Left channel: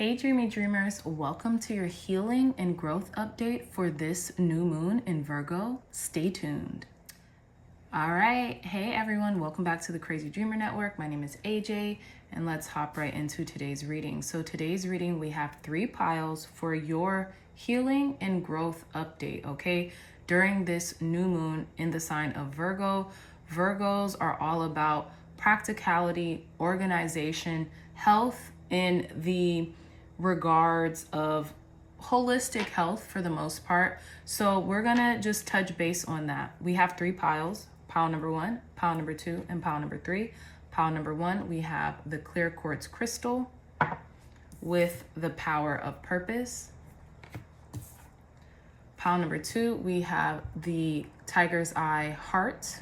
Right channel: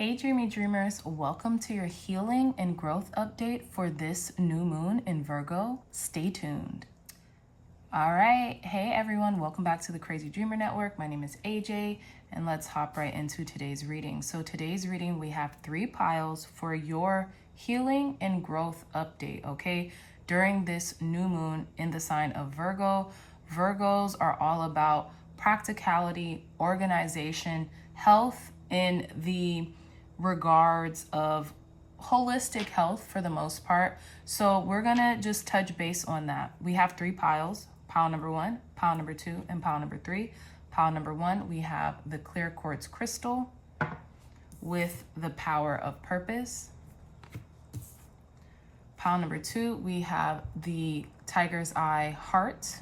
Hey dreamy dreamers, welcome to your healing and growth update for this new moon in Virgo. Stay tuned. All right, hey everyone, welcome back to the Crazy Dreamer Network. My name is AJ and let's hop right into today's reading. So today's reading, we have 3 piles for your healing and growth update, okay? During this new moon in the sign of Virgo, Virgos are all about practicality, organization, health in the regards of holistic health for the most part. So we're gonna just touch base on that. We have 3 piles, pile number 1, pile number 2, and pile number 3. Pile number 1, we have the clear quartz crystal with the power of purpose. Pile number 2, we have the tiger's eye heart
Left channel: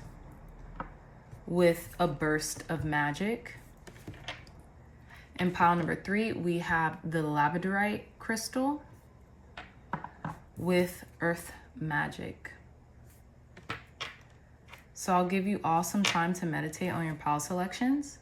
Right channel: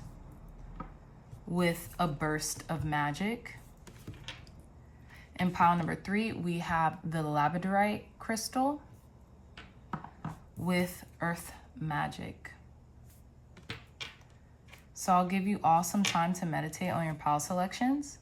with a burst of magic. In pile number 3, we have the Labradorite crystal with earth magic. So I'll give you all some time to meditate on your pile selections.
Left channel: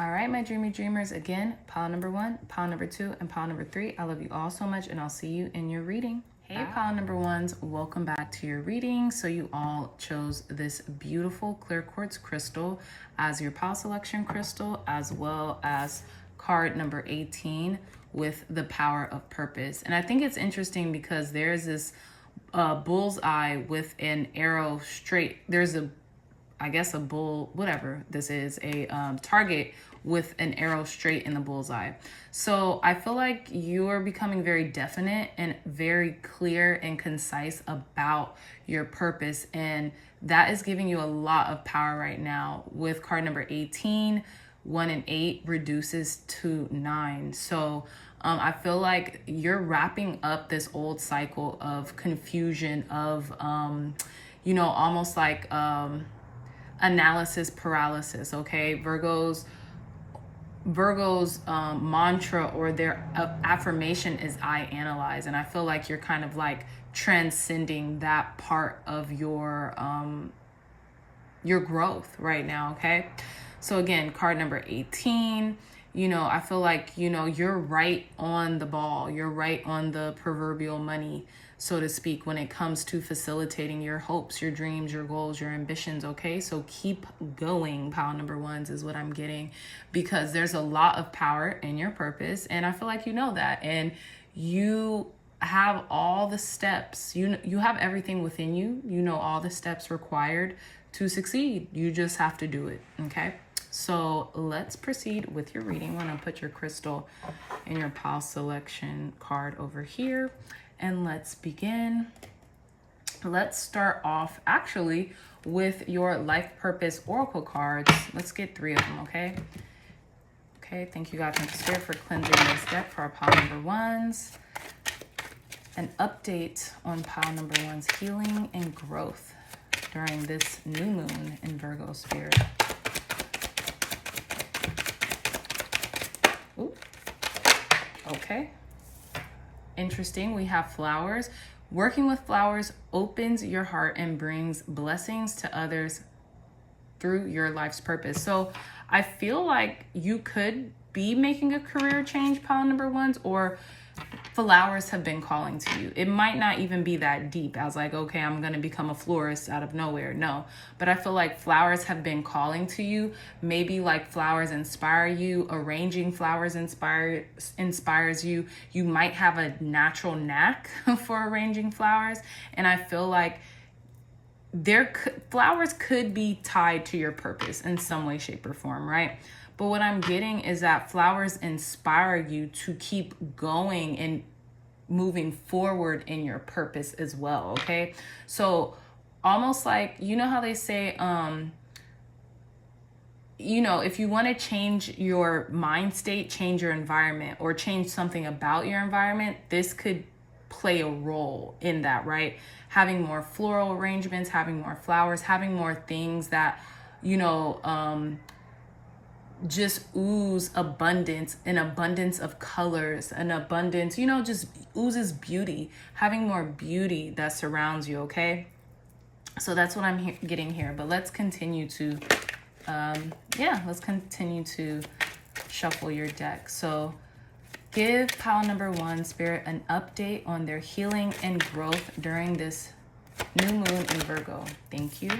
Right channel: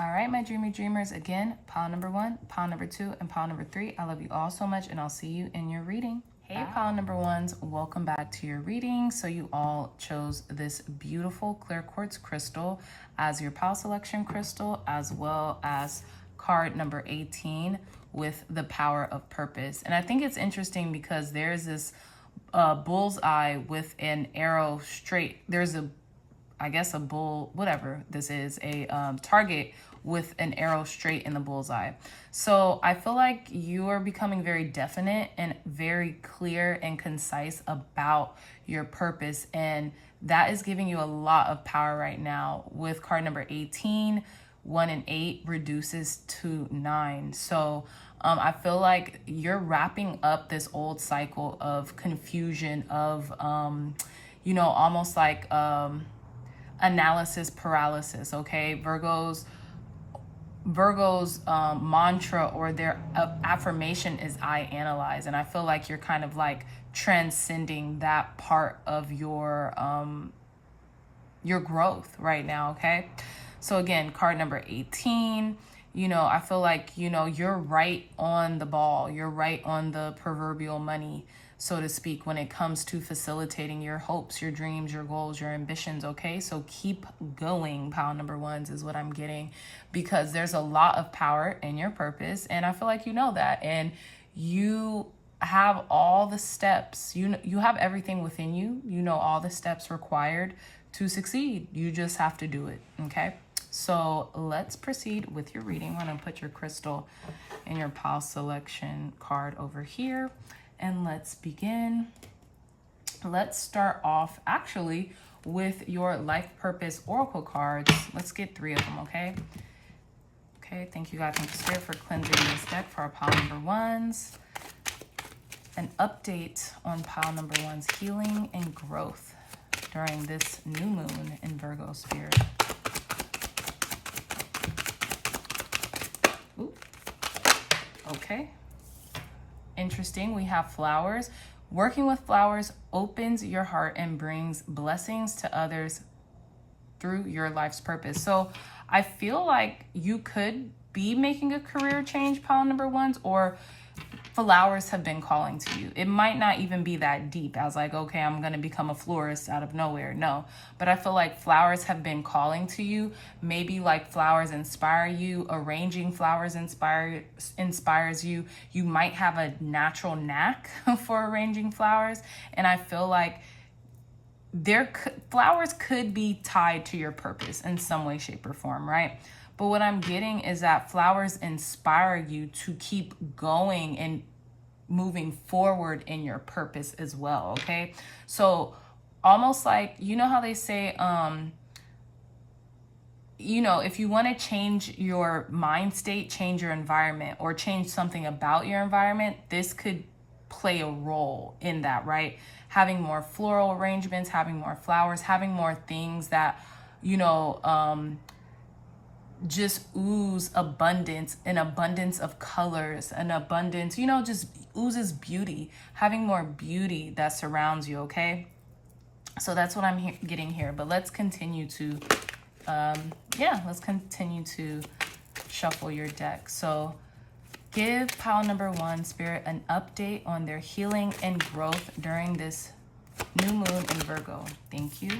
All right, my dreamy dreamers, again, pile number 1, pile number 2, and pile number 3. I love you all so much, and I'll see you in your reading. Hey, pile number 1s, welcome back to your reading. So you all chose this beautiful clear quartz crystal as your pile selection crystal, as well as card number 18 with the power of purpose. And I think it's interesting because there's this bullseye with an arrow straight. There's I guess a bull, whatever this is, a target with an arrow straight in the bullseye. So I feel like you are becoming very definite and very clear and concise about your purpose. And that is giving you a lot of power right now. With card number 18, 1 and 8 reduces to 9. So I feel like you're wrapping up this old cycle of confusion, of, almost like analysis paralysis, okay? Virgo's mantra or their affirmation is I analyze. And I feel like you're kind of like transcending that part of your growth right now, okay? So again, card number 18, I feel like, you're right on the ball. You're right on the proverbial money, so to speak, when it comes to facilitating your hopes, your dreams, your goals, your ambitions, okay? So keep going, pile number 1s is what I'm getting, because there's a lot of power in your purpose, and I feel like you know that, and you have all the steps. You have everything within you. You know all the steps required to succeed. You just have to do it, okay? So let's proceed with your reading. I'm gonna put your crystal and your pile selection card over here. And let's begin. Let's start off actually with your life purpose oracle cards. Let's get 3 of them, okay? Okay, thank you God, thank you Spirit for cleansing this deck for our pile number 1s. An update on pile number 1's healing and growth during this new moon in Virgo Spirit. Ooh. Okay. Interesting. We have flowers. Working with flowers opens your heart and brings blessings to others through your life's purpose. So I feel like you could be making a career change, pile number 1s, or flowers have been calling to you. It might not even be that deep as like, okay, I'm going to become a florist out of nowhere. No, but I feel like flowers have been calling to you. Maybe like flowers inspire you. Arranging flowers inspires you. You might have a natural knack for arranging flowers. And I feel like flowers could be tied to your purpose in some way, shape, or form, right? But what I'm getting is that flowers inspire you to keep going and moving forward in your purpose as well, okay? So almost like, how they say, if you want to change your mind state, change your environment, or change something about your environment, this could play a role in that, right? Having more floral arrangements, having more flowers, having more things that, just ooze abundance, an abundance of colors, an abundance, just oozes beauty, having more beauty that surrounds you, okay? So that's what I'm getting here. But let's continue to, let's continue to shuffle your deck. So give pile number 1, Spirit, an update on their healing and growth during this new moon in Virgo. Thank you.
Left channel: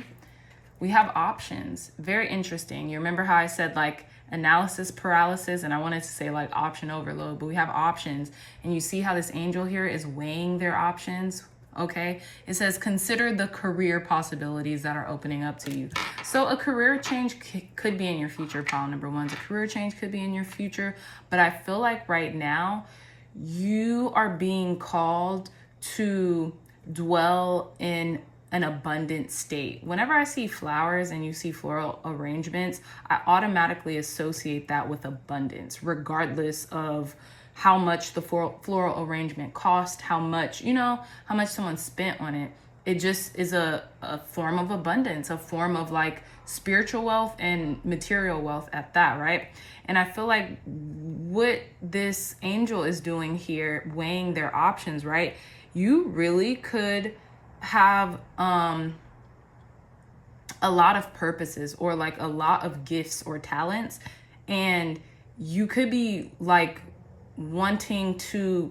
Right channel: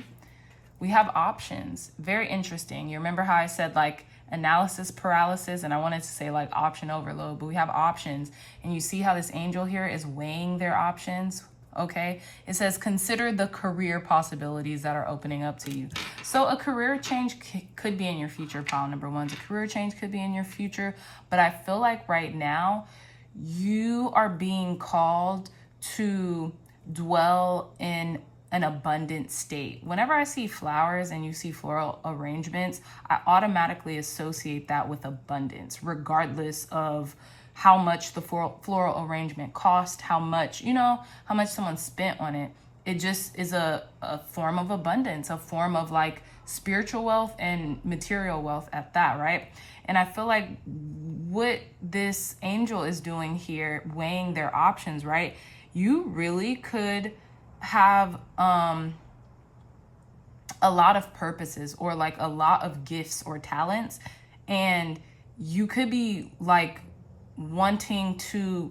We have options. Very interesting. You remember how I said like analysis paralysis, and I wanted to say like option overload, but we have options. And you see how this angel here is weighing their options. Okay, it says consider the career possibilities that are opening up to you. So a career change could be in your future, pile number 1. A career change could be in your future, but I feel like right now you are being called to dwell in an abundant state. Whenever I see flowers and you see floral arrangements, I automatically associate that with abundance, regardless of how much the floral arrangement cost, how much someone spent on it. It just is a form of abundance, a form of like spiritual wealth and material wealth at that, right? And I feel like what this angel is doing here, weighing their options, right? You really could have a lot of purposes or like a lot of gifts or talents, and you could be like wanting to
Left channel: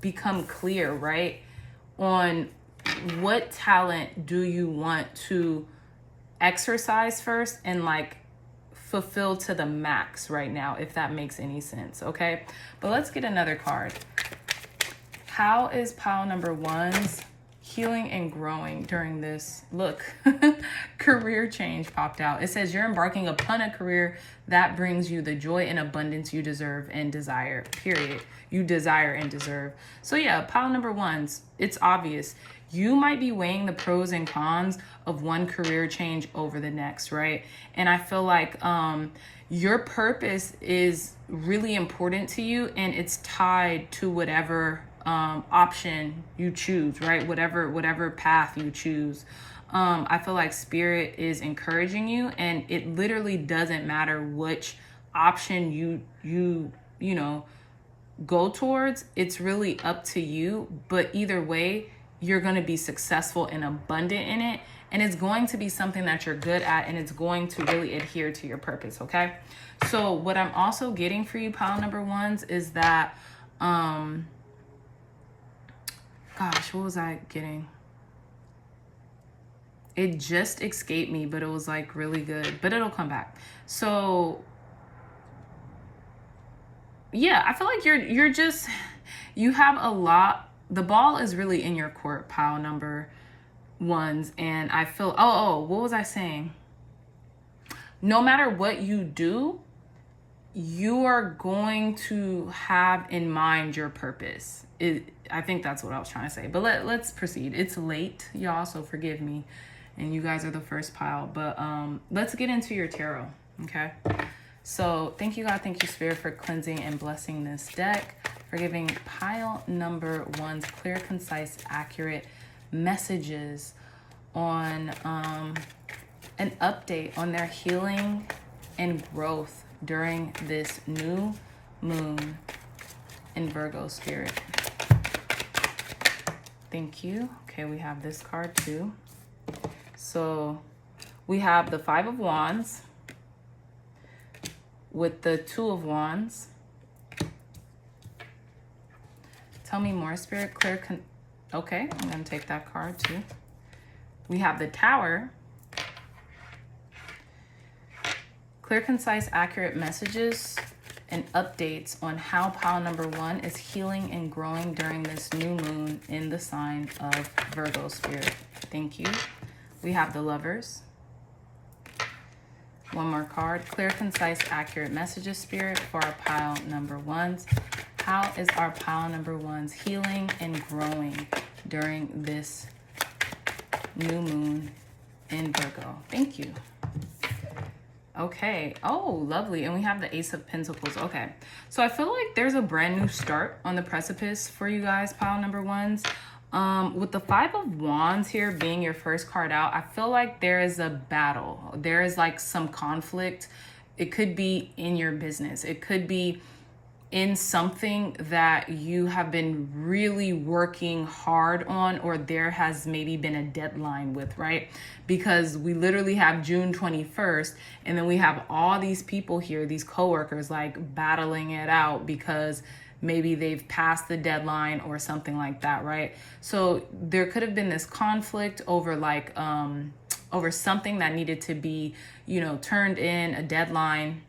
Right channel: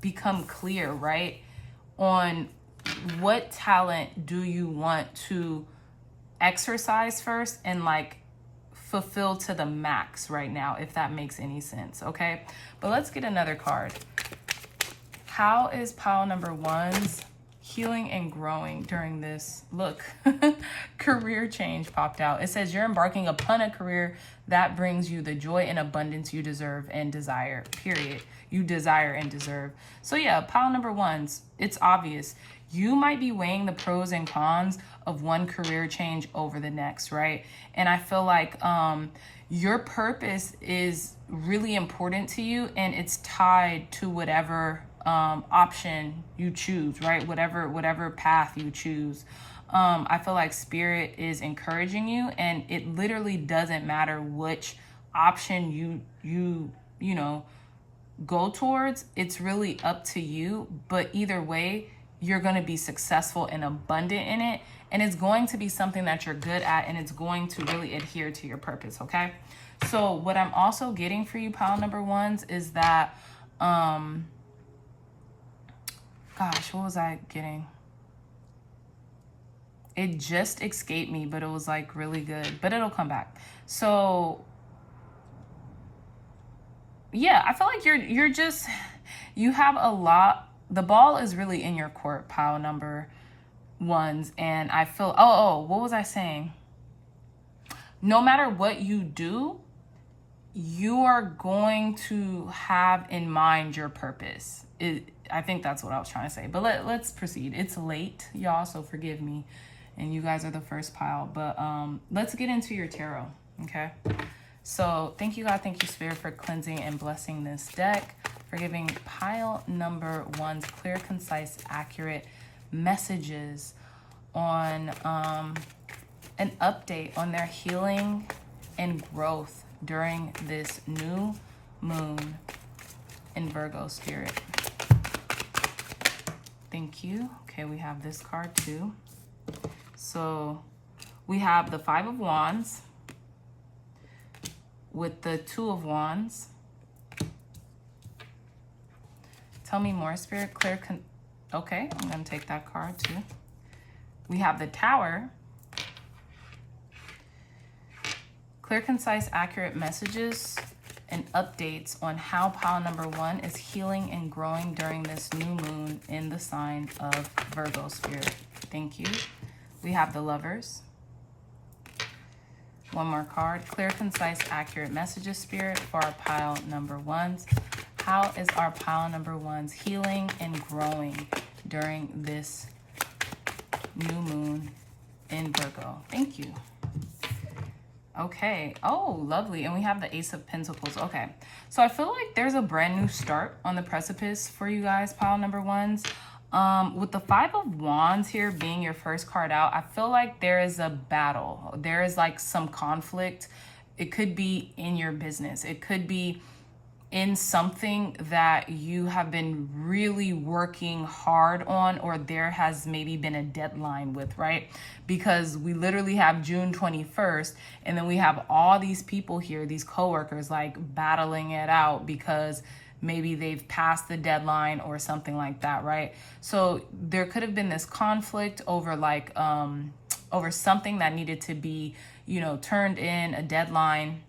become clear, right, on what talent do you want to exercise first and like fulfill to the max right now, if that makes any sense. Okay, but let's get another card. How is pile number 1's healing and growing during this, look, career change popped out. It says you're embarking upon a career that brings you the joy and abundance you deserve and desire, period. You desire and deserve. So yeah, pile number 1's, it's obvious. You might be weighing the pros and cons of one career change over the next, right? And I feel like your purpose is really important to you, and it's tied to whatever option you choose, right? Whatever path you choose. I feel like Spirit is encouraging you, and it literally doesn't matter which option you go towards. It's really up to you, but either way, you're going to be successful and abundant in it, and it's going to be something that you're good at, and it's going to really adhere to your purpose. Okay, so what I'm also getting for you, pile number 1's, is that gosh, what was I getting? It just escaped me, but it was like really good, but it'll come back. So yeah, I feel like you have a lot. The ball is really in your court, pile number 1's. And I feel, what was I saying? No matter what you do, you are going to have in mind your purpose. I think that's what I was trying to say, but let's proceed. It's late, y'all, so forgive me. And you guys are the first pile, but let's get into your tarot, okay? So thank you, God. Thank you, Spirit, for cleansing and blessing this deck, for giving pile number 1's clear, concise, accurate messages on an update on their healing and growth during this new moon in Virgo, Spirit. Thank you. Okay, we have this card too. So we have the 5 of Wands with the 2 of Wands. Tell me more, Spirit. Okay, I'm going to take that card too. We have the Tower. Clear, concise, accurate messages and updates on how pile number 1 is healing and growing during this new moon in the sign of Virgo, Spirit. Thank you. We have the Lovers. One more card. Clear, concise, accurate messages, Spirit, for our pile number 1's. How is our pile number 1's healing and growing during this new moon in Virgo? Thank you. Okay. Oh, lovely. And we have the Ace of Pentacles. Okay. So I feel like there's a brand new start on the precipice for you guys, pile number 1's. With the 5 of Wands here being your first card out, I feel like there is a battle. There is like some conflict. It could be in your business. It could be in something that you have been really working hard on, or there has maybe been a deadline with, right? Because we literally have June 21st, and then we have all these people here, these coworkers, like battling it out because maybe they've passed the deadline or something like that, right? So there could have been this conflict over like over something that needed to be, you know, turned in, a deadline,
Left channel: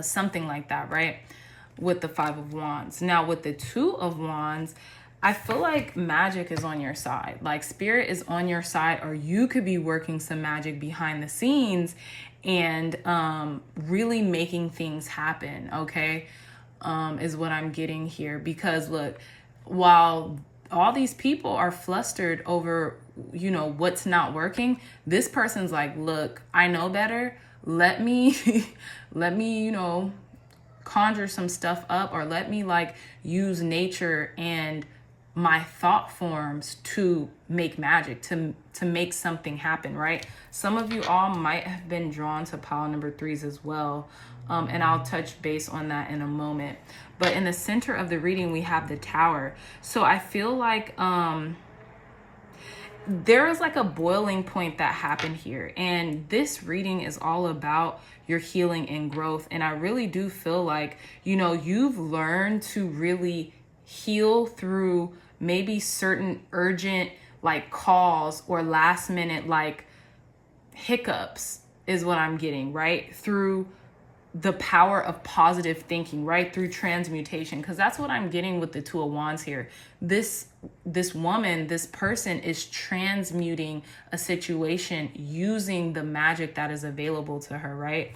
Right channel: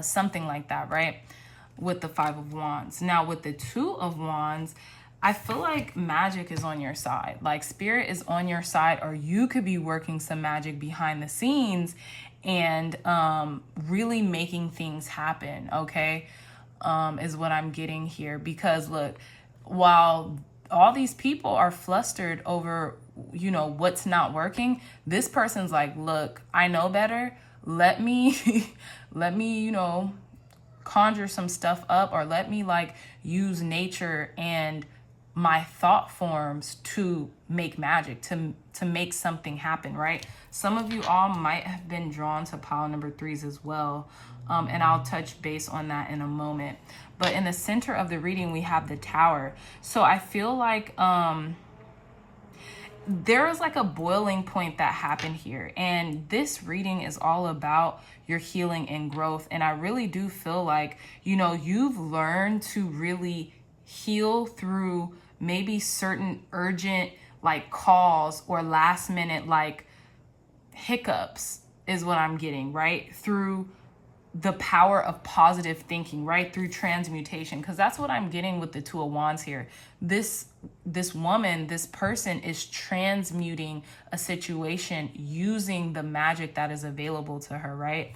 something like that, right? With the Five of Wands. Now with the Two of Wands, I feel like magic is on your side. Like spirit is on your side, or you could be working some magic behind the scenes and really making things happen, okay? Is what I'm getting here. Because look, while all these people are flustered over, you know, what's not working, this person's like, look, I know better. Let me, you know, conjure some stuff up, or let me like use nature and my thought forms to make magic, to make something happen, right? Some of you all might have been drawn to pile number 3s as well. And I'll touch base on that in a moment. But in the center of the reading, we have the Tower. So I feel like there is like a boiling point that happened here. And this reading is all about your healing and growth. And I really do feel like, you know, you've learned to really heal through maybe certain urgent like calls or last minute like hiccups is what I'm getting, right? Through the power of positive thinking, right? Through transmutation, because that's what I'm getting with the Two of Wands here. This woman, this person is transmuting a situation using the magic that is available to her, right?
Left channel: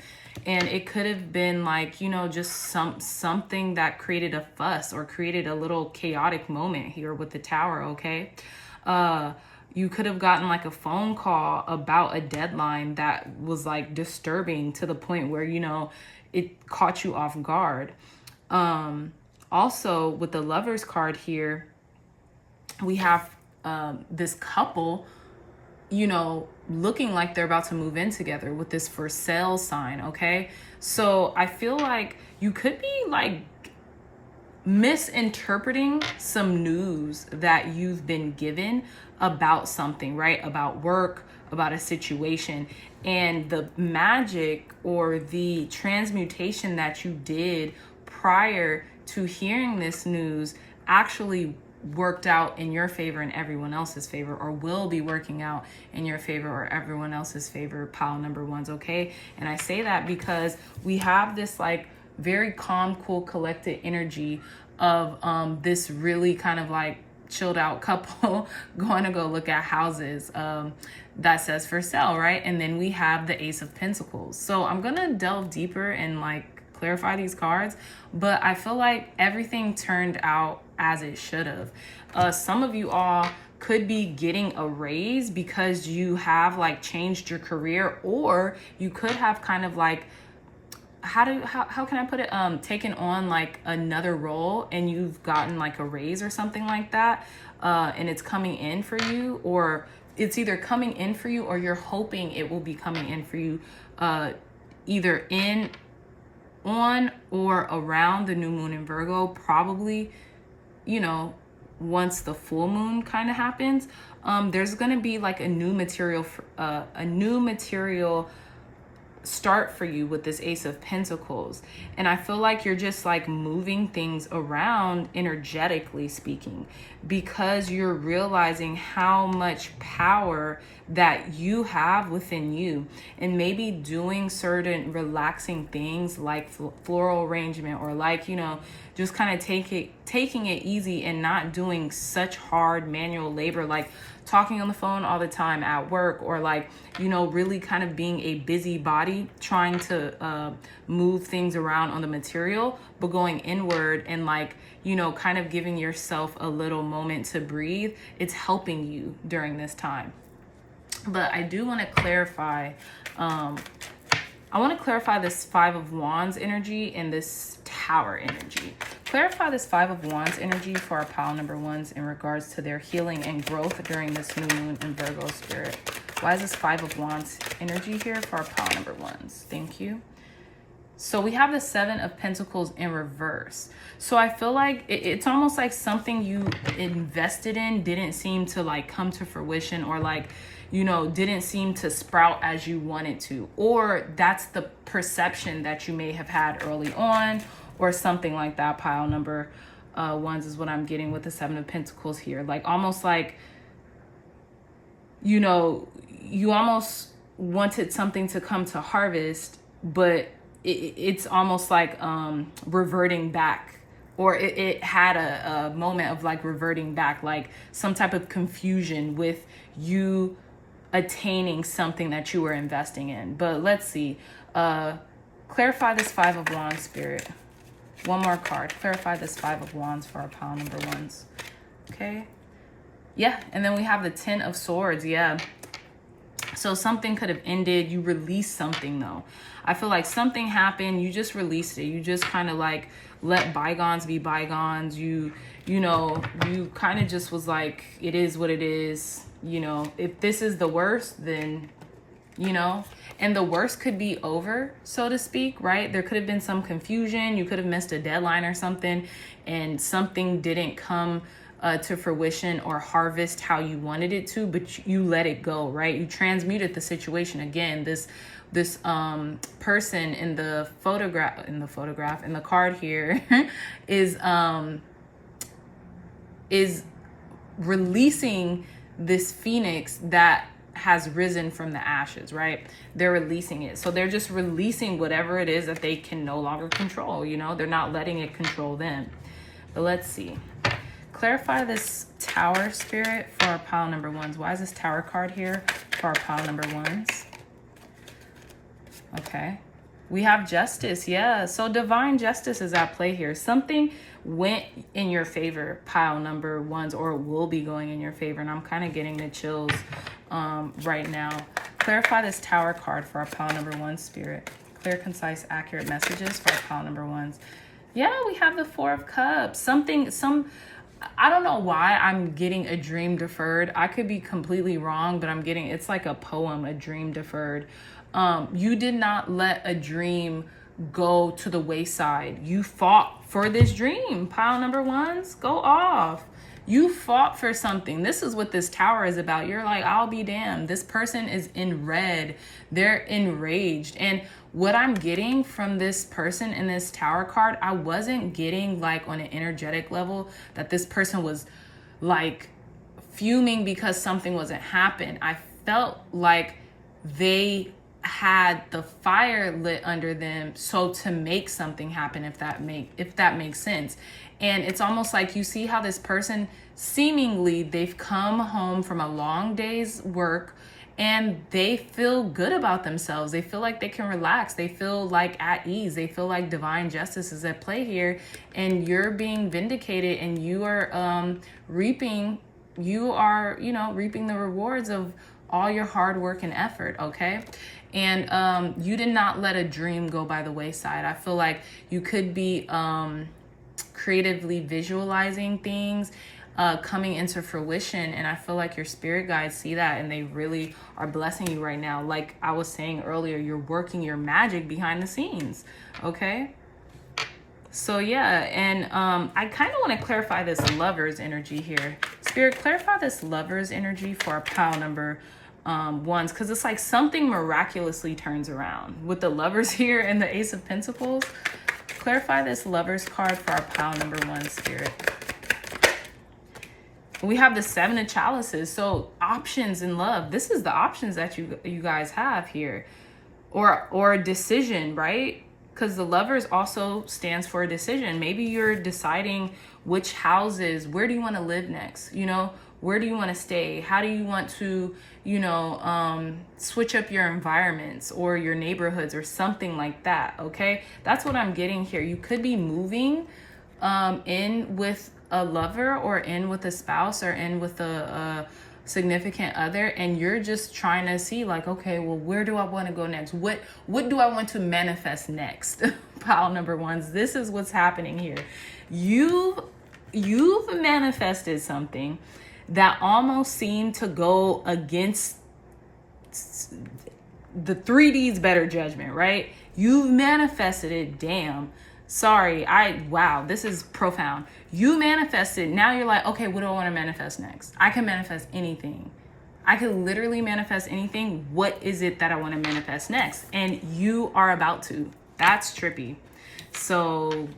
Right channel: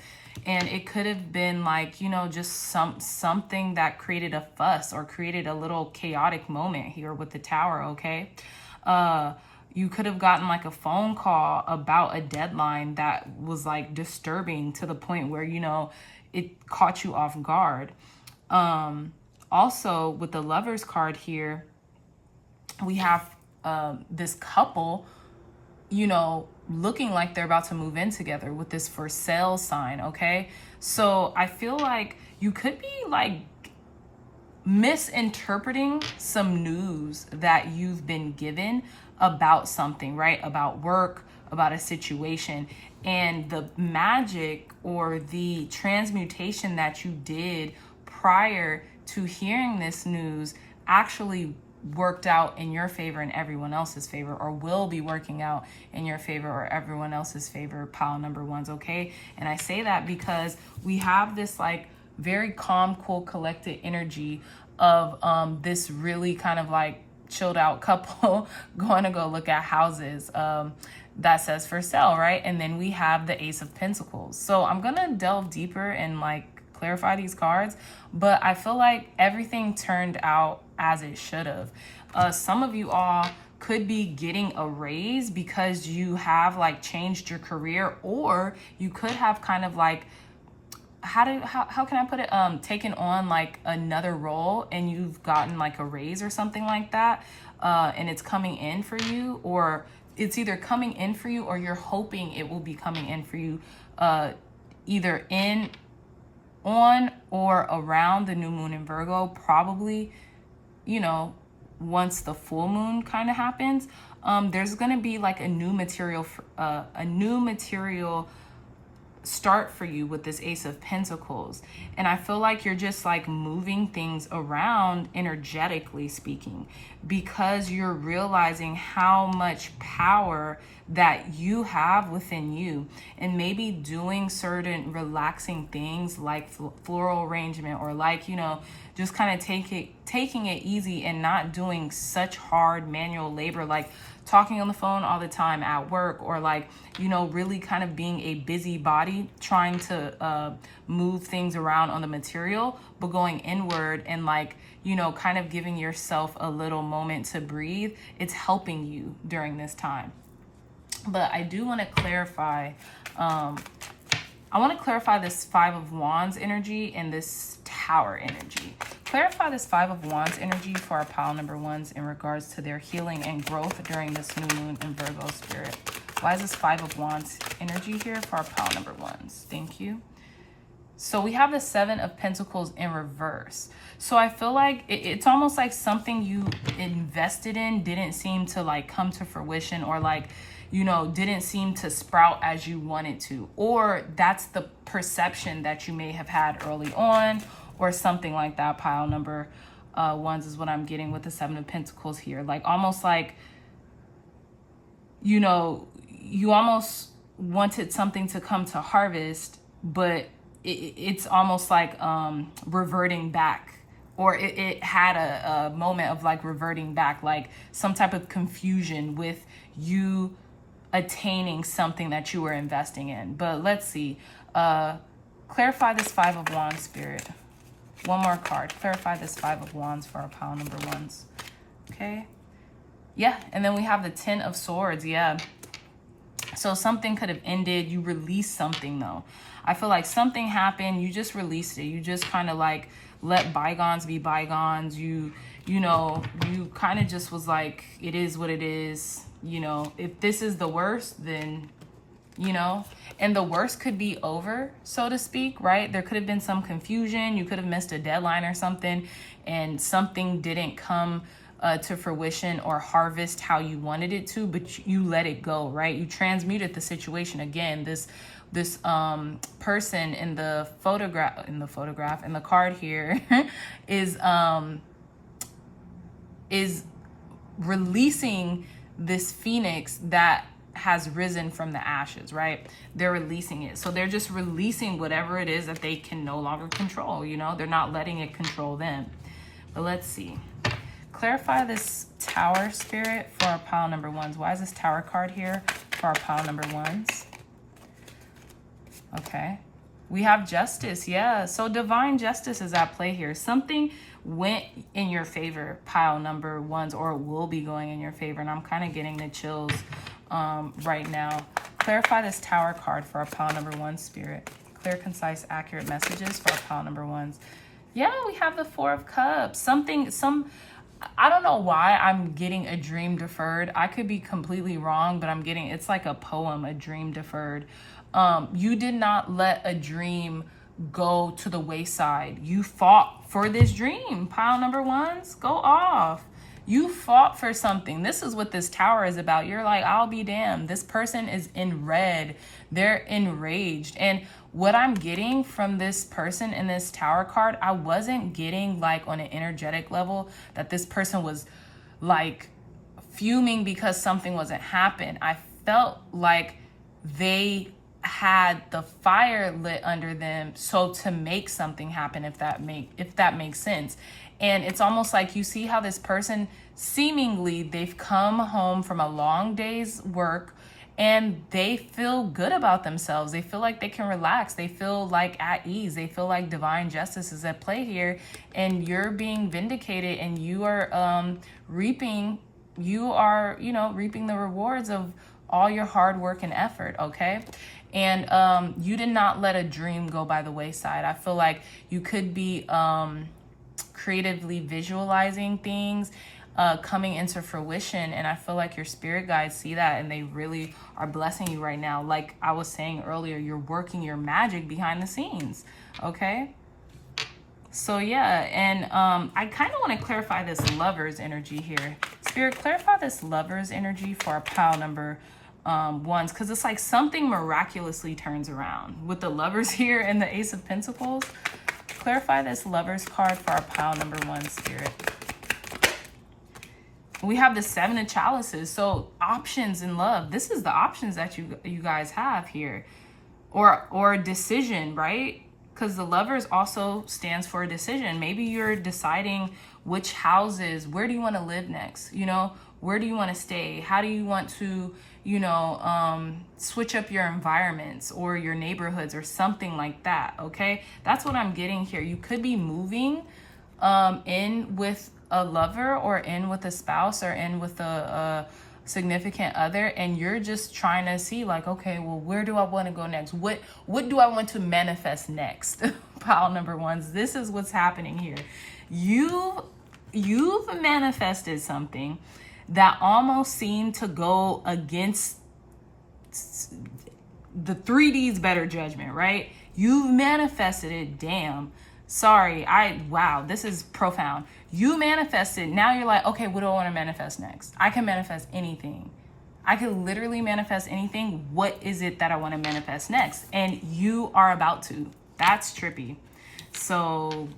And it could have been like, you know, just something that created a fuss or created a little chaotic moment here with the Tower, okay? You could have gotten like a phone call about a deadline that was like disturbing to the point where, you know, it caught you off guard. Also with the Lovers card here, we have this couple, you know, looking like they're about to move in together with this for sale sign, okay? So I feel like you could be like misinterpreting some news that you've been given about something, right? About work, about a situation. And the magic or the transmutation that you did prior to hearing this news actually worked out in your favor and everyone else's favor, or will be working out in your favor or everyone else's favor, pile number 1s, okay? And I say that because we have this like very calm, cool, collected energy of this really kind of like chilled out couple going to go look at houses that says for sale, right? And then we have the Ace of Pentacles. So I'm gonna delve deeper and like clarify these cards, but I feel like everything turned out as it should have. Some of you all could be getting a raise because you have like changed your career, or you could have kind of like, how can I put it, taken on like another role and you've gotten like a raise or something like that, and it's coming in for you, or it's either coming in for you or you're hoping it will be coming in for you, either on or around the new moon in Virgo, probably, you know, once the full moon kind of happens. There's going to be like a new material start for you with this Ace of Pentacles. And I feel like you're just like moving things around energetically speaking, because you're realizing how much power that you have within you, and maybe doing certain relaxing things like floral arrangement, or like, you know, just kind of taking it easy and not doing such hard manual labor, like talking on the phone all the time at work, or like, you know, really kind of being a busybody, trying to move things around on the material, but going inward and like, you know, kind of giving yourself a little moment to breathe. It's helping you during this time. But I do want to clarify, I want to clarify this Five of Wands energy and this Tower energy. Clarify this Five of Wands energy for our pile number 1s in regards to their healing and growth during this new moon in Virgo spirit. Why is this Five of Wands energy here for our pile number 1s? Thank you. So we have the Seven of Pentacles in reverse. So I feel like it's almost like something you invested in didn't seem to like come to fruition, or like, you know, didn't seem to sprout as you wanted to. Or that's the perception that you may have had early on, or something like that. Pile number ones is what I'm getting with the Seven of Pentacles here. Like almost like, you know, you almost wanted something to come to harvest, but it's almost like reverting back, or it had a moment of like reverting back, like some type of confusion with you attaining something that you were investing in. But let's see, clarify this Five of Wands, Spirit. One more card. Clarify this Five of Wands for our pile number ones. Okay. Yeah. And then we have the Ten of Swords. Yeah. So something could have ended. You released something though. I feel like something happened. You just released it. You just kind of like let bygones be bygones. You know, you kind of just was like, it is what it is. You know, if this is the worst, then, you know, and the worst could be over, so to speak, right? There could have been some confusion. You could have missed a deadline or something, and something didn't come to fruition or harvest how you wanted it to, but you let it go, right? You transmuted the situation. Again, this person in the card here is releasing this phoenix that has risen from the ashes, right? They're releasing it. So they're just releasing whatever it is that they can no longer control, you know? They're not letting it control them. But let's see. Clarify this Tower, Spirit, for our pile number ones. Why is this Tower card here for our pile number ones? Okay. We have Justice. Yeah. So divine justice is at play here. Something went in your favor, pile number ones, or will be going in your favor. And I'm kind of getting the chills right now. Clarify this Tower card for our pile number one, Spirit. Clear, concise, accurate messages for our pile number ones. Yeah, we have the Four of Cups. I don't know why I'm getting a dream deferred. I could be completely wrong, but I'm getting, it's like a poem, a dream deferred. You did not let a dream go to the wayside. You fought for this dream. Pile number ones, go off. You fought for something. This is what this Tower is about. You're like, I'll be damned. This person is in red. They're enraged. And what I'm getting from this person in this Tower card, I wasn't getting like on an energetic level that this person was like fuming because something wasn't happening. I felt like they had the fire lit under them, so to make something happen, if that makes sense. And it's almost like, you see how this person, seemingly they've come home from a long day's work and they feel good about themselves. They feel like they can relax. They feel like at ease. They feel like divine justice is at play here, and you're being vindicated, and you are reaping the rewards of all your hard work and effort. Okay. And you did not let a dream go by the wayside. I feel like you could be creatively visualizing things coming into fruition, and I feel like your spirit guides see that, and they really are blessing you right now. Like I was saying earlier, you're working your magic behind the scenes. Okay. So yeah, and I kind of want to clarify this Lover's energy here. Spirit, clarify this Lover's energy for our pile number ones, because it's like something miraculously turns around with the Lovers here and the Ace of Pentacles. Clarify this Lovers card for our pile number one, Spirit. We have the Seven of Chalices. So options in love. This is the options that you guys have here, or decision, right? Because the Lovers also stands for a decision. Maybe you're deciding which houses, where do you want to live next? You know, where do you want to stay? How do you want to, you know, switch up your environments or your neighborhoods or something like that. Okay. That's what I'm getting here. You could be moving in with a lover, or in with a spouse, or in with a significant other, and you're just trying to see like, okay, well, where do I want to go next? What do I want to manifest next? Pile number ones, this is what's happening here. You've manifested something that almost seemed to go against the 3D's better judgment, right? You've manifested it. Damn. Sorry. Wow, this is profound. You manifested. Now you're like, okay, what do I want to manifest next? I can manifest anything. I could literally manifest anything. What is it that I want to manifest next? And you are about to. That's trippy. So,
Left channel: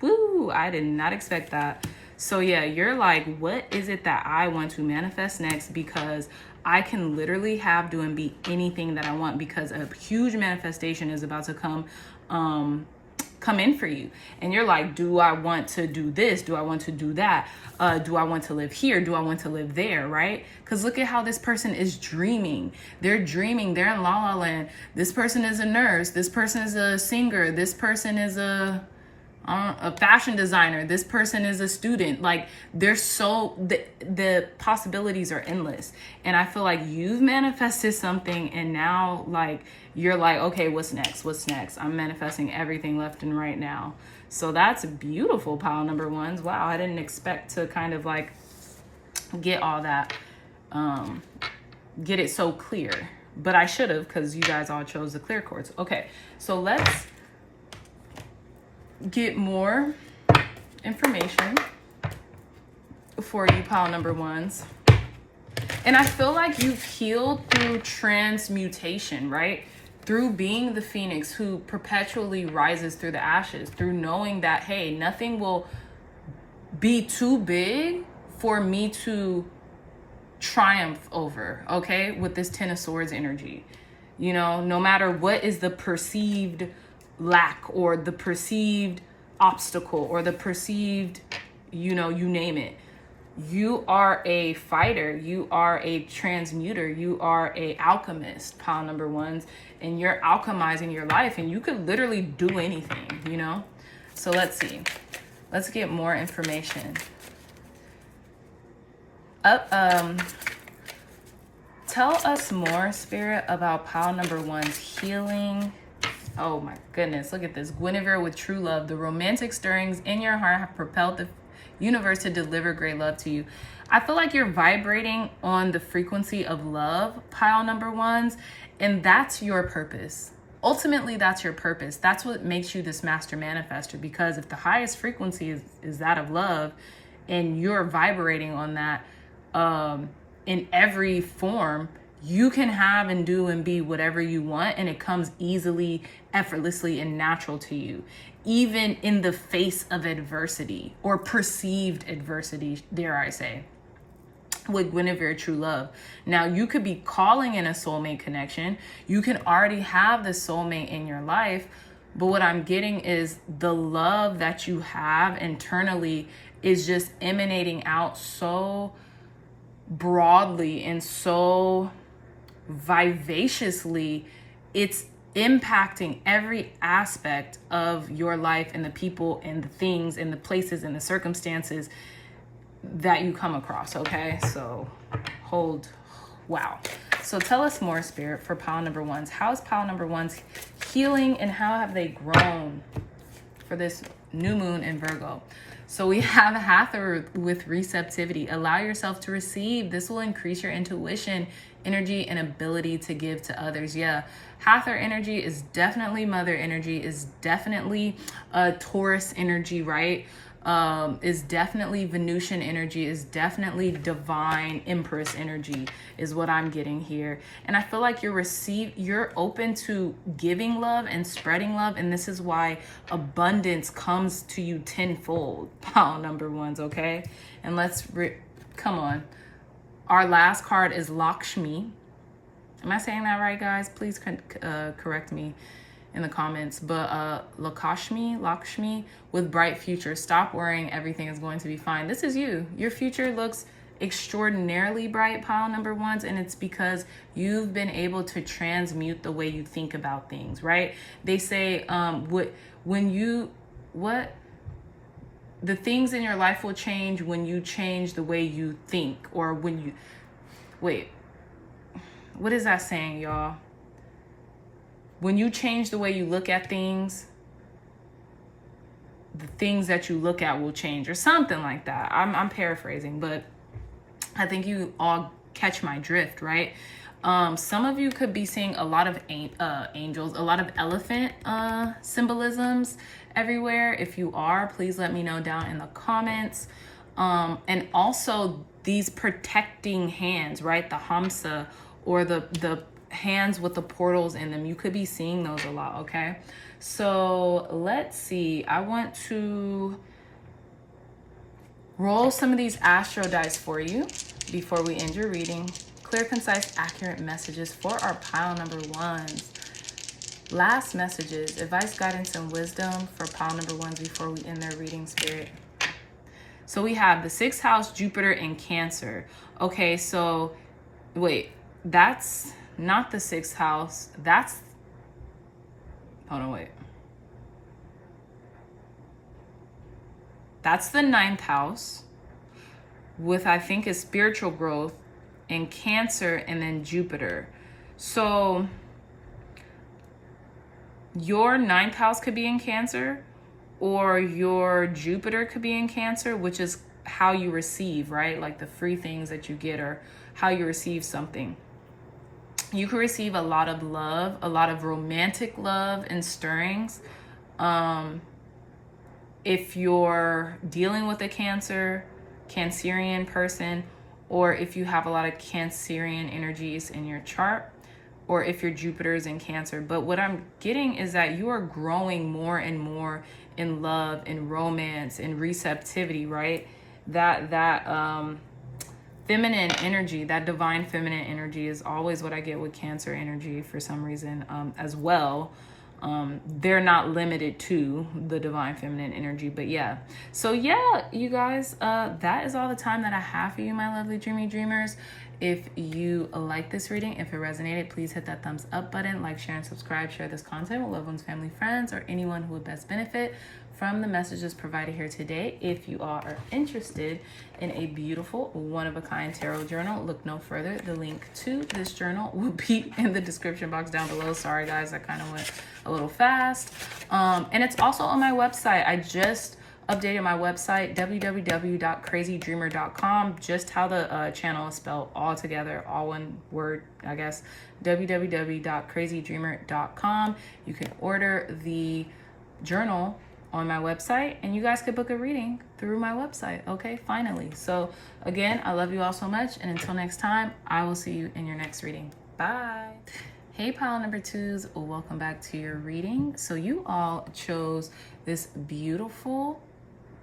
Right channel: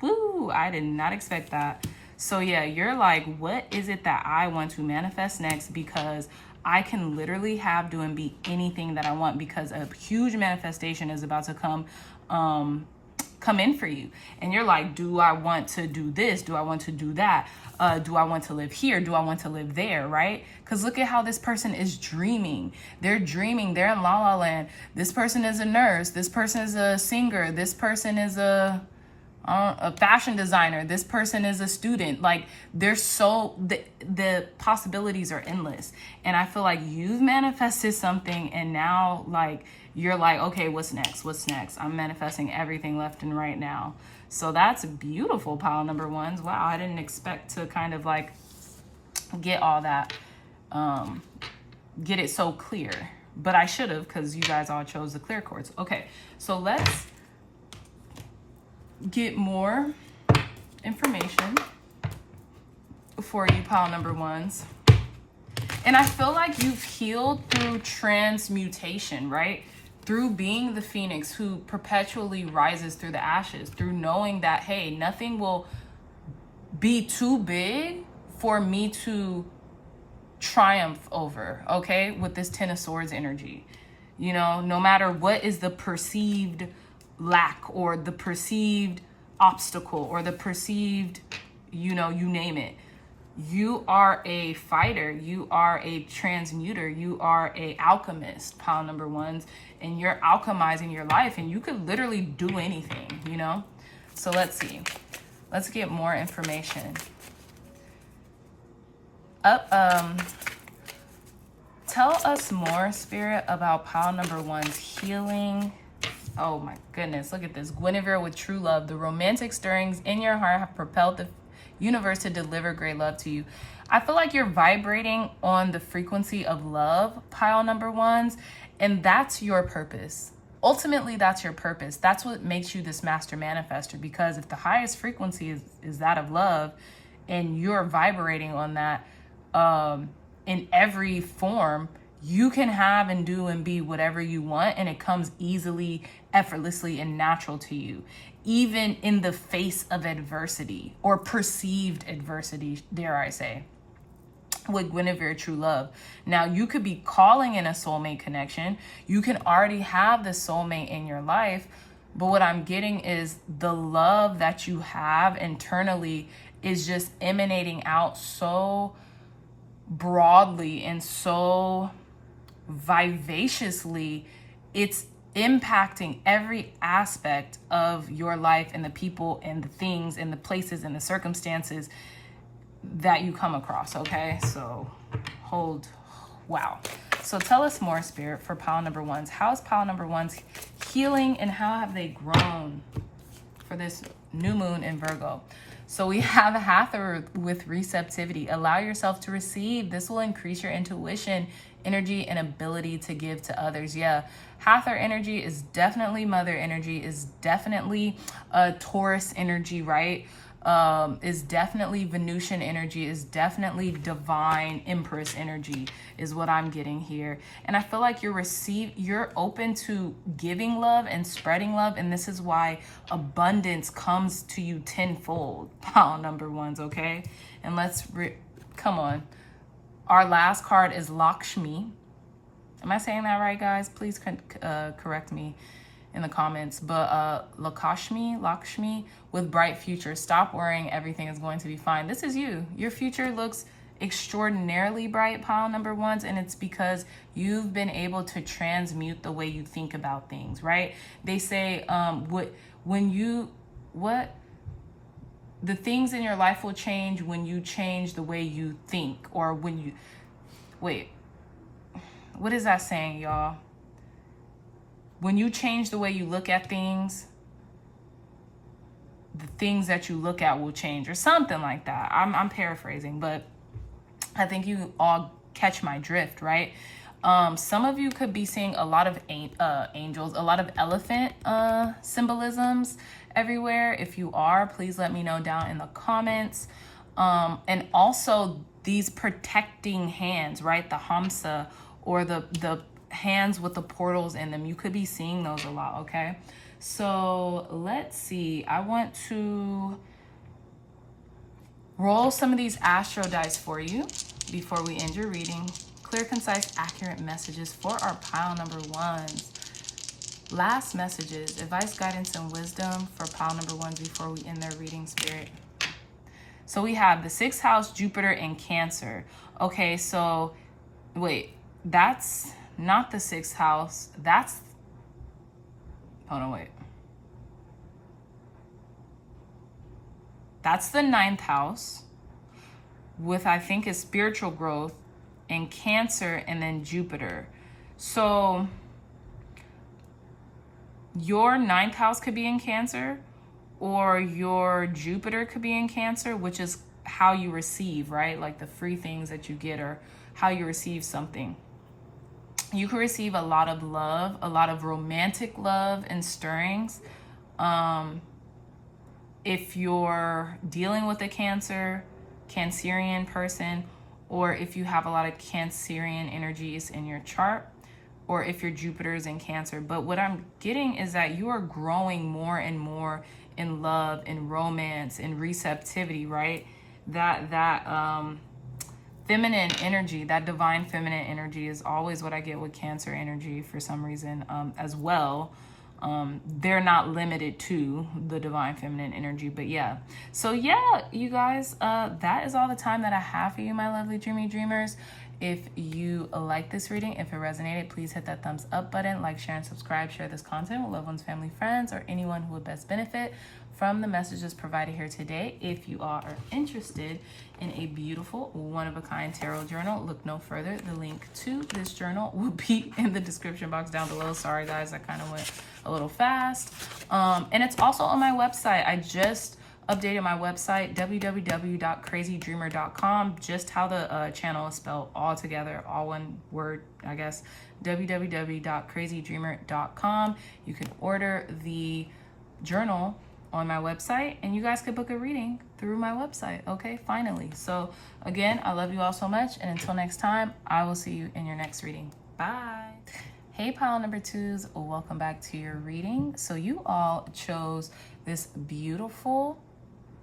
woo, I did not expect that. So yeah, you're like, what is it that I want to manifest next? Because I can literally have, do, and be anything that I want, because a huge manifestation is about to come in for you. And you're like, do I want to do this? Do I want to do that? Do I want to live here? Do I want to live there? Right? Because look at how this person is dreaming. They're dreaming. They're in La La Land. This person is a nurse. This person is a singer. This person is a fashion designer. This person is a student. Like, there's the possibilities are endless. And I feel like you've manifested something, and now like you're like, okay, what's next? What's next? I'm manifesting everything left and right now. So that's beautiful, pile number ones. Wow, I didn't expect to kind of like get all that, get it so clear, but I should have, because you guys all chose the clear quartz. Okay, so let's get more information for you, pile number ones. And I feel like you've healed through transmutation, right? Through being the phoenix who perpetually rises through the ashes, through knowing that, hey, nothing will be too big for me to triumph over, okay? With this 10 of Swords energy. You know, no matter what is the perceived lack or the perceived obstacle or the perceived, you know, you name it. You are a fighter. You are a transmuter. You are a alchemist, pile number ones, and you're alchemizing your life, and you could literally do anything, you know? So let's see. Let's get more information. Tell us more, Spirit, about pile number one's healing. Oh my goodness, look at this. Guinevere with true love. The romantic stirrings in your heart have propelled the universe to deliver great love to you. I feel like you're vibrating on the frequency of love, pile number ones, and that's your purpose. Ultimately, that's your purpose. That's what makes you this master manifester, because if the highest frequency is that of love, and you're vibrating on that in every form, you can have and do and be whatever you want, and it comes easily, effortlessly, and natural to you, even in the face of adversity or perceived adversity, dare I say, with Guinevere true love. Now, you could be calling in a soulmate connection. You can already have the soulmate in your life, but what I'm getting is the love that you have internally is just emanating out so broadly and so vivaciously. It's impacting every aspect of your life and the people and the things and the places and the circumstances that you come across. Okay, so wow. So tell us more, Spirit, for pile number ones. How is pile number ones healing, and how have they grown for this new moon in Virgo? So we have a Hathor with receptivity. Allow yourself to receive. This will increase your intuition, energy, and ability to give to others. Yeah, Hathor energy is definitely mother energy, is definitely Taurus energy, right? Is definitely Venusian energy, is definitely divine Empress energy, is what I'm getting here. And I feel like you're open to giving love and spreading love, and this is why abundance comes to you tenfold, pile number ones, okay? And come on. Our last card is Lakshmi. Am I saying that right, guys? Please correct me in the comments. But Lakshmi with bright future. Stop worrying, everything is going to be fine. This is you. Your future looks extraordinarily bright, pile number ones, and it's because you've been able to transmute the way you think about things, right? They say the things in your life will change when you change the way you think, or when you what is that saying, y'all? When you change the way you look at things, the things that you look at will change, or something like that. I'm paraphrasing, but I think you all catch my drift, right? Some of you could be seeing a lot of angels, a lot of elephant symbolisms everywhere. If you are, please let me know down in the comments. And also these protecting hands, right? The Hamsa, or the hands with the portals in them. You could be seeing those a lot, okay? So let's see. I want to roll some of these astro dice for you before we end your reading. Clear, concise, accurate messages for our pile number ones. Last messages, advice, guidance, and wisdom for pile number ones before we end their reading, Spirit. So we have the 6th house, Jupiter, and Cancer. Okay, so wait, that's not the 6th house. That's, hold on, wait. That's the 9th house with, I think, is spiritual growth, and Cancer, and then Jupiter. So your 9th house could be in Cancer, or your Jupiter could be in Cancer, which is how you receive, right? Like the free things that you get, or how you receive something. You can receive a lot of love, a lot of romantic love and stirrings. If you're dealing with a Cancerian person, or if you have a lot of Cancerian energies in your chart, or if your Jupiter is in Cancer. But what I'm getting is that you are growing more and more in love and romance and receptivity, right? That feminine energy, that divine feminine energy is always what I get with Cancer energy for some reason, as well. They're not limited to the divine feminine energy, but yeah. So yeah, you guys, that is all the time that I have for you, my lovely dreamy dreamers. If you like this reading, if it resonated, please hit that thumbs up button, like, share, and subscribe. Share this content with loved ones, family, friends, or anyone who would best benefit from the messages provided here today. If you are interested in a beautiful one-of-a-kind tarot journal, look no further. The link to this journal will be in the description box down below. Sorry guys, I kind of went a little fast. And it's also on my website. I just updated my website, www.crazydreamer.com, just how the channel is spelled, all together, all one word, I guess, www.crazydreamer.com. You can order the journal on my website, and you guys could book a reading through my website. Okay, finally. So again, I love you all so much, and until next time, I will see you in your next reading. Bye. Hey pile number twos, welcome back to your reading. So you all chose this beautiful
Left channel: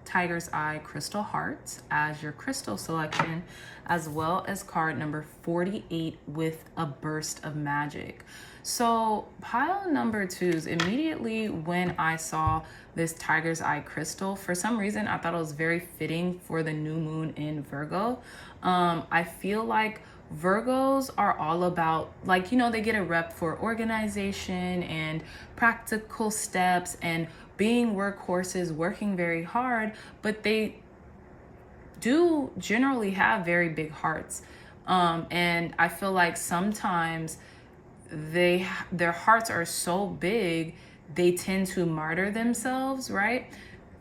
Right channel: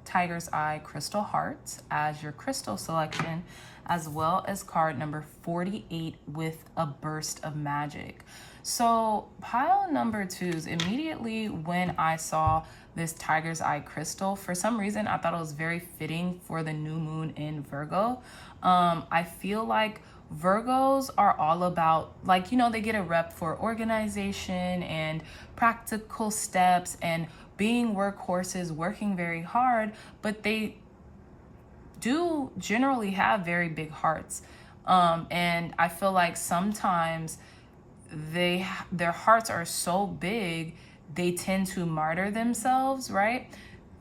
Tiger's Eye crystal heart as your crystal selection, as well as card number 48 with a burst of magic. So pile number twos, immediately when I saw this Tiger's Eye crystal, for some reason I thought it was very fitting for the new moon in Virgo. I feel like Virgos are all about, like, you know, they get a rep for organization and practical steps and being workhorses, working very hard, but they do generally have very big hearts. And I feel like sometimes their hearts are so big, they tend to martyr themselves, right?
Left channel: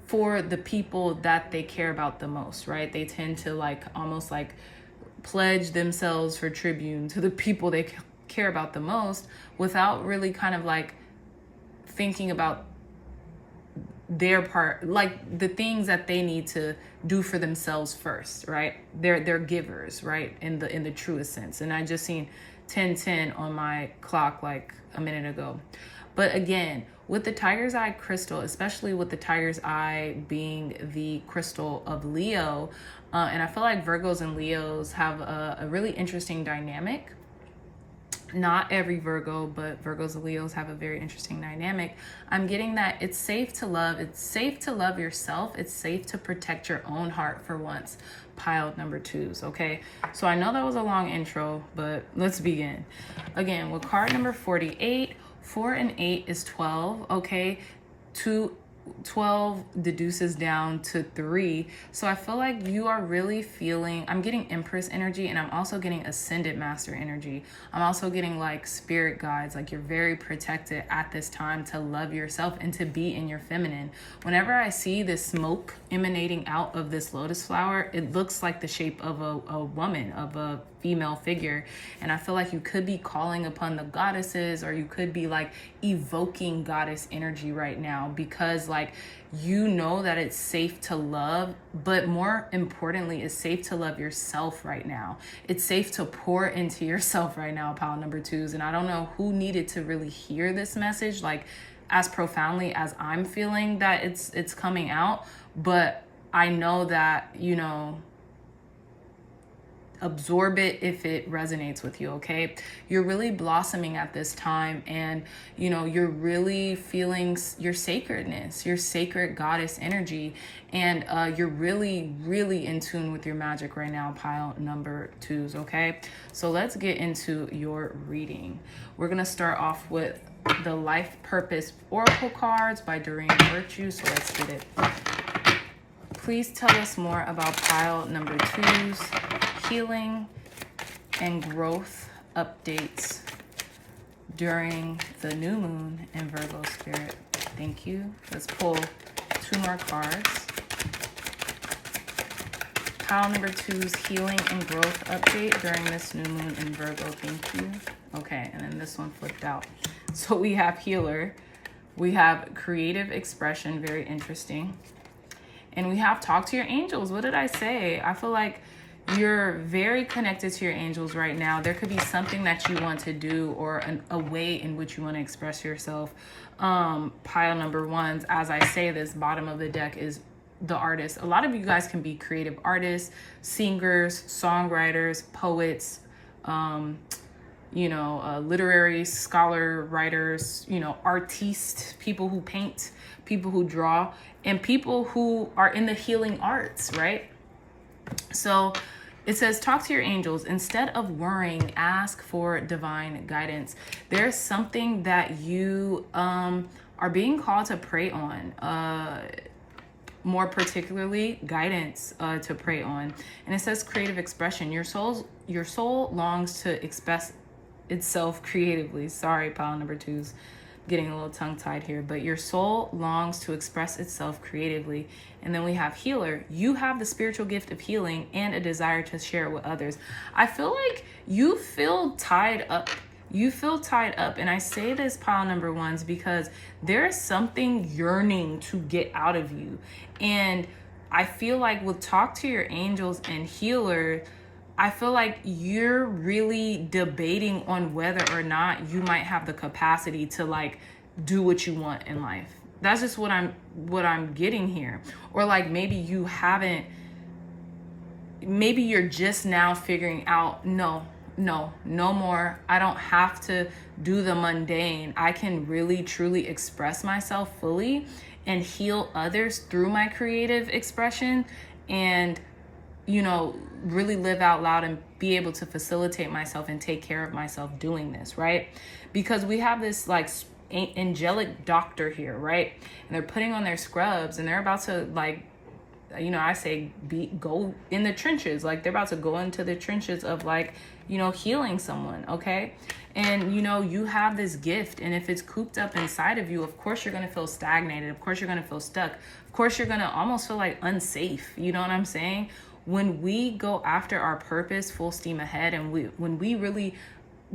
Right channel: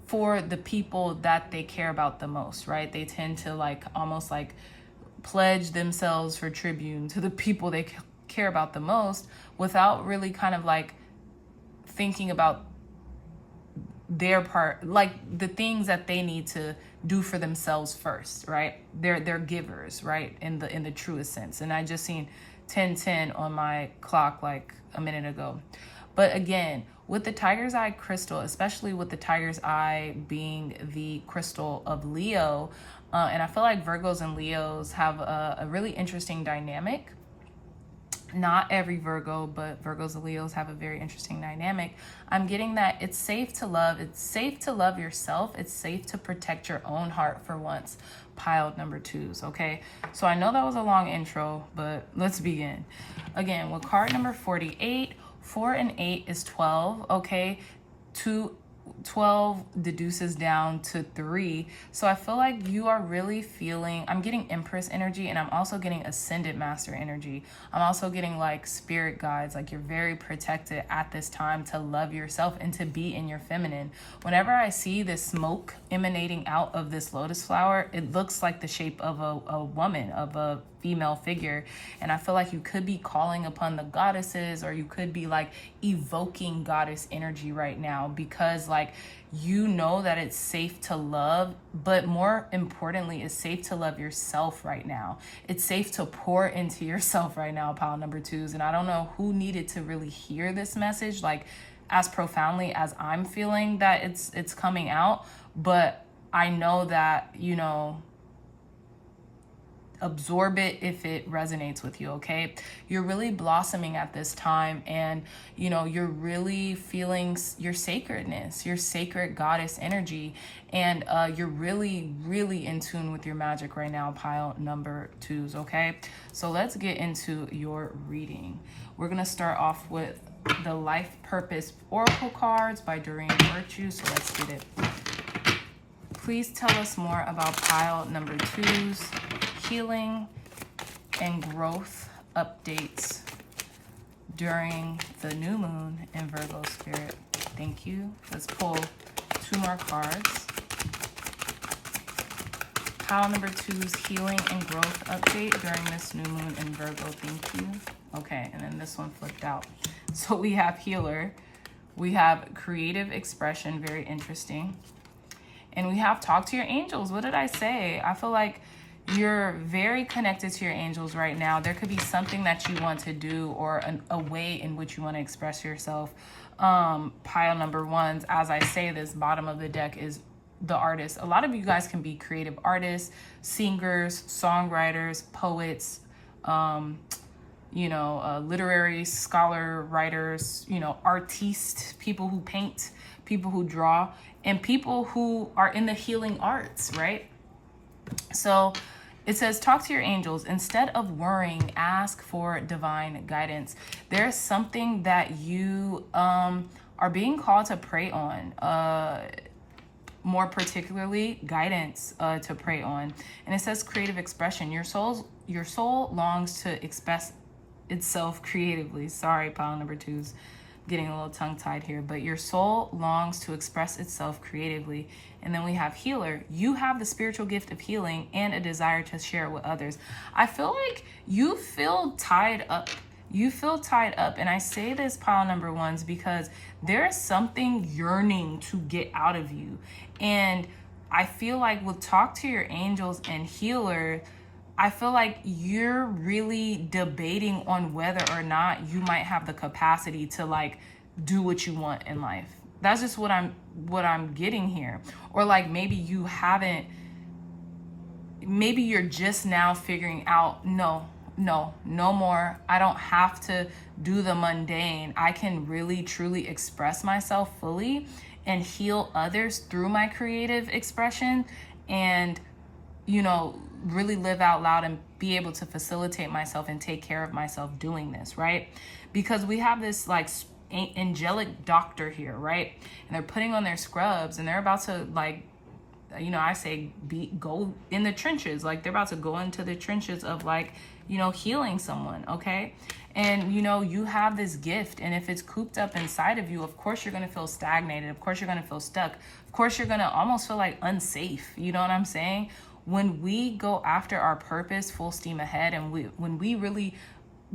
For the people that they care about the most, right? They tend to like almost like pledge themselves for tribute to the people they care about the most, without really kind of like thinking about their part, like the things that they need to do for themselves first, right? They're givers, right? In the truest sense. And I just seen 10:10 on my clock like a minute ago. But again, with the Tiger's Eye crystal, especially with the Tiger's Eye being the crystal of Leo, and I feel like Virgos and Leos have a really interesting dynamic. Not every Virgo, but Virgos and Leos have a very interesting dynamic. I'm getting that it's safe to love. It's safe to love yourself. It's safe to protect your own heart for once. Piled number twos, okay? So I know that was a long intro, but let's begin. Again, with card number 48, 4 and 8 is 12, okay? To 12 deduces down to 3. So I feel like you are really feeling, I'm getting Empress energy, and I'm also getting Ascended Master energy. I'm also getting like spirit guides, like you're very protected at this time to love yourself and to be in your feminine. Whenever I see this smoke emanating out of this lotus flower, it looks like the shape of a woman, of a female figure. And I feel like you could be calling upon the goddesses, or you could be like evoking goddess energy right now, because like you know that it's safe to love, but more importantly, it's safe to love yourself right now. It's safe to pour into yourself right now, pile number 2s. And I don't know who needed to really hear this message like as profoundly as I'm feeling that it's coming out, but I know that, you know, absorb it if it resonates with you. Okay, you're really blossoming at this time, and you know, you're really feeling your sacredness, your sacred goddess energy, and you're really in tune with your magic right now, pile number 2s. Okay, so let's get into your reading. We're gonna start off with the Life Purpose Oracle cards by Doreen Virtue. So let's get it. Please tell us more about pile number 2's healing and growth updates during the new moon in Virgo spirit. Thank you. Let's pull 2 more cards. Pile number 2's healing and growth update during this new moon in Virgo. Thank you. Okay, and then this one flipped out. So we have healer, we have creative expression, very interesting, and we have talk to your angels. What did I say? I feel like you're very connected to your angels right now. There could be something that you want to do, or a way in which you want to express yourself. Pile number 1s, as I say this, bottom of the deck is the artist. A lot of you guys can be creative artists, singers, songwriters, poets, you know, literary scholar, writers, you know, artistes, people who paint, people who draw, and people who are in the healing arts, right? So it says, talk to your angels. Instead of worrying, ask for divine guidance. There's something that you are being called to pray on, more particularly guidance to pray on. And it says creative expression. Your soul longs to express itself creatively. Sorry, pile number 2's getting a little tongue-tied here, but your soul longs to express itself creatively. And then we have healer. You have the spiritual gift of healing and a desire to share it with others. I feel like you feel tied up. You feel tied up. And I say this, pile number 1s, because there is something yearning to get out of you. And I feel like with talk to your angels and healer, I feel like you're really debating on whether or not you might have the capacity to like do what you want in life. That's just what I'm getting here. Or like maybe you haven't, maybe you're just now figuring out, no more. I don't have to do the mundane. I can really truly express myself fully and heal others through my creative expression, and you know, really live out loud and be able to facilitate myself and take care of myself doing this, right? Because we have this like angelic doctor here, right? And they're putting on their scrubs and they're about to like, you know, I say go in the trenches. Like they're about to go into the trenches of like, you know, healing someone, okay? And, you know, you have this gift, and if it's cooped up inside of you, of course you're going to feel stagnated. Of course you're going to feel stuck. Of course you're going to almost feel like unsafe. You know what I'm saying? When we go after our purpose full steam ahead, and when we really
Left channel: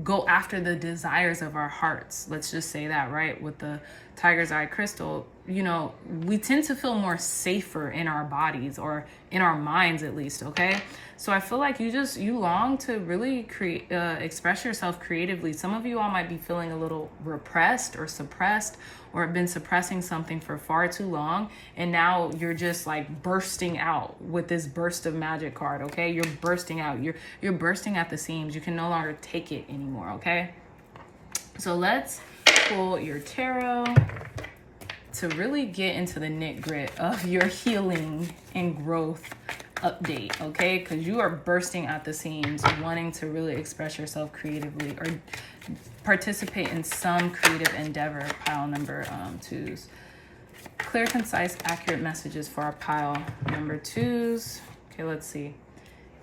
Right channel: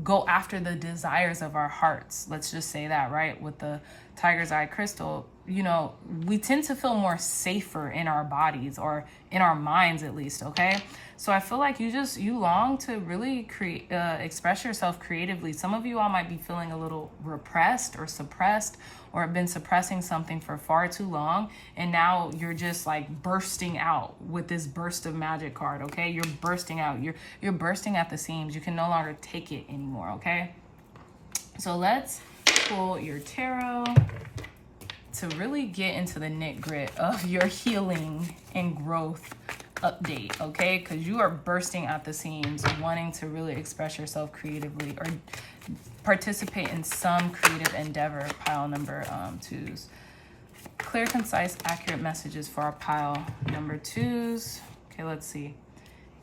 go after the desires of our hearts, let's just say that, right? With the tiger's eye crystal, you know, we tend to feel more safer in our bodies, or in our minds at least, okay? So I feel like you long to really express yourself creatively. Some of you all might be feeling a little repressed or suppressed, or have been suppressing something for far too long, and now you're just like bursting out with this burst of magic card, okay? You're bursting out. You're bursting at the seams. You can no longer take it anymore, okay? So let's pull your tarot to really get into the nit grit of your healing and growth update, okay? Because you are bursting at the seams, wanting to really express yourself creatively or participate in some creative endeavor, pile number 2s. Clear, concise, accurate messages for our pile number 2s. Okay, let's see.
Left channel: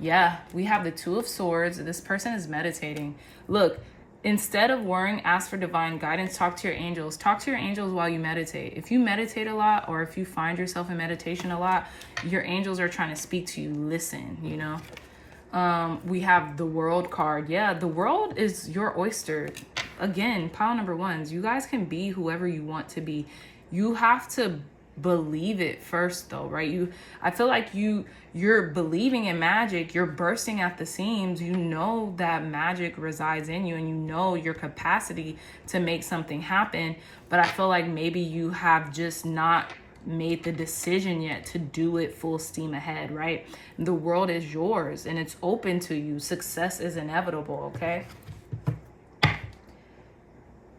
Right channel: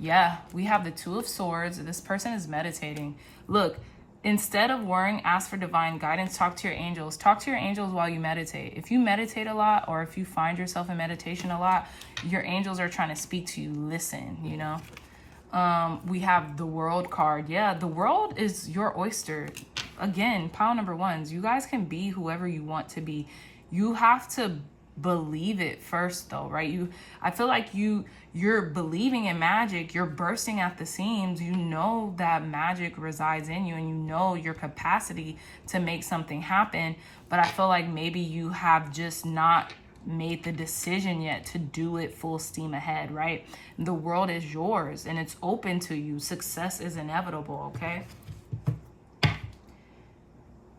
Yeah, we have the 2 of Swords. This person is meditating. Look, instead of worrying, ask for divine guidance. Talk to your angels. Talk to your angels while you meditate. If you meditate a lot, or if you find yourself in meditation a lot, your angels are trying to speak to you. Listen, you know. We have the World card. Yeah, the world is your oyster. Again, pile number 1s. You guys can be whoever you want to be. You have to believe it first, though, right? I feel like you're believing in magic. You're bursting at the seams. You know that magic resides in you, and you know your capacity to make something happen. But I feel like maybe you have just not made the decision yet to do it full steam ahead, right? The world is yours and it's open to you. Success is inevitable, okay?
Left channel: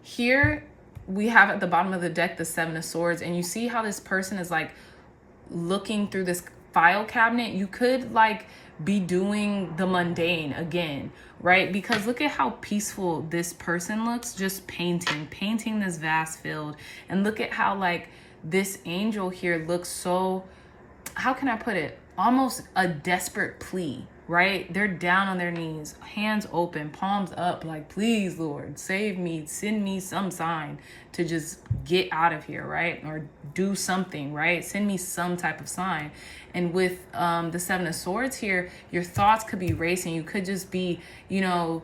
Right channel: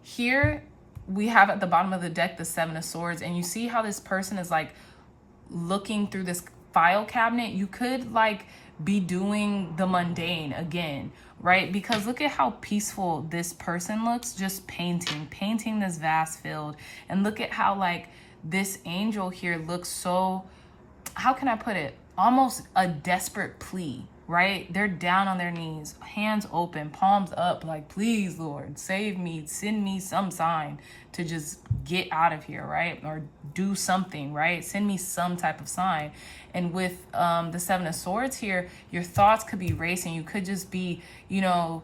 Here we have at the bottom of the deck the 7 of Swords, and you see how this person is like looking through this file cabinet. You could like be doing the mundane again, right? Because look at how peaceful this person looks, just painting this vast field. And look at how like this angel here looks so, how can I put it? Almost a desperate plea, right? They're down on their knees, hands open, palms up, like, please, Lord, save me, send me some sign to just get out of here, right? Or do something, right? Send me some type of sign. And with the 7 of Swords here, your thoughts could be racing. You could just be, you know,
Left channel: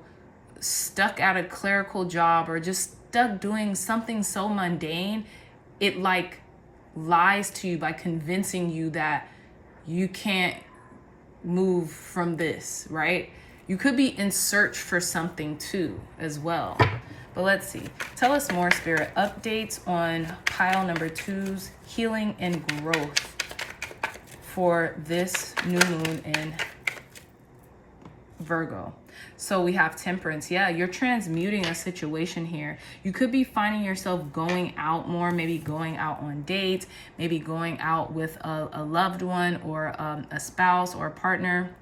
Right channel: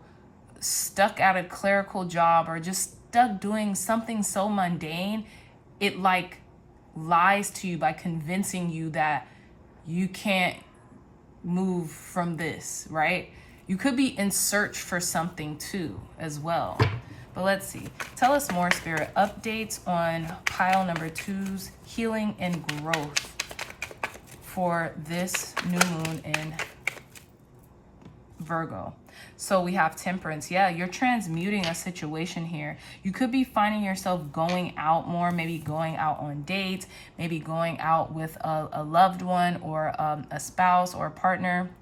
stuck at a clerical job, or just stuck doing something so mundane. It like lies to you by convincing you that you can't move from this, right? You could be in search for something too as well. But let's see. Tell us more, Spirit. Updates on pile number 2's healing and growth for this new moon in Virgo. So we have Temperance. Yeah, you're transmuting a situation here. You could be finding yourself going out more, maybe going out on dates, maybe going out with a loved one, or a spouse or a partner.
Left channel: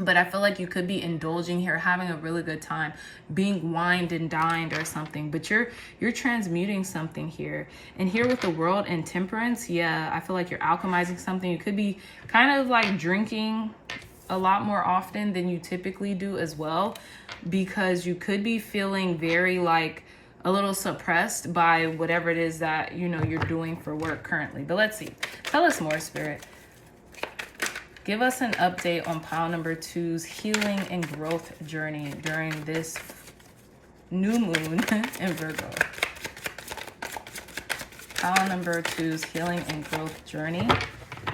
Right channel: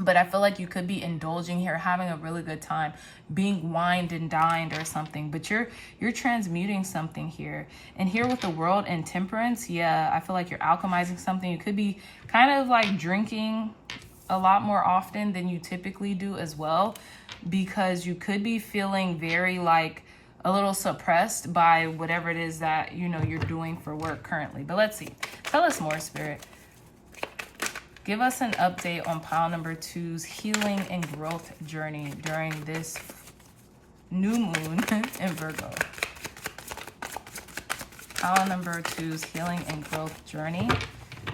But I feel like you could be indulging here, having a really good time, being wined and dined or something. But you're transmuting something here. And here with the World and Temperance, yeah, I feel like you're alchemizing something. You could be kind of like drinking a lot more often than you typically do as well, because you could be feeling very like a little suppressed by whatever it is that, you know, you're doing for work currently. But let's see. Tell us more, Spirit. Give us an update on pile number 2's healing and growth journey during this new moon in Virgo. Pile number 2's healing and growth journey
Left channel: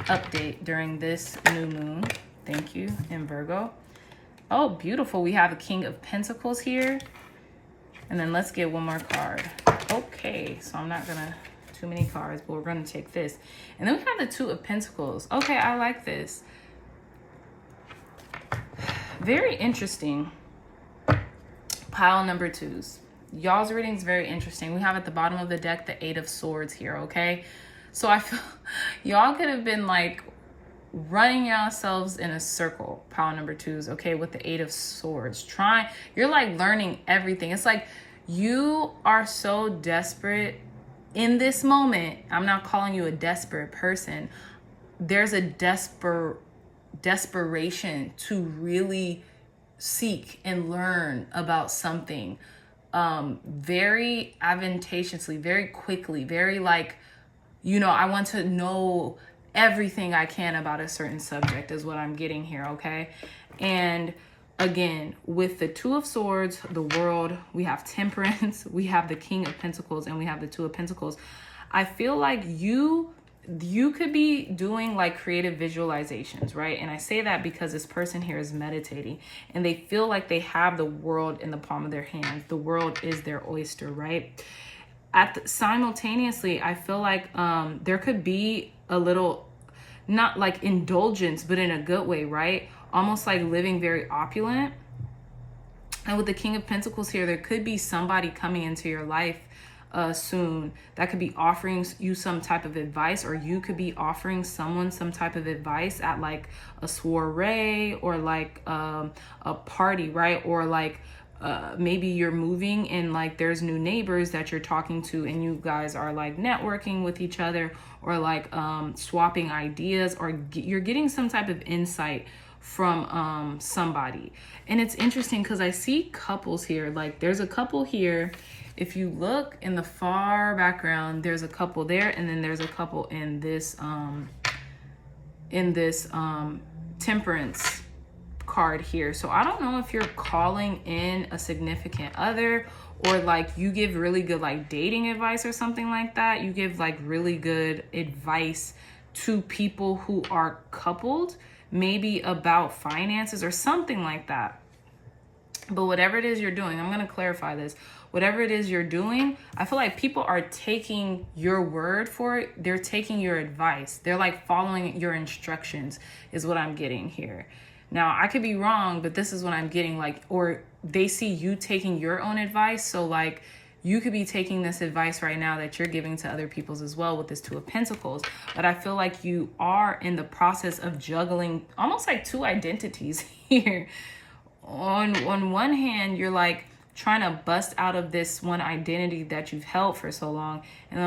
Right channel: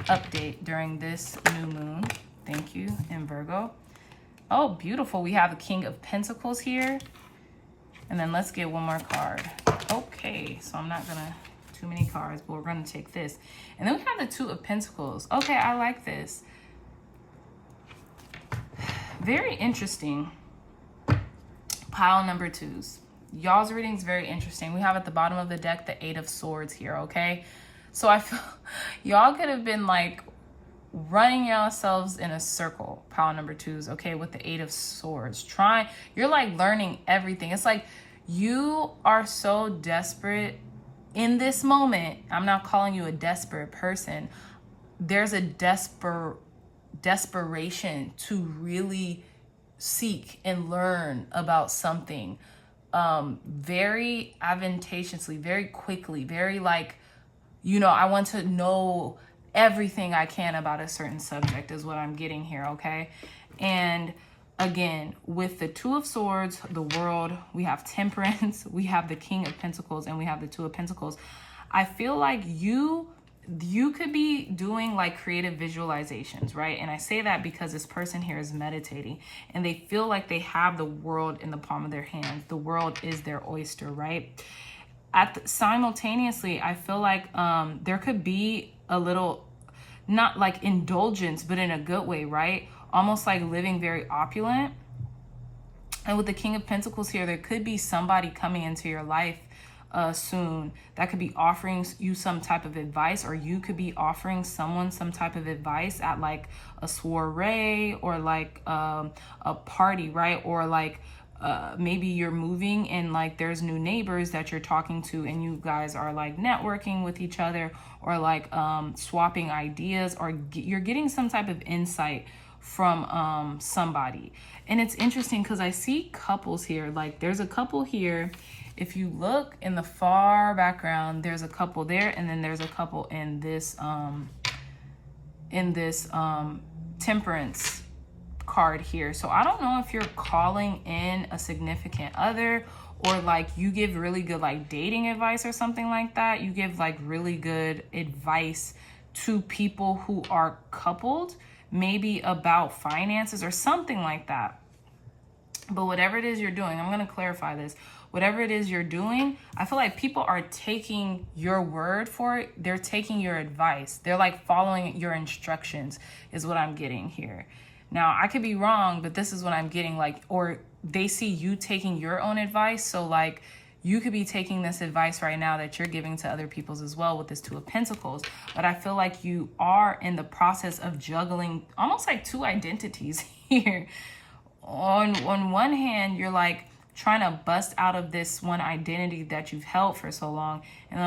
update during this new moon. Thank you, in Virgo. Oh, beautiful. We have the King of Pentacles here. And then let's get one more card. Okay, so I'm not gonna too many cards, but we're gonna take this. And then we have the 2 of Pentacles. Okay, I like this. Very interesting. Pile number 2's. Y'all's reading is very interesting. We have at the bottom of the deck the 8 of Swords here, okay? So I feel y'all could have been like running yourselves in a circle, pile number 2's, okay, with the 8 of Swords. You're like learning everything. It's like you are so desperate in this moment. I'm not calling you a desperate person. There's a desperation to really seek and learn about something very advantageously, very quickly, very like, you know, I want to know everything I can about a certain subject is what I'm getting here, okay? And again, with the 2 of Swords, the World, we have Temperance, we have the King of Pentacles, and we have the 2 of Pentacles. I feel like you could be doing like creative visualizations, right? And I say that because this person here is meditating and they feel like they have the world in the palm of their hands. The world is their oyster, right? Simultaneously, I feel like there could be a little, not like indulgence, but in a good way, right? Almost like living very opulent. And with the King of Pentacles here, there could be somebody coming into your life soon that could be offering you some type of advice, or you could be offering someone some type of advice at like a soiree or like a party, right? Or like maybe you're moving and like there's new neighbors that you're talking to and you guys are like networking with each other, or like swapping ideas, or you're getting some type of insight from somebody. And it's interesting because I see couples here. Like there's a couple here. If you look in the far background, there's a couple there, and then there's a couple in this temperance card here. So I don't know if you're calling in a significant other, or like you give really good like dating advice or something like that. You give like really good advice to people who are coupled, maybe about finances or something like that. But whatever it is you're doing, I'm going to clarify this. Whatever it is you're doing, I feel like people are taking your word for it. They're taking your advice. They're like following your instructions is what I'm getting here. Now, I could be wrong, but this is what I'm getting, like, or they see you taking your own advice. So like you could be taking this advice right now that you're giving to other people's as well with this Two of Pentacles. But I feel like you are in the process of juggling almost like two identities here. On one hand, you're like trying to bust out of this one identity that you've held for so long. And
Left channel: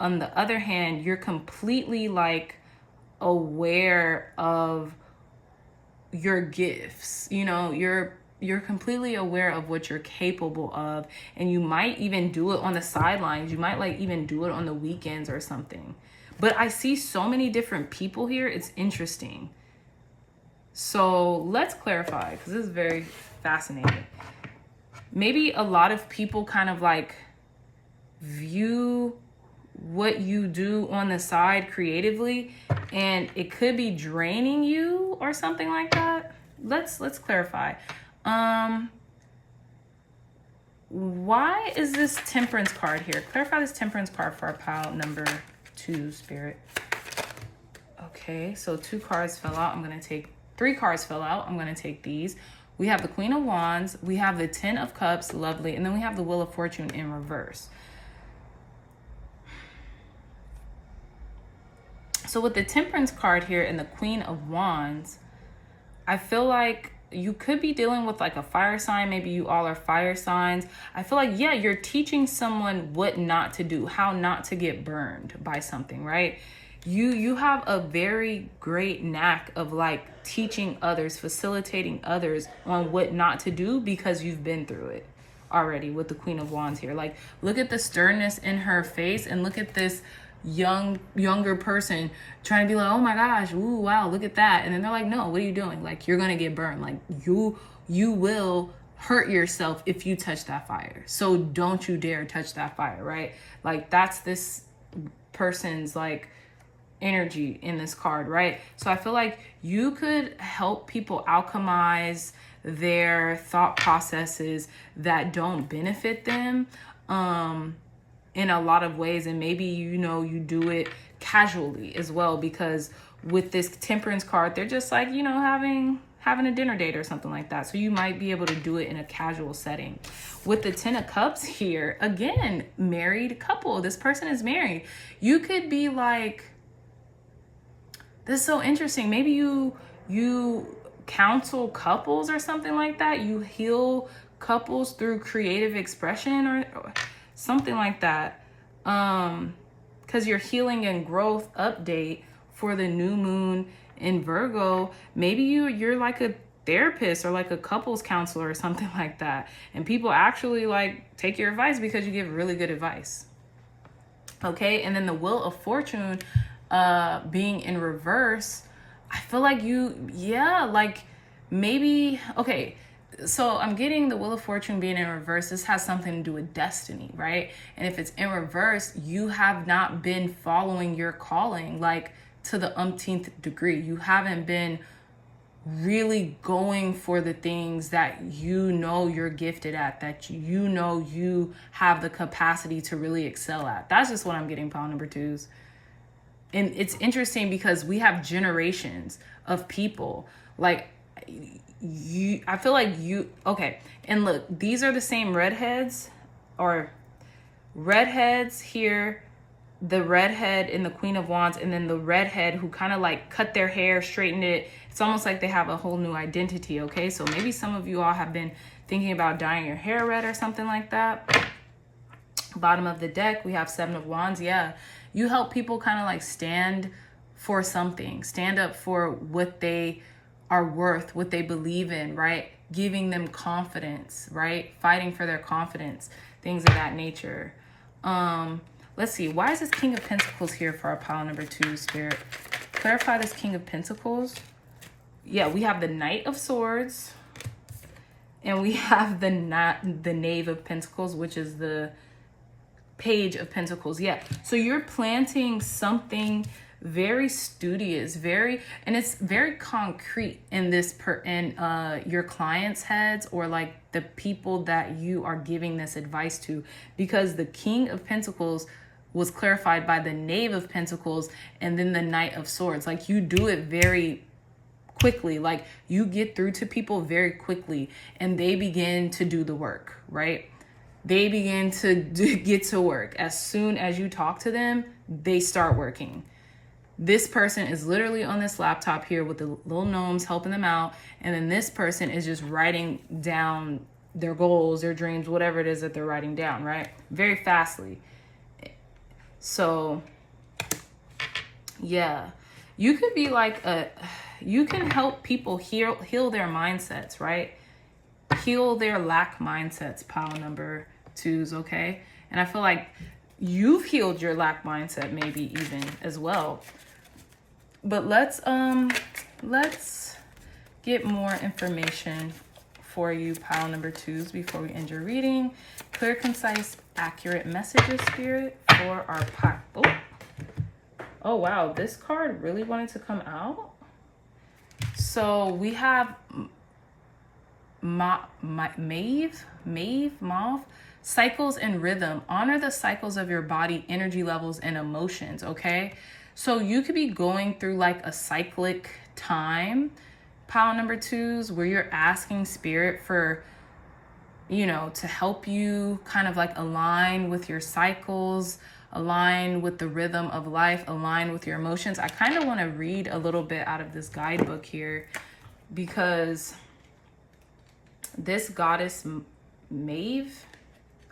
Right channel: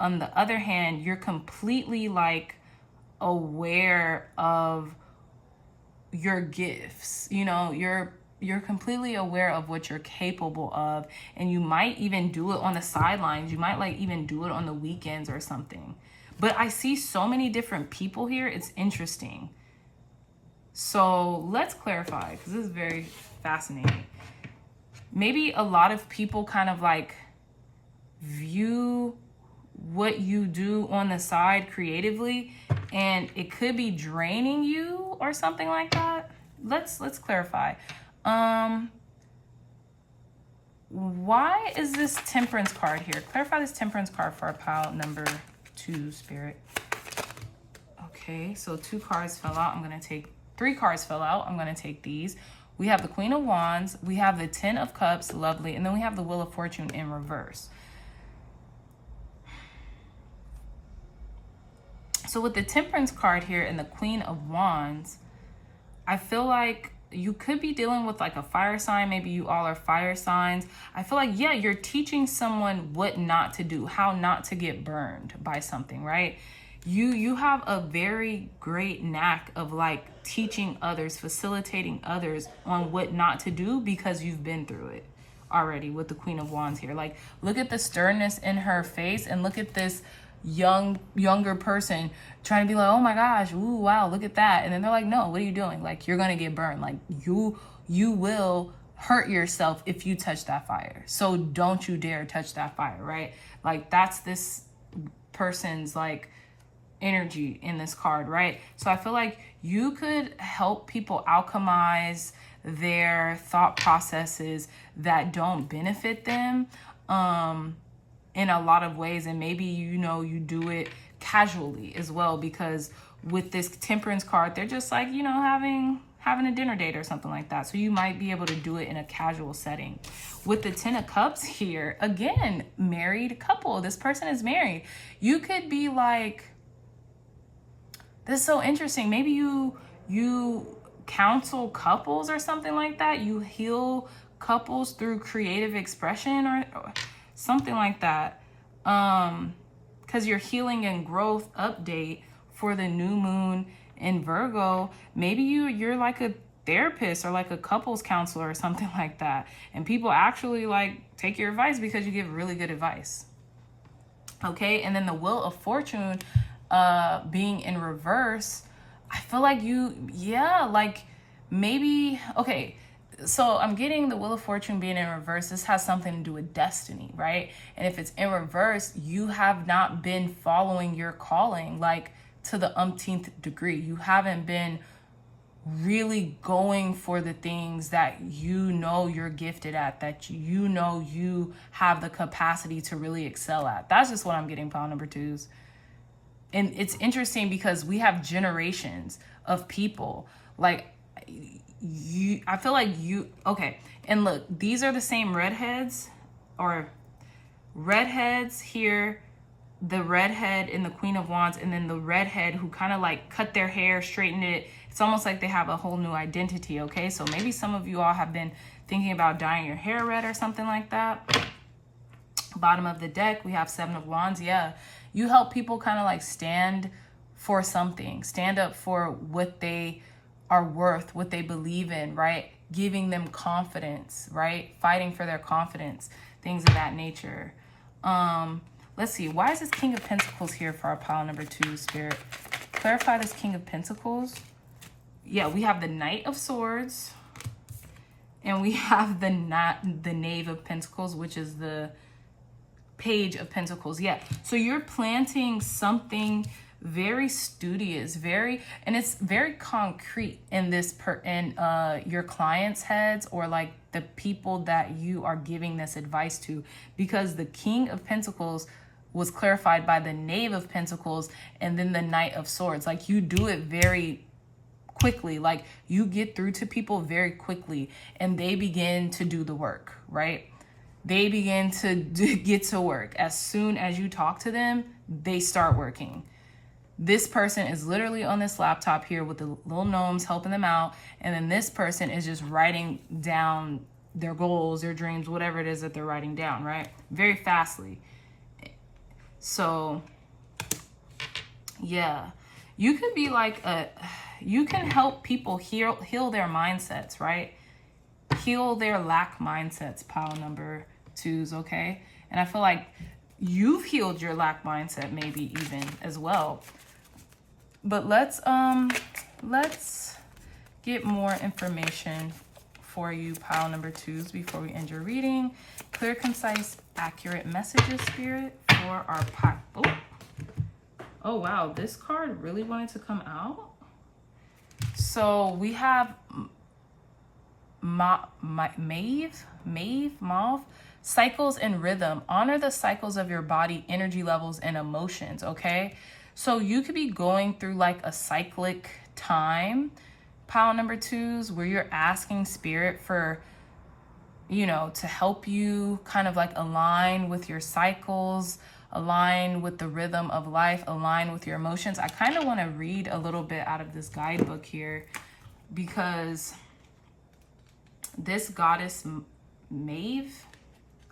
on the other hand, you're completely like aware of your gifts. You know, you're completely aware of what you're capable of, and you might even do it on the sidelines. You might like even do it on the weekends or something. But I see so many different people here. It's interesting. So let's clarify, because this is very fascinating. Maybe a lot of people kind of like view what you do on the side creatively, and it could be draining you or something like that. Let's clarify. Why is this Temperance card here? Clarify this Temperance card for our pile number 2, Spirit. Okay, so 2 cards fell out. I'm going to take 3 cards fell out. I'm going to take these. We have the Queen of Wands. We have the 10 of Cups. Lovely. And then we have the Wheel of Fortune in reverse. So with the Temperance card here and the Queen of Wands, I feel like you could be dealing with like a fire sign. Maybe you all are fire signs. I feel like, yeah, you're teaching someone what not to do, how not to get burned by something, right? You have a very great knack of like teaching others, facilitating others on what not to do, because you've been through it already with the Queen of Wands here. Like, look at the sternness in her face, and look at this younger person trying to be like, oh my gosh, ooh, wow, look at that. And then they're like, no, what are you doing? Like, you're gonna get burned. Like, you will hurt yourself if you touch that fire. So don't you dare touch that fire, right? Like, that's this person's like energy in this card, right? So I feel like you could help people alchemize their thought processes that don't benefit them in a lot of ways. And maybe, you know, you do it casually as well, because with this Temperance card, they're just like, you know, having a dinner date or something like that. So you might be able to do it in a casual setting. With the 10 of Cups here, again, married couple. This person is married. You could be like, this is so interesting. Maybe you counsel couples or something like that. You heal couples through creative expression or something like that. Because your healing and growth update for the new moon in Virgo, maybe you're like a therapist or like a couples counselor or something like that. And people actually like take your advice because you give really good advice. Okay, and then the Wheel of Fortune being in reverse, I feel like like maybe, okay, so I'm getting the Wheel of Fortune being in reverse. This has something to do with destiny, right? And if it's in reverse, you have not been following your calling like to the umpteenth degree. You haven't been really going for the things that you know you're gifted at, that you know you have the capacity to really excel at. That's just what I'm getting, pile number 2s. And it's interesting because we have generations of people like you. I feel like you, okay. And look, these are the same redheads here, the redhead in the Queen of Wands, and then the redhead who kind of like cut their hair, straightened it. It's almost like they have a whole new identity. Okay. So maybe some of you all have been thinking about dyeing your hair red or something like that. Bottom of the deck, we have 7 of Wands. Yeah, you help people kind of like stand for something, stand up for what they are worth, what they believe in, right? Giving them confidence, right? Fighting for their confidence, things of that nature. Let's see, why is this King of Pentacles here for our pile number 2, Spirit? Clarify this King of Pentacles. Yeah, we have the Knight of Swords, and we have the Knave of Pentacles, which is the Page of Pentacles. Yeah, so you're planting something very studious, and it's very concrete in this your clients' heads, or like the people that you are giving this advice to, because the King of Pentacles was clarified by the Knave of Pentacles and then the Knight of Swords. Like, you do it very quickly, like you get through to people very quickly, and they begin to do the work, right? They begin to get to work. As soon as you talk to them, they start working. This person is literally on this laptop here with the little gnomes helping them out. And then this person is just writing down their goals, their dreams, whatever it is that they're writing down, right? Very fastly. So, yeah. You could be like you can help people heal their mindsets, right? Heal their lack mindsets, pile number 2s, okay? And I feel like you've healed your lack mindset maybe even as well. But let's get more information for you, pile number 2s, before we end your reading. Clear, concise, accurate messages, Spirit, for our pile. Oh wow, this card really wanted to come out. So we have Mauve, cycles and rhythm. Honor the cycles of your body, energy levels, and emotions, okay? So you could be going through like a cyclic time, pile number 2s, where you're asking Spirit for, you know, to help you kind of like align with your cycles, align with the rhythm of life, align with your emotions. I kind of want to read a little bit out of this guidebook here, because this goddess Maeve,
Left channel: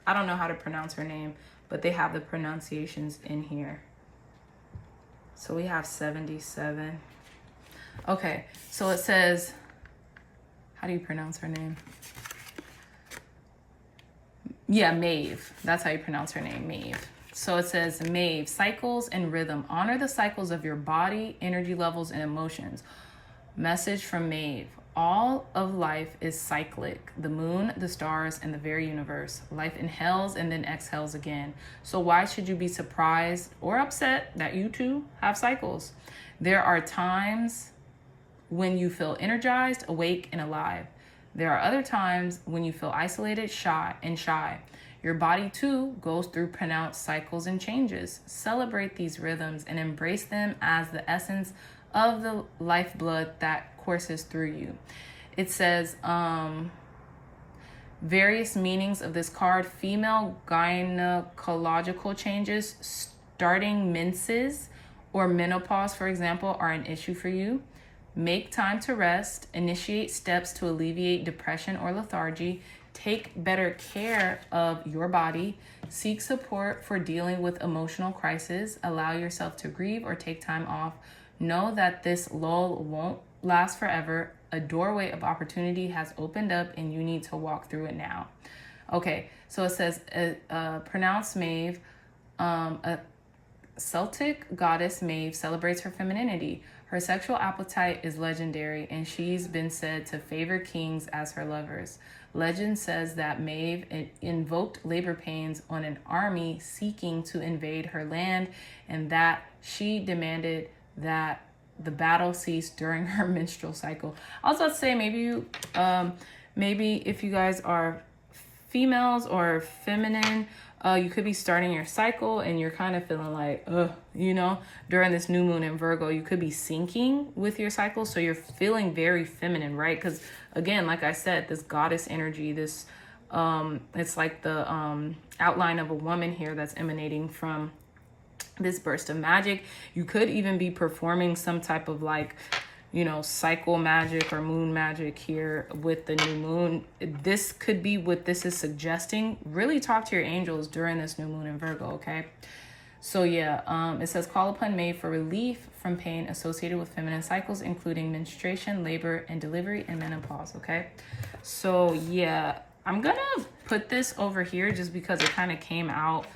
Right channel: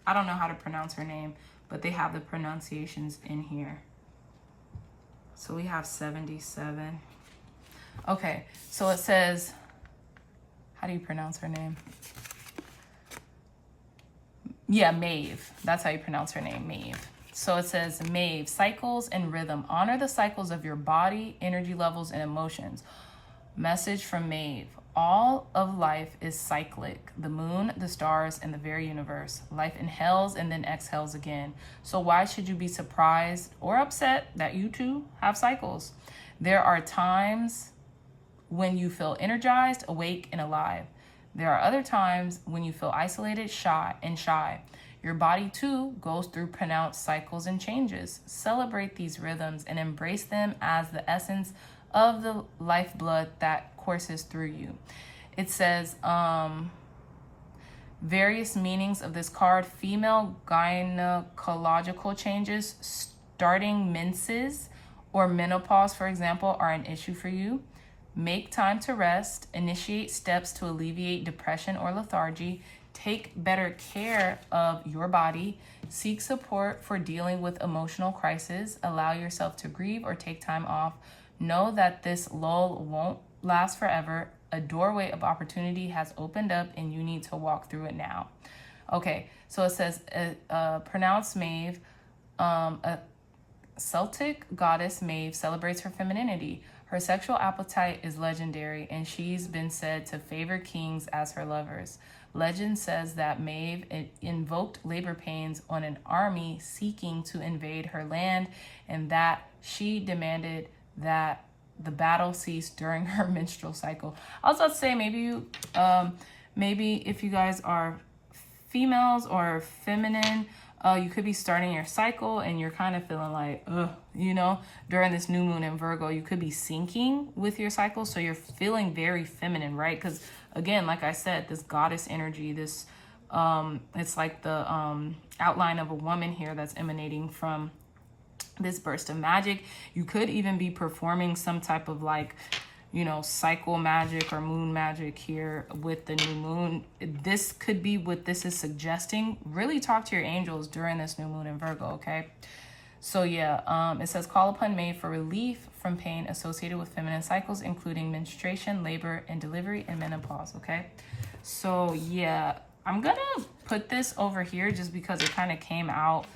I don't know how to pronounce her name, but they have the pronunciations in here. So we have 77. Okay, so it says, how do you pronounce her name? Yeah, Maeve. That's how you pronounce her name, Maeve. So it says, Maeve, cycles and rhythm. Honor the cycles of your body, energy levels, and emotions. Message from Maeve. All of life is cyclic. The moon, the stars, and the very universe. Life inhales and then exhales again. So why should you be surprised or upset that you too have cycles? There are times when you feel energized, awake, and alive. There are other times when you feel isolated, shy. Your body too goes through pronounced cycles and changes. Celebrate these rhythms and embrace them as the essence of the lifeblood that courses through you. It says various meanings of this card. Female gynecological changes, starting menses or menopause, for example, are an issue for you. Make time to rest. Initiate steps to alleviate depression or lethargy. Take better care of your body. Seek support for dealing with emotional crisis. Allow yourself to grieve or take time off. Know that this lull won't last forever. A doorway of opportunity has opened up and you need to walk through it now. Okay, so it says, pronounce Maeve. A Celtic goddess Maeve celebrates her femininity. Her sexual appetite is legendary, and she's been said to favor kings as her lovers. Legend says that Maeve invoked labor pains on an army seeking to invade her land, and that she demanded that the battle cease during her menstrual cycle. I was about to say, maybe if you guys are females or feminine, you could be starting your cycle and you're kind of feeling like, during this new moon in Virgo, you could be syncing with your cycle. So you're feeling very feminine, right? Because again, like I said, this goddess energy, this, it's like the outline of a woman here that's emanating from this burst of magic. You could even be performing some type of like, you know, cycle magic or moon magic here with the new moon. This could be what this is suggesting. Really talk to your angels during this new moon in Virgo, okay? So yeah, it says call upon May for relief from pain associated with feminine cycles, including menstruation, labor and delivery, and menopause, okay? So yeah, I'm gonna put this over here just because it kind of came out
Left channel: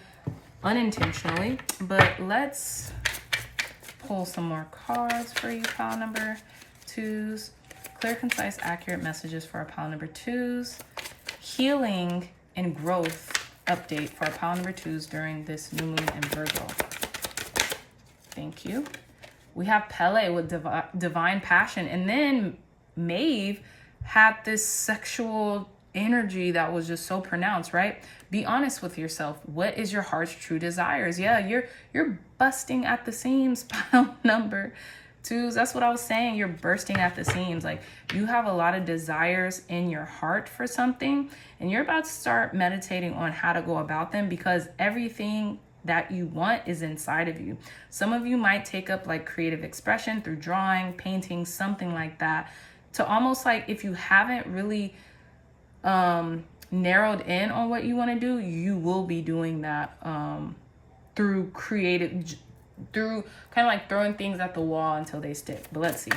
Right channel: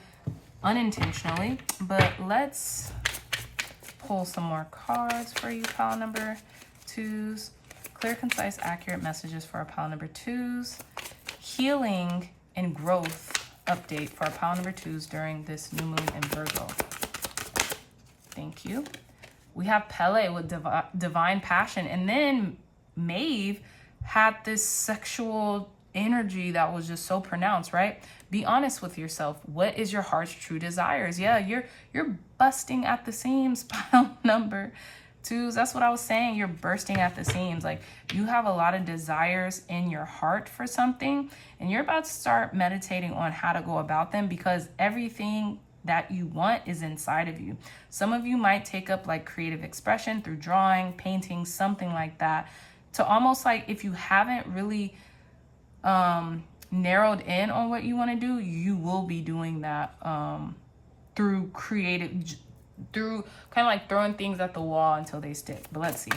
unintentionally, but let's pull some more cards for you, pile number 2s. Clear, concise, accurate messages for our pile number 2s. Healing and growth update for our pile number 2s during this new moon in Virgo. Thank you. We have Pele with divine passion, and then Maeve had this sexual energy that was just so pronounced, right? Be honest with yourself. What is your heart's true desires? Yeah, you're busting at the seams, pile number 2s. That's what I was saying. You're bursting at the seams. Like, you have a lot of desires in your heart for something, and you're about to start meditating on how to go about them, because everything that you want is inside of you. Some of you might take up like creative expression through drawing, painting, something like that, to almost like, if you haven't really narrowed in on what you want to do, you will be doing that through creative, through kind of like throwing things at the wall until they stick. But let's see.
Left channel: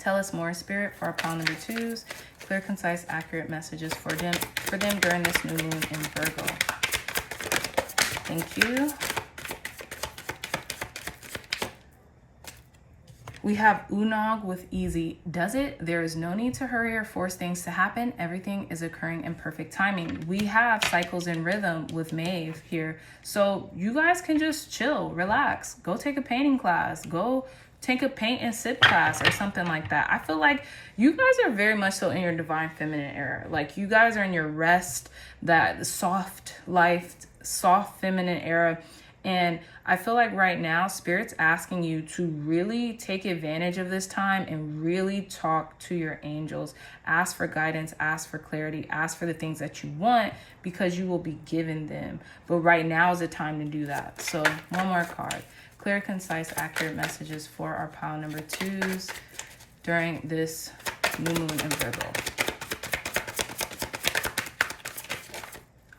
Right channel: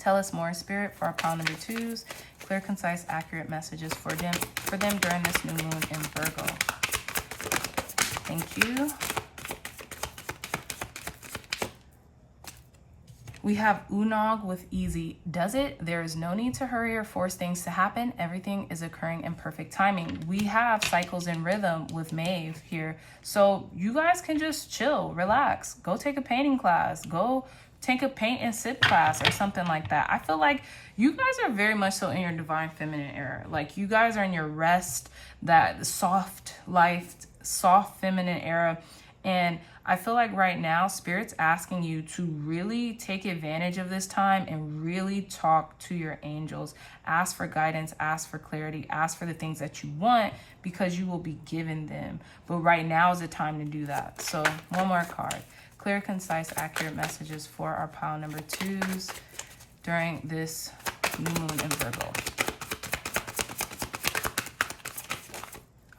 Tell us more, Spirit, for our pile number 2s. Clear, concise, accurate messages for them during this new moon in Virgo. Thank you. We have Unog with easy does it. There is no need to hurry or force things to happen. Everything is occurring in perfect timing. We have cycles and rhythm with Maeve here. So you guys can just chill, relax, go take a painting class, go take a paint and sip class or something like that. I feel like you guys are very much so in your divine feminine era. Like, you guys are in your rest, that soft life, soft feminine era. And I feel like right now, Spirit's asking you to really take advantage of this time and really talk to your angels. Ask for guidance, ask for clarity, ask for the things that you want, because you will be given them. But right now is the time to do that. So one more card. Clear, concise, accurate messages for our pile number 2s during this new moon in Virgo.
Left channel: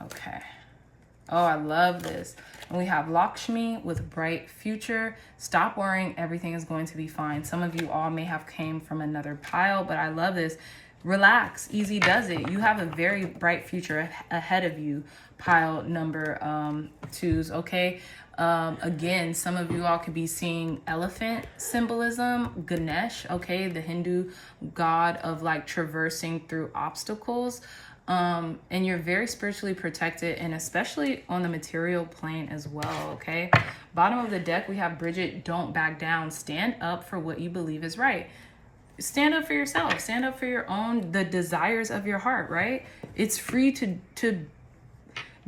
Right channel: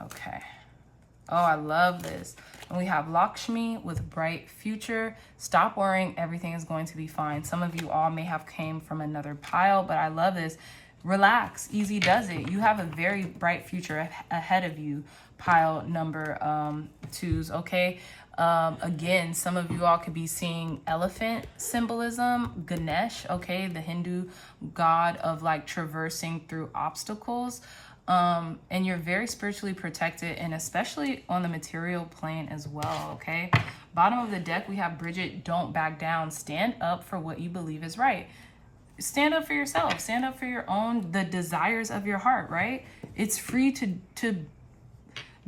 Okay. Oh, I love this. And we have Lakshmi with bright future. Stop worrying, everything is going to be fine. Some of you all may have came from another pile, but I love this. Relax, easy does it. You have a very bright future ahead of you, pile number 2s, okay? Again, some of you all could be seeing elephant symbolism, Ganesh, okay? The Hindu god of like traversing through obstacles. And you're very spiritually protected, and especially on the material plane as well, okay? Bottom of the deck, we have Bridget, don't back down. Stand up for what you believe is right. Stand up for yourself. Stand up for your own, the desires of your heart, right? It's free to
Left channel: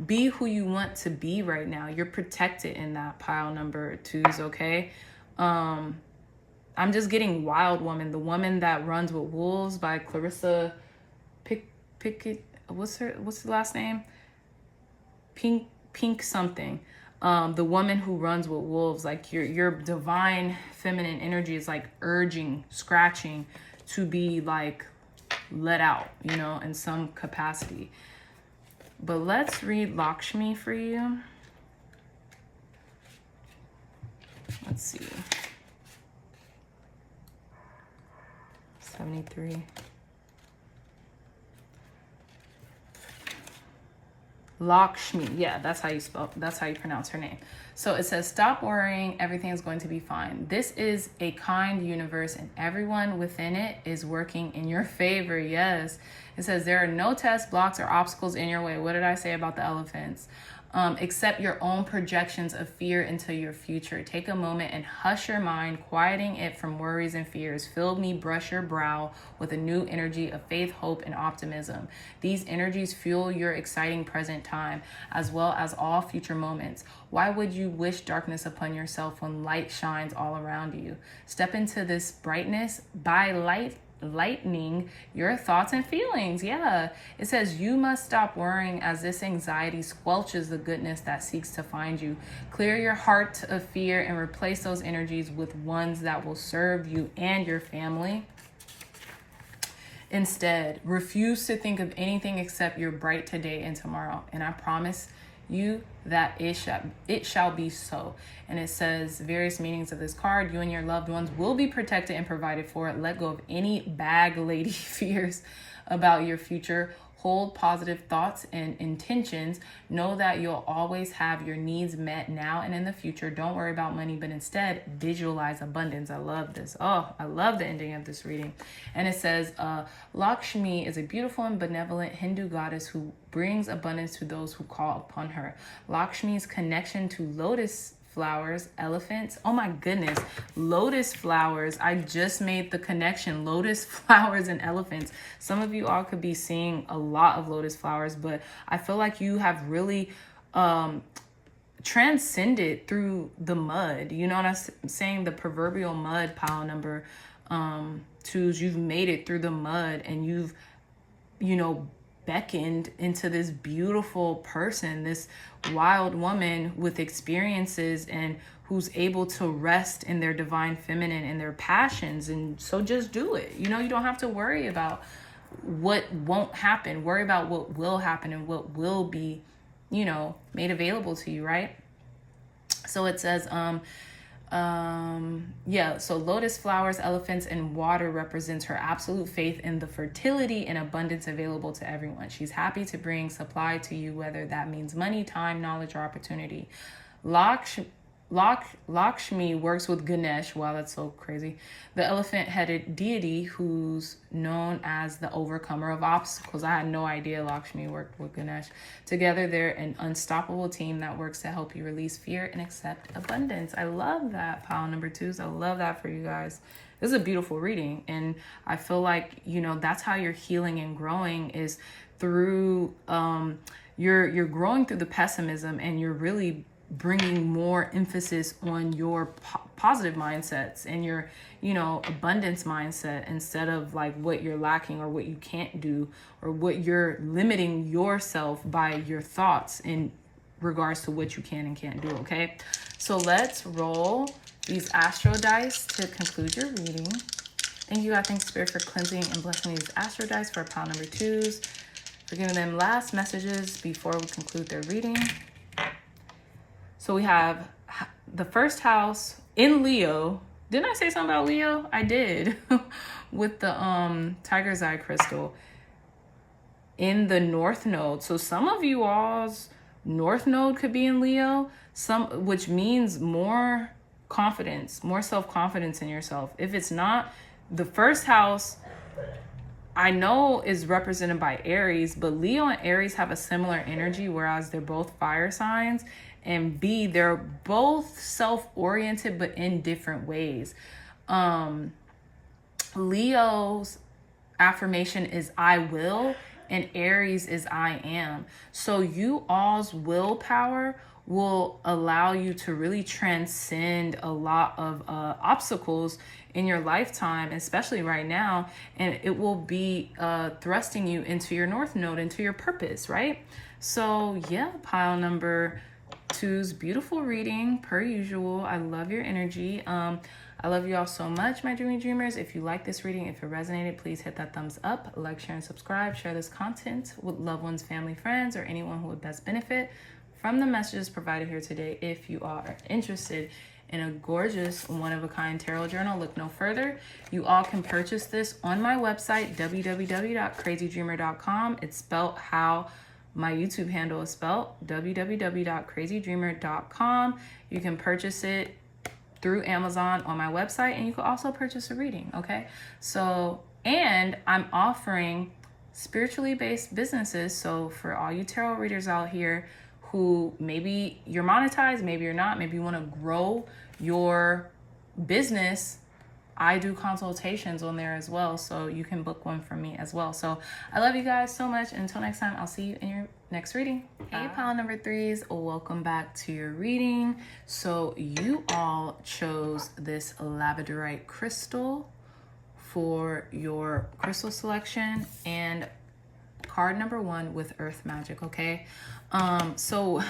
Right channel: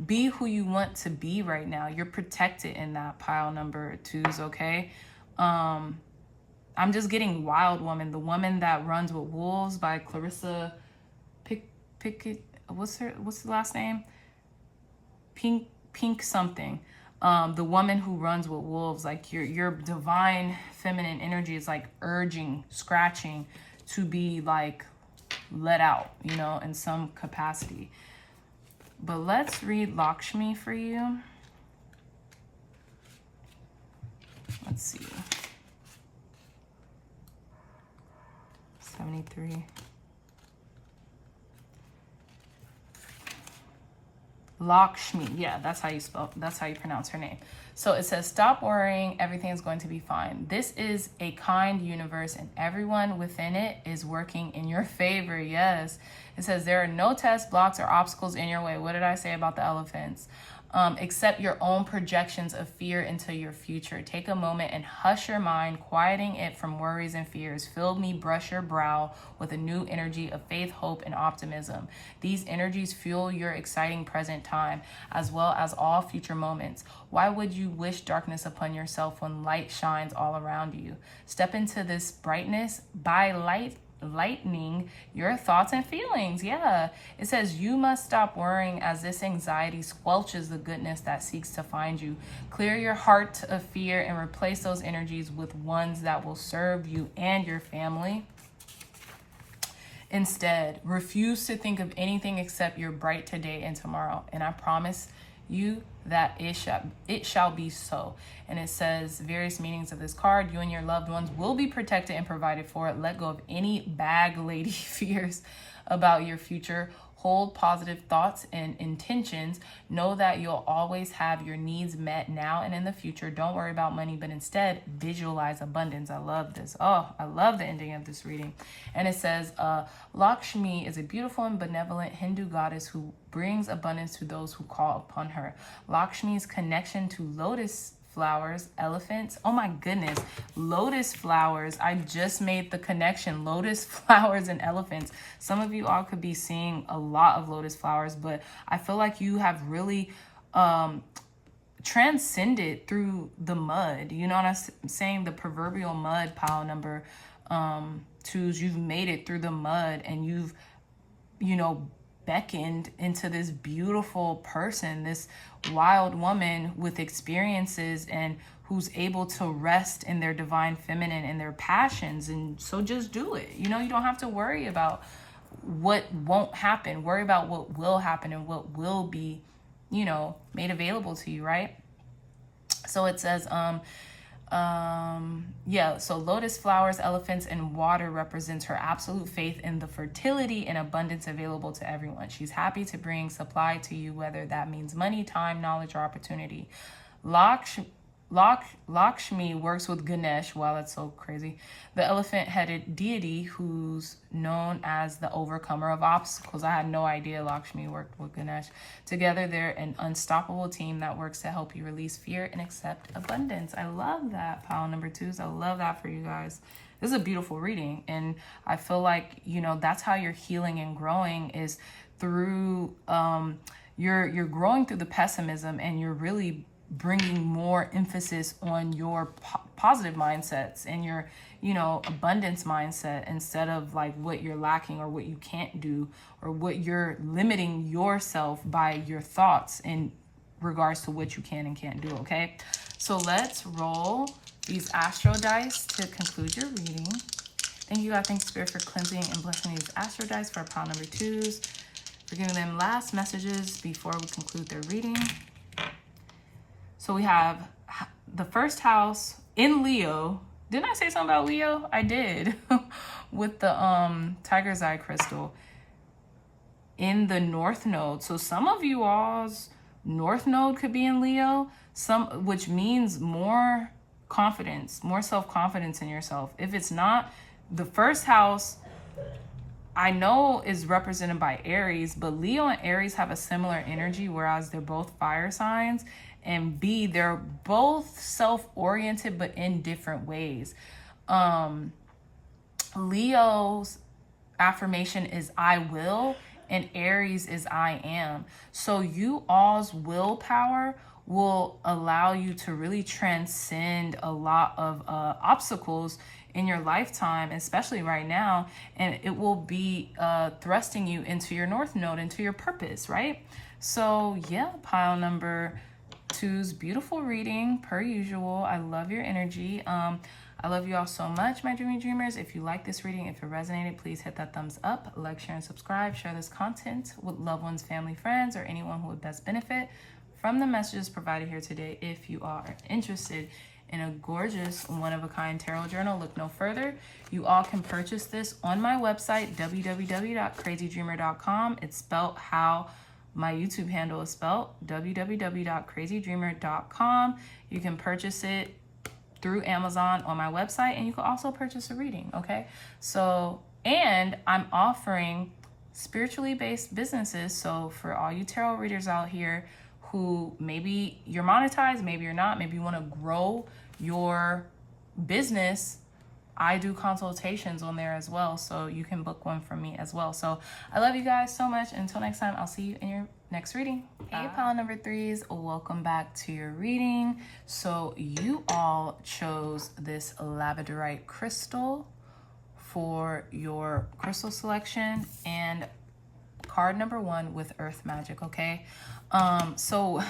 be who you want to be right now. You're protected in that, pile number 2s, okay? I'm just getting Wild Woman, the woman that runs with wolves, by Clarissa Pickett. What's the last name? Pink something. The woman who runs with wolves. Like, your divine feminine energy is like urging, scratching to be like let out, you know, in some capacity. But let's read Lakshmi for you. Let's see. 73. Lakshmi, yeah, that's how you pronounce her name. So it says, stop worrying, everything is going to be fine. This is a kind universe and everyone within it is working in your favor. Yes. It says there are no tests, blocks, or obstacles in your way. What did I say about the elephants? Except your own projections of fear into your future. Take a moment and hush your mind, quieting it from worries and fears. Fill me, brush your brow with a new energy of faith, hope, and optimism. These energies fuel your exciting present time, as well as all future moments. Why would you wish darkness upon yourself when light shines all around you? Step into this brightness by light lightening your thoughts and feelings. Yeah, it says you must stop worrying as this anxiety squelches the goodness that seeks to find you. Clear your heart of fear and replace those energies with ones that will serve you and your family. Instead, refuse to think of anything except your bright today and tomorrow. And I promise you that it shall be so. And it says various meanings of this card. You and your loved ones will be protected and provided for. Let go of any bag lady fears about your future. Hold positive thoughts and intentions. Know that you'll always have your needs met now and in the future. Don't worry about money, but instead visualize abundance. I love this. Oh, I love the ending of this reading. And it says, Lakshmi is a beautiful and benevolent Hindu goddess who brings abundance to those who call upon her. Lakshmi's connection to lotus flowers, elephants. Oh my goodness. Lotus flowers. I just made the connection. Lotus flowers and elephants. Some of you all could be seeing a lot of lotus flowers, but I feel like you have really transcended through the mud. You know what I'm saying? The proverbial mud, pile number 2s. You've made it through the mud and you've, you know, beckoned into this beautiful person, this wild woman with experiences and who's able to rest in their divine feminine and their passions. And so just do it. You know, you don't have to worry about what won't happen. Worry about what will happen and what will be, you know, made available to you, right? So it says, so lotus flowers, elephants, and water represents her absolute faith in the fertility and abundance available to everyone. She's happy to bring supply to you, whether that means money, time, knowledge, or opportunity. Lakshmi works with Ganesh. Wow, that's so crazy. The elephant-headed deity who's known as the overcomer of obstacles. I had no idea Lakshmi worked with Ganesh. Together, they're an unstoppable team that works to help you release fear and accept abundance. I love that, pile number 2s. I love that for you guys. This is a beautiful reading. And I feel like, you know, that's how you're healing and growing is through, you're growing through the pessimism and you're really bringing more emphasis on your positive mindsets and your, you know, abundance mindset instead of like what you're lacking or what you can't do or what you're limiting yourself by your thoughts in regards to what you can and can't do. Okay, so let's roll these astro dice to conclude your reading. Thank you, God. Thanks, Spirit, for cleansing and blessing these astro dice for pile number 2s, for giving them last messages before we conclude their reading. So we have the first house in Leo. Didn't I say something about Leo? I did. With the tiger's eye crystal in the north node. So some of you all's north node could be in Leo, which means more confidence, more self-confidence in yourself. If it's not, the first house I know is represented by Aries, but Leo and Aries have a similar energy, whereas they're both fire signs. And B, they're both self-oriented, but in different ways. Leo's affirmation is I will, and Aries is I am. So you all's willpower will allow you to really transcend a lot of obstacles in your lifetime, especially right now. And it will be thrusting you into your north node, into your purpose, right? So yeah, pile number 2's beautiful reading per usual. I love your energy. I love you all so much, my dreamy dreamers. If you like this reading, if it resonated, please hit that thumbs up, like, share, and subscribe. Share this content with loved ones, family, friends, or anyone who would best benefit from the messages provided here today. If you are interested in a gorgeous one-of-a-kind tarot journal, look no further. You all can purchase this on my website, www.crazydreamer.com. It's spelled how my YouTube handle is spelled, www.crazydreamer.com. You can purchase it through Amazon on my website, and you can also purchase a reading, okay? So, and I'm offering spiritually based businesses. So for all you tarot readers out here who maybe you're monetized, maybe you're not, maybe you want to grow your business, I do consultations on there as well, so you can book one from me as well. So I love you guys so much. Until next time, I'll see you in your next reading. Hey, pile number 3s, welcome back to your reading. So you all chose this Labradorite crystal for your crystal selection and card number 1 with earth magic. Okay, so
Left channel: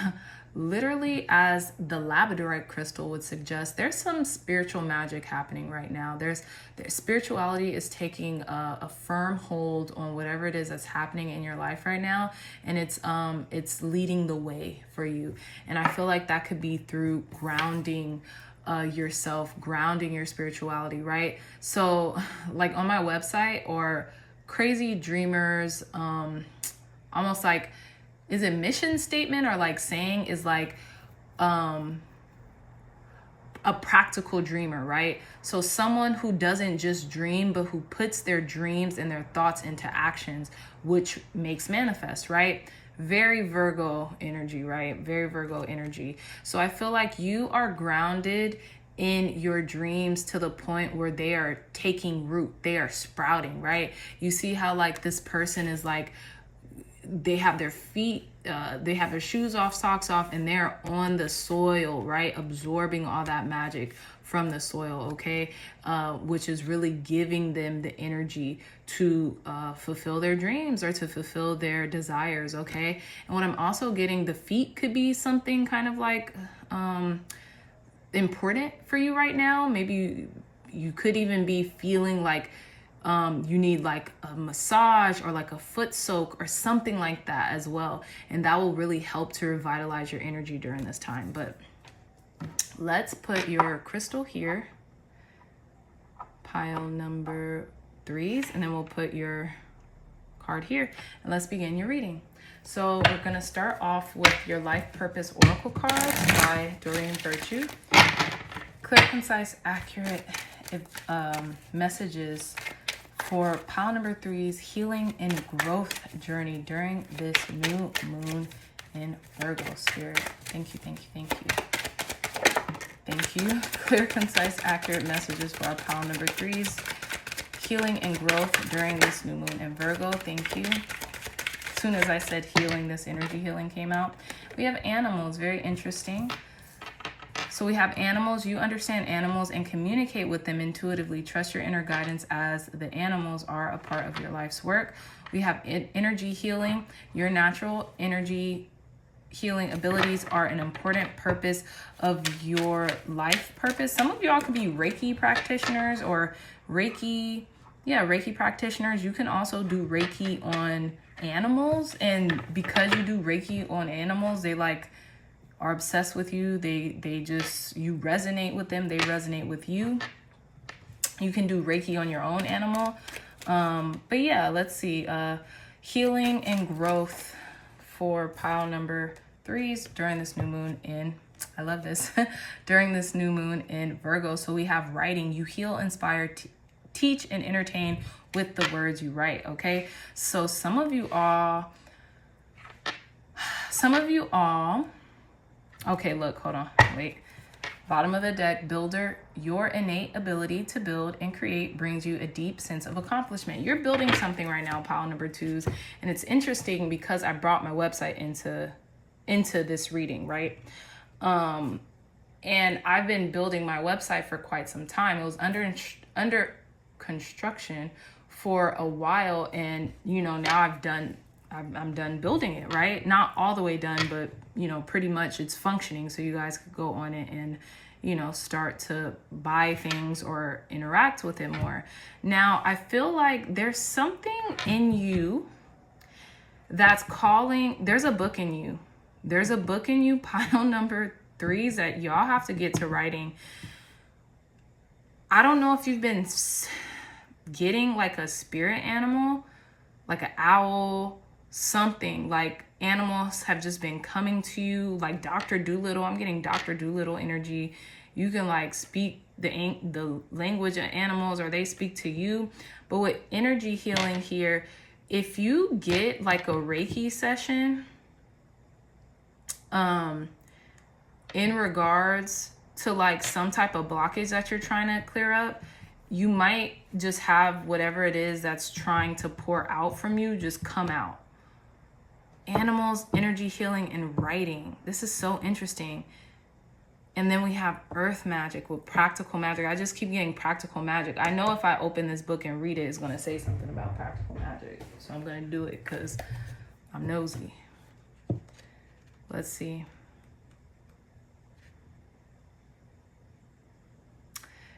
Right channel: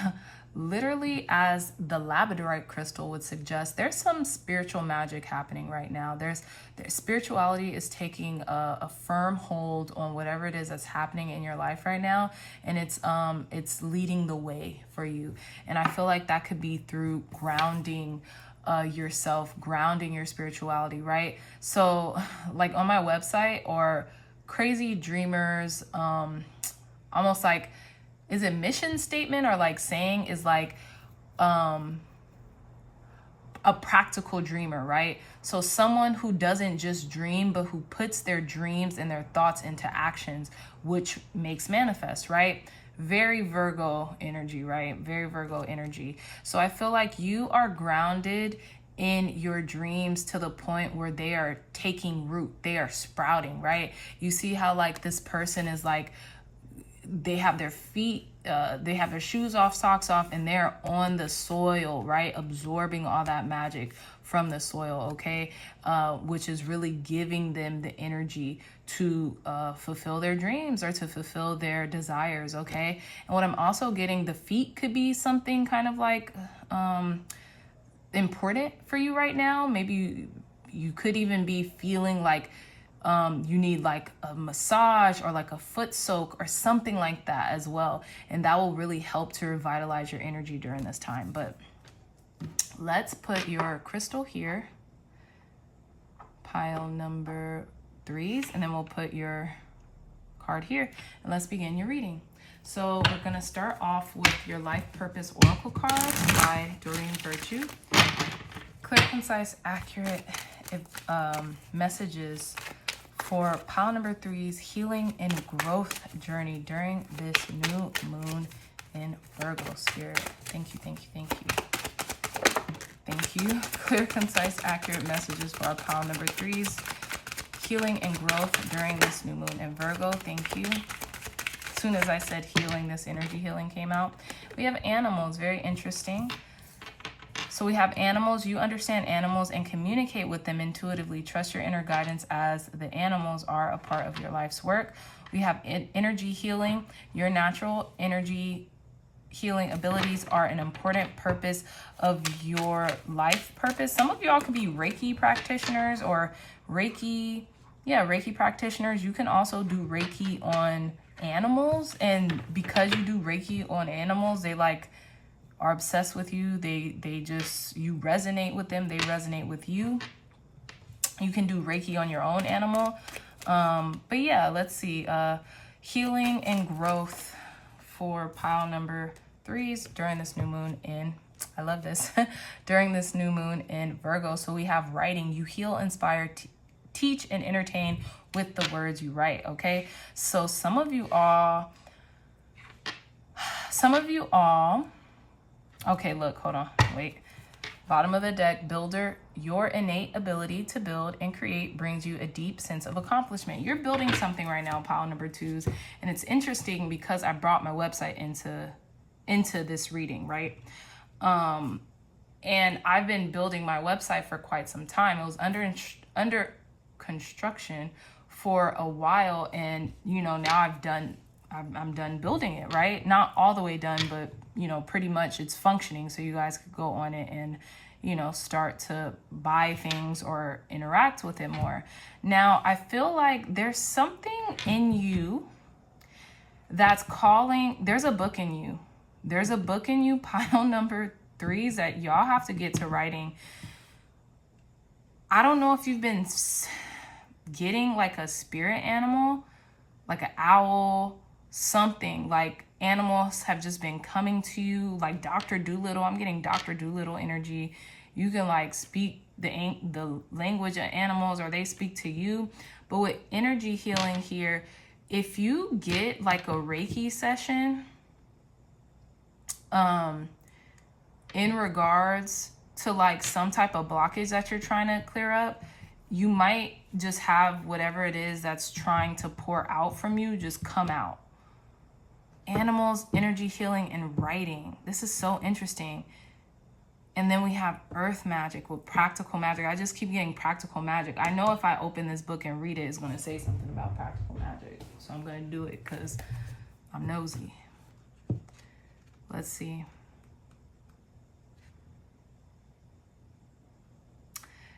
literally, as the Labradorite crystal would suggest, there's some spiritual magic happening right now. There's spirituality is taking a firm hold on whatever it is that's happening in your life right now, and it's leading the way for you. And I feel like that could be through grounding yourself, grounding your spirituality, right? So like on my website, or crazy dreamers, almost like, is it mission statement or like saying is like a practical dreamer, right? So someone who doesn't just dream, but who puts their dreams and their thoughts into actions, which makes manifest, right? Very Virgo energy, right? Very Virgo energy. So I feel like you are grounded in your dreams to the point where they are taking root, they are sprouting, right? You see how like this person is like, they have their feet, they have their shoes off, socks off, and they're on the soil, right? Absorbing all that magic from the soil, okay? Which is really giving them the energy to fulfill their dreams or to fulfill their desires, okay? And what I'm also getting, the feet could be something kind of like important for you right now. Maybe you could even be feeling like you need like a massage or like a foot soak or something like that as well. And that will really help to revitalize your energy during this time. But let's put your crystal here, pile number 3s, and then we'll put your card here. And let's begin your reading. So we're going to start off with your Life Purpose Oracle card by Doreen Virtue. Clear, concise, accurate messages for pile number 3's healing and growth journey during this new moon in Virgo. Spirit, thank you, thank you, thank you. Thank you. Clear, concise, accurate messages for our pile number 3's healing and growth during this new moon in Virgo. Thank you. As soon as I said healing, this energy healing came out. We have animals, very interesting. So we have animals. You understand animals and communicate with them intuitively. Trust your inner guidance as the animals are a part of your life's work. We have energy healing. Your natural energy healing abilities are an important purpose of your life purpose. Some of y'all could be Reiki practitioners or Reiki practitioners. You can also do Reiki on animals. And because you do Reiki on animals, they like are obsessed with you. They just, you resonate with them. They resonate with you. You can do Reiki on your own animal. But yeah, let's see. Healing and growth for pile number 3's during this new moon in, I love this, during this new moon in Virgo. So we have writing. You heal, inspire, teach, and entertain with the words you write, okay? So some of you all, okay, look, hold on, wait. Bottom of the deck, builder, your innate ability to build and create brings you a deep sense of accomplishment. You're building something right now, pile number 2's, and it's interesting because I brought my website into this reading, right? And I've been building my website for quite some time. It was under construction for a while, and you know, now I'm done building it, right? Not all the way done, but you know, pretty much it's functioning. So you guys could go on it and, you know, start to buy things or interact with it more. Now, I feel like there's something in you that's calling, there's a book in you. There's a book in you, pile number 3's, that y'all have to get to writing. I don't know if you've been getting like a spirit animal, like an owl, something like animals have just been coming to you, like Dr. Dolittle. I'm getting Dr. Dolittle energy. You can like speak the language of animals, or they speak to you. But with energy healing here, if you get like a Reiki session in regards to like some type of blockage that you're trying to clear up, you might just have whatever it is that's trying to pour out from you just come out. Animals, energy healing, and writing. This is so interesting. And then we have earth magic with practical magic. I just keep getting practical magic. I know if I open this book and read it, it's going to say something about practical magic. So I'm going to do it because I'm nosy. Let's see.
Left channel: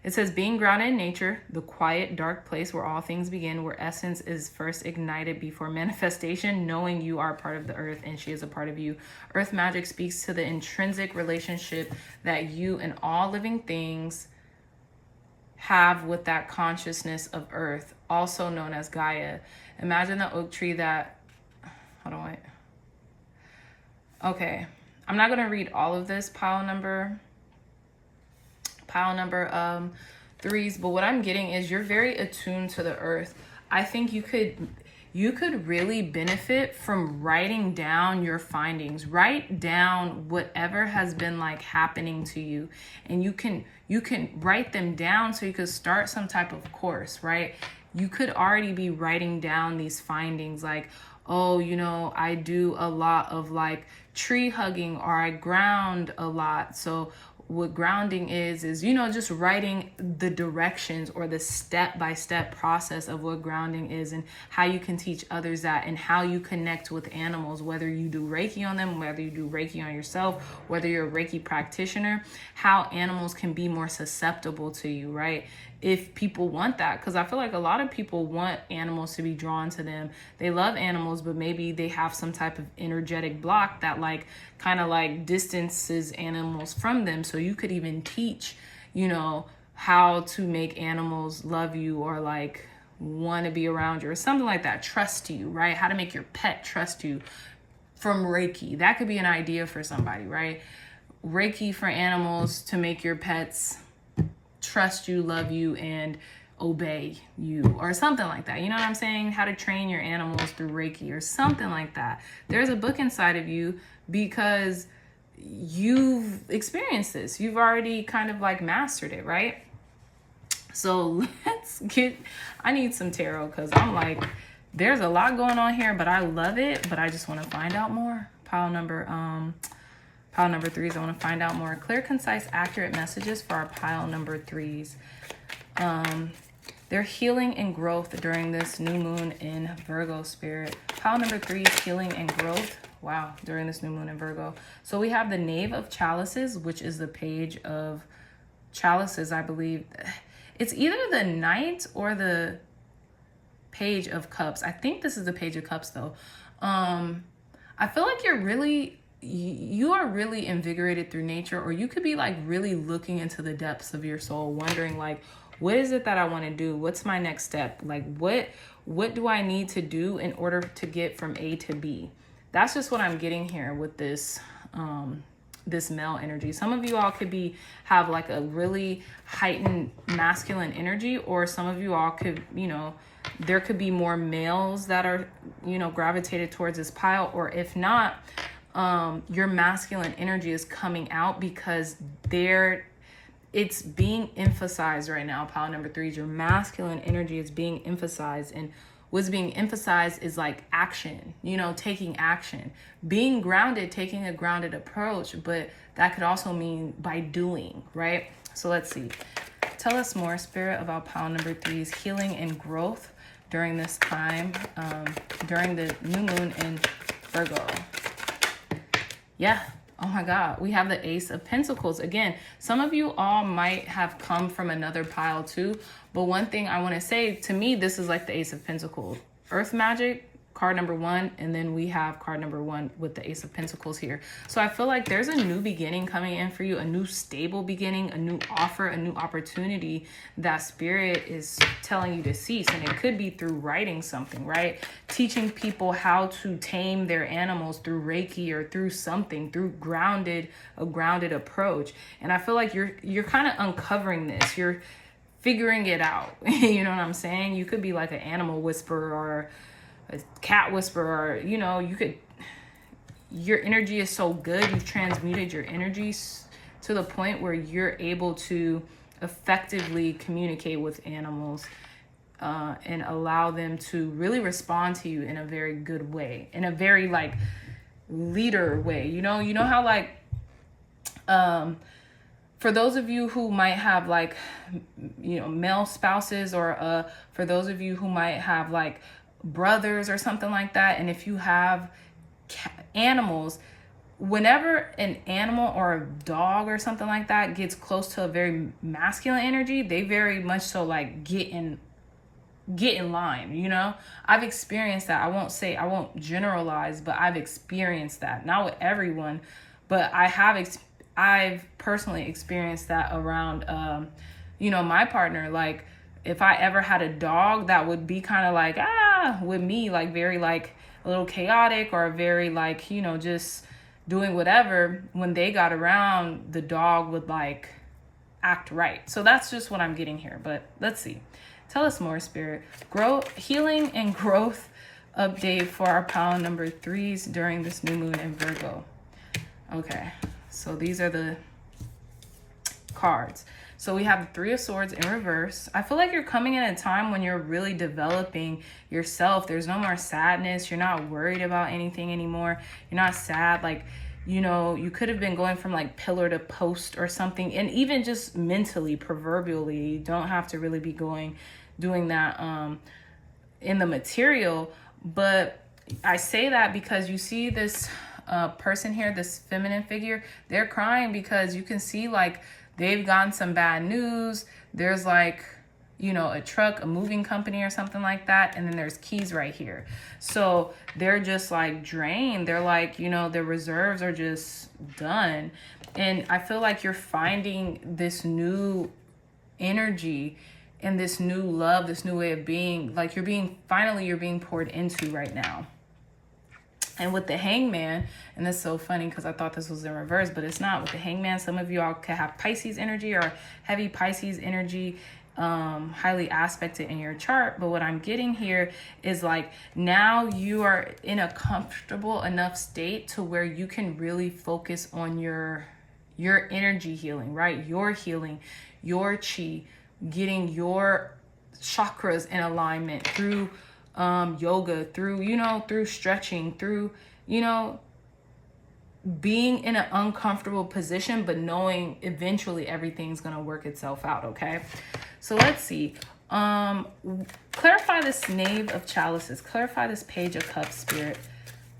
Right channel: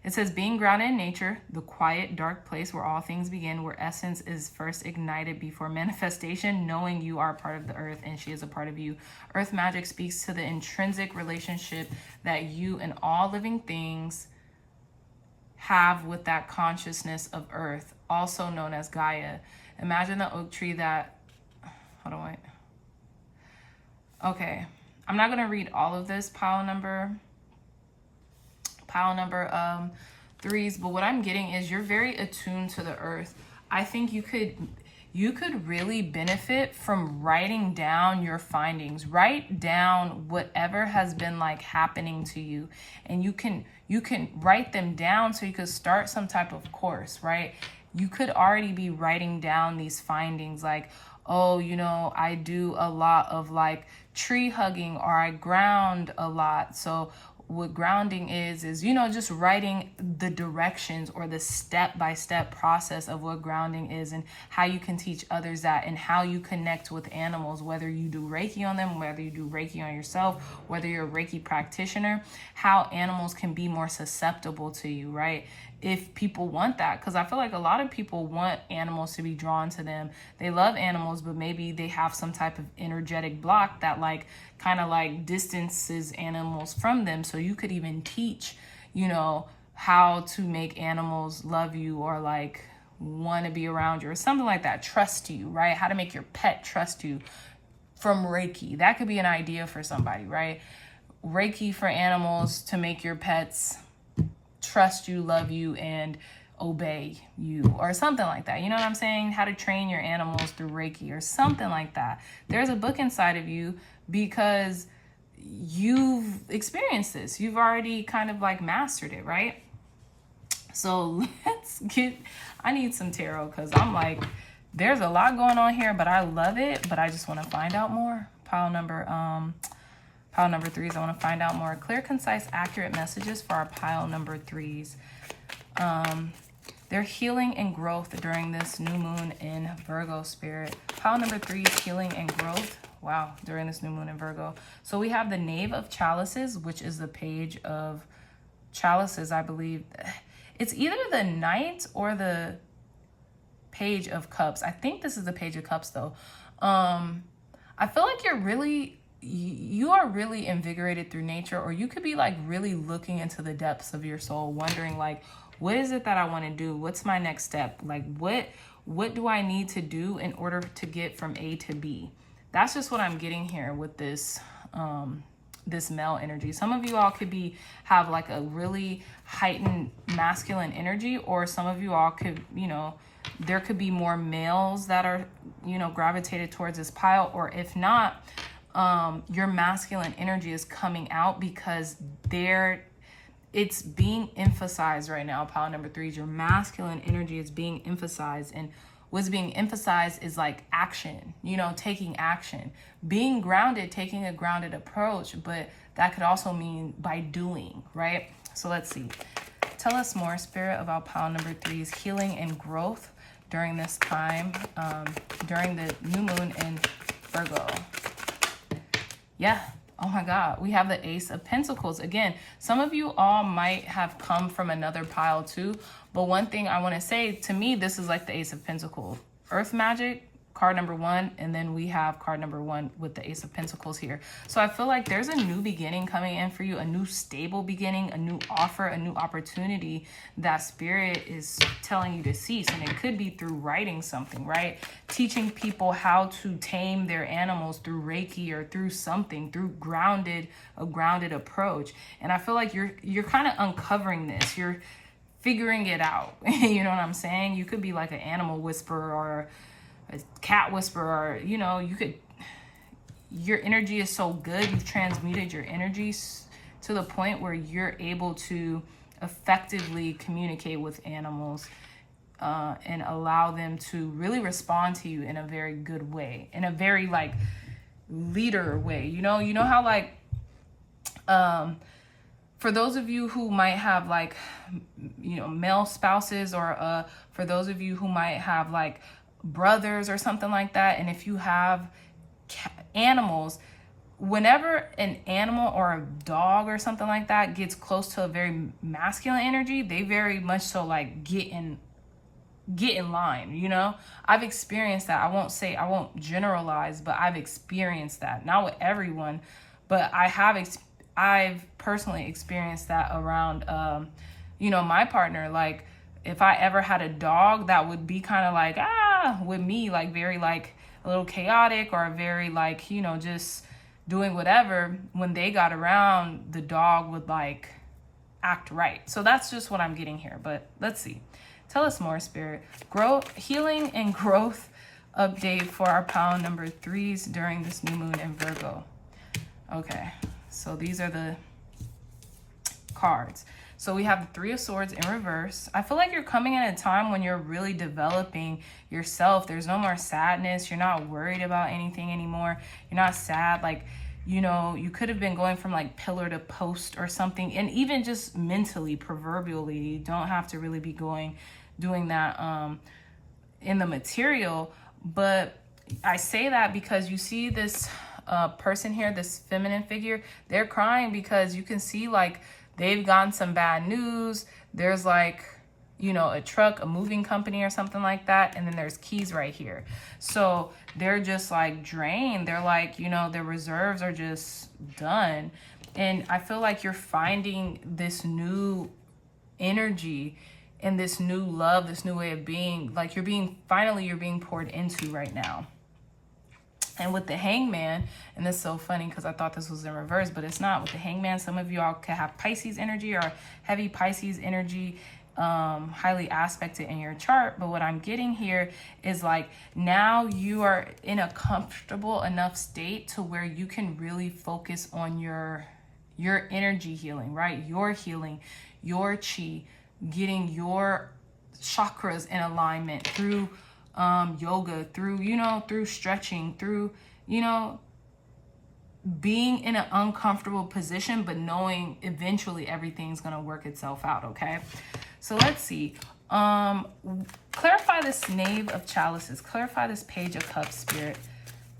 It says, being grounded in nature, the quiet, dark place where all things begin, where essence is first ignited before manifestation, knowing you are part of the earth and she is a part of you. Earth magic speaks to the intrinsic relationship that you and all living things have with that consciousness of earth, also known as Gaia. Imagine the oak tree that, hold on, wait. Okay, I'm not gonna read all of this pile number threes, but what I'm getting is you're very attuned to the earth. I think you could really benefit from writing down your findings. Write down whatever has been like happening to you, and you can write them down so you could start some type of course, right? You could already be writing down these findings like, oh, you know, I do a lot of like tree hugging, or I ground a lot. So what grounding is, you know, just writing the directions or the step-by-step process of what grounding is and how you can teach others that, and how you connect with animals, whether you do Reiki on them, whether you do Reiki on yourself, whether you're a Reiki practitioner, how animals can be more susceptible to you, right? If people want that, because I feel like a lot of people want animals to be drawn to them. They love animals, but maybe they have some type of energetic block that like kind of like distances animals from them. So you could even teach, you know, how to make animals love you or like want to be around you or something like that. Trust you, right? How to make your pet trust you from Reiki. That could be an idea for somebody, right? Reiki for animals to make your pets trust you, love you, and obey you, or something like that. You know what I'm saying? How to train your animals through Reiki or something like that. There's a book inside of you because you've experienced this. You've already kind of like mastered it, right? So I need some tarot because I'm like, there's a lot going on here, but I love it, but I just want to find out more. Pile number threes, I want to find out more. Clear, concise, accurate messages for our pile number threes. They're healing and growth during this new moon in Virgo, spirit. Pile number three is healing and growth. Wow, during this new moon in Virgo. So we have the Knave of Chalices, which is the Page of Chalices, I believe. It's either the Knight or the Page of Cups. I think this is the Page of Cups, though. I feel like you are really invigorated through nature, or you could be like really looking into the depths of your soul, wondering like, what is it that I want to do? What's my next step? Like, what do I need to do in order to get from A to B? That's just what I'm getting here with this this male energy. Some of you all could have like a really heightened masculine energy, or some of you all could, you know, there could be more males that are, you know, gravitated towards this pile, or if not, your masculine energy is coming out because it's being emphasized right now. Pile number threes, your masculine energy is being emphasized, and what's being emphasized is like action, you know, taking action, being grounded, taking a grounded approach, but that could also mean by doing, right? So let's see. Tell us more, Spirit, about pile number threes, healing and growth during this time, during the new moon in Virgo. Yeah. Oh my God. We have the Ace of Pentacles. Again, some of you all might have come from another pile too. But one thing I want to say, to me, this is like the Ace of Pentacles. Earth magic, card number one. And then we have card number one with the Ace of Pentacles here. So I feel like there's a new beginning coming in for you, a new stable beginning, a new offer, a new opportunity that Spirit is telling you to seize. And it could be through writing something, right? Teaching people how to tame their animals through Reiki or through something, through a grounded approach. And I feel like you're kind of uncovering this. You're figuring it out. You know what I'm saying? You could be like an animal whisperer or a cat whisperer, or, you know, your energy is so good. You've transmuted your energies to the point where you're able to effectively communicate with animals and allow them to really respond to you in a very good way, in a very like leader way. You know how like for those of you who might have like, you know, male spouses, or for those of you who might have like brothers or something like that, and if you have animals, whenever an animal or a dog or something like that gets close to a very masculine energy, they very much so like get in line, you know. I've experienced that. I won't generalize, but I've experienced that. Not with everyone, but I've personally experienced that around you know, my partner. Like if I ever had a dog that would be kind of like with me, like very like a little chaotic, or very like, you know, just doing whatever, when they got around, the dog would like act right. So that's just what I'm getting here. But let's see. Tell us more, Spirit. Growth, healing, and growth update for our pile number 3s during this new moon in Virgo. Okay, so these are the cards. So we have the 3 of Swords in reverse. I feel like you're coming in a time when you're really developing yourself. There's no more sadness. You're not worried about anything anymore. You're not sad. Like, you know, you could have been going from like pillar to post or something. And even just mentally, proverbially, you don't have to really be doing that in the material. But I say that because you see this person here, this feminine figure, they're crying because you can see like they've gotten some bad news. There's like, you know, a truck, a moving company or something like that. And then there's keys right here. So they're just like drained. They're like, you know, their reserves are just done. And I feel like you're finding this new energy and this new love, this new way of being. Like you're being poured into right now. And with the Hangman, and this is so funny because I thought this was in reverse, but it's not. With the Hangman, some of you all could have Pisces energy or heavy Pisces energy, highly aspected in your chart. But what I'm getting here is like, now you are in a comfortable enough state to where you can really focus on your energy healing, right? Your healing, your chi, getting your chakras in alignment through yoga, through, you know, through stretching, through, you know, being in an uncomfortable position, but knowing eventually everything's going to work itself out. Okay. So let's see. Clarify this Knave of Chalices. Clarify this Page of Cups, Spirit,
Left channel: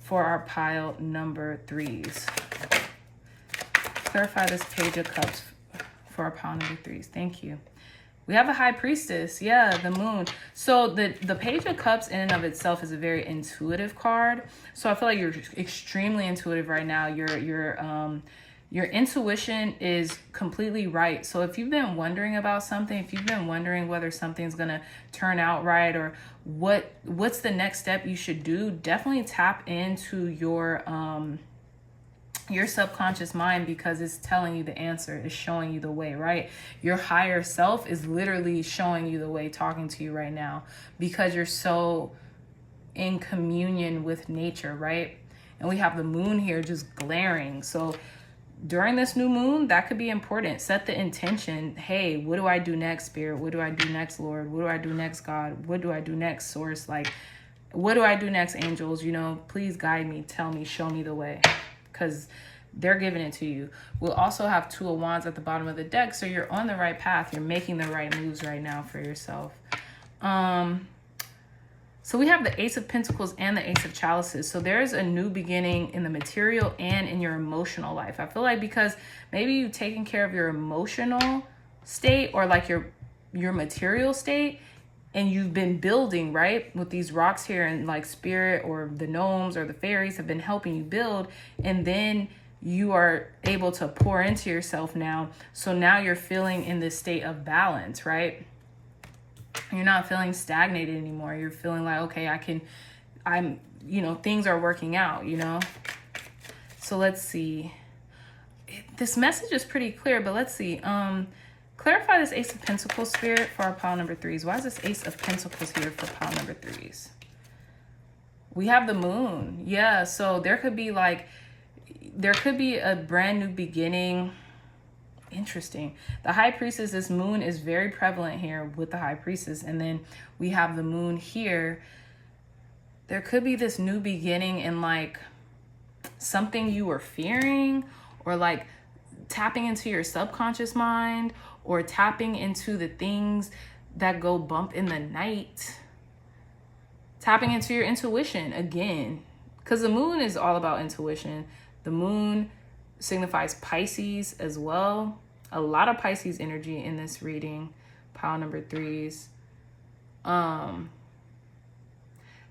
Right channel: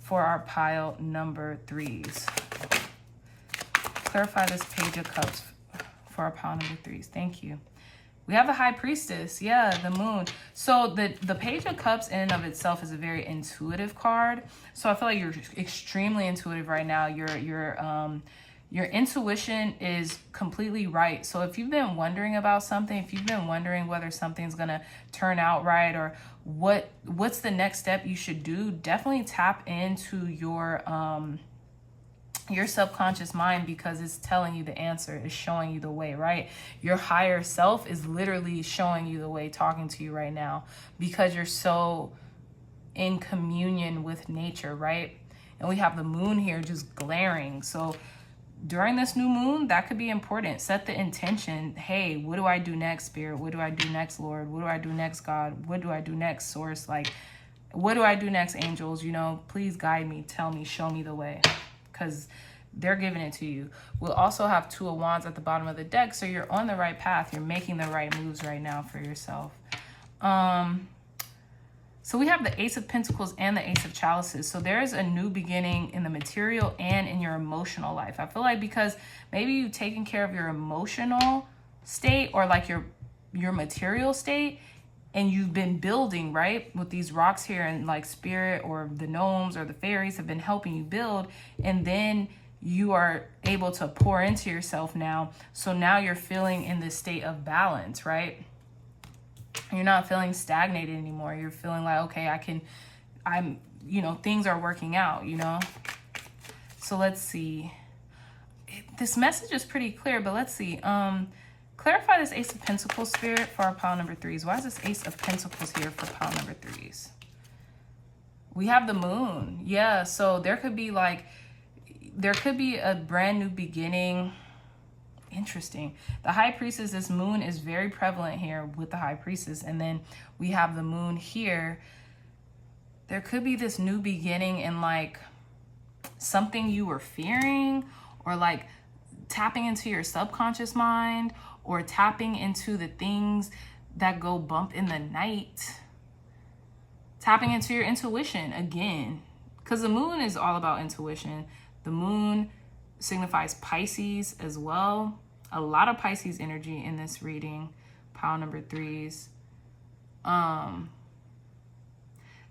for our pile number 3s. Clarify this Page of Cups for our pile number 3s. Thank you. We have the High Priestess. Yeah, the Moon. So the Page of Cups in and of itself is a very intuitive card. So I feel like you're extremely intuitive right now. Your intuition is completely right. So if you've been wondering about something, if you've been wondering whether something's gonna turn out right, or what's the next step you should do, definitely tap into your subconscious mind, because it's telling you the answer, it's showing you the way, right? Your higher self is literally showing you the way, talking to you right now, because you're so in communion with nature, right? And we have the Moon here just glaring. So during this new moon, that could be important. Set the intention. Hey, what do I do next, Spirit? What do I do next, Lord? What do I do next, God? What do I do next, Source? Like, what do I do next, angels? You know, please guide me, tell me, show me the way, because they're giving it to you. We'll also have 2 of Wands at the bottom of the deck. So you're on the right path. You're making the right moves right now for yourself. So we have the Ace of Pentacles and the Ace of Chalices. So there's a new beginning in the material and in your emotional life. I feel like because maybe you've taken care of your emotional state, or like your material state, and you've been building, right? With these rocks here, and like Spirit or the gnomes or the fairies have been helping you build. And then you are able to pour into yourself now. So now you're feeling in this state of balance, right? You're not feeling stagnated anymore. You're feeling like, okay, you know, things are working out, you know? So let's see. This message is pretty clear, but let's see. Clarify this Ace of Pentacles, Spirit, for our pile number 3s. Why is this Ace of Pentacles here for pile number 3s? We have the Moon. Yeah, so there could be a brand new beginning. Interesting. The High Priestess, this Moon is very prevalent here with the High Priestess. And then we have the Moon here. There could be this new beginning in like something you were fearing, or like tapping into your subconscious mind, or tapping into the things that go bump in the night. Tapping into your intuition again, because the moon is all about intuition. The moon signifies Pisces as well. A lot of Pisces energy in this reading, pile number 3s.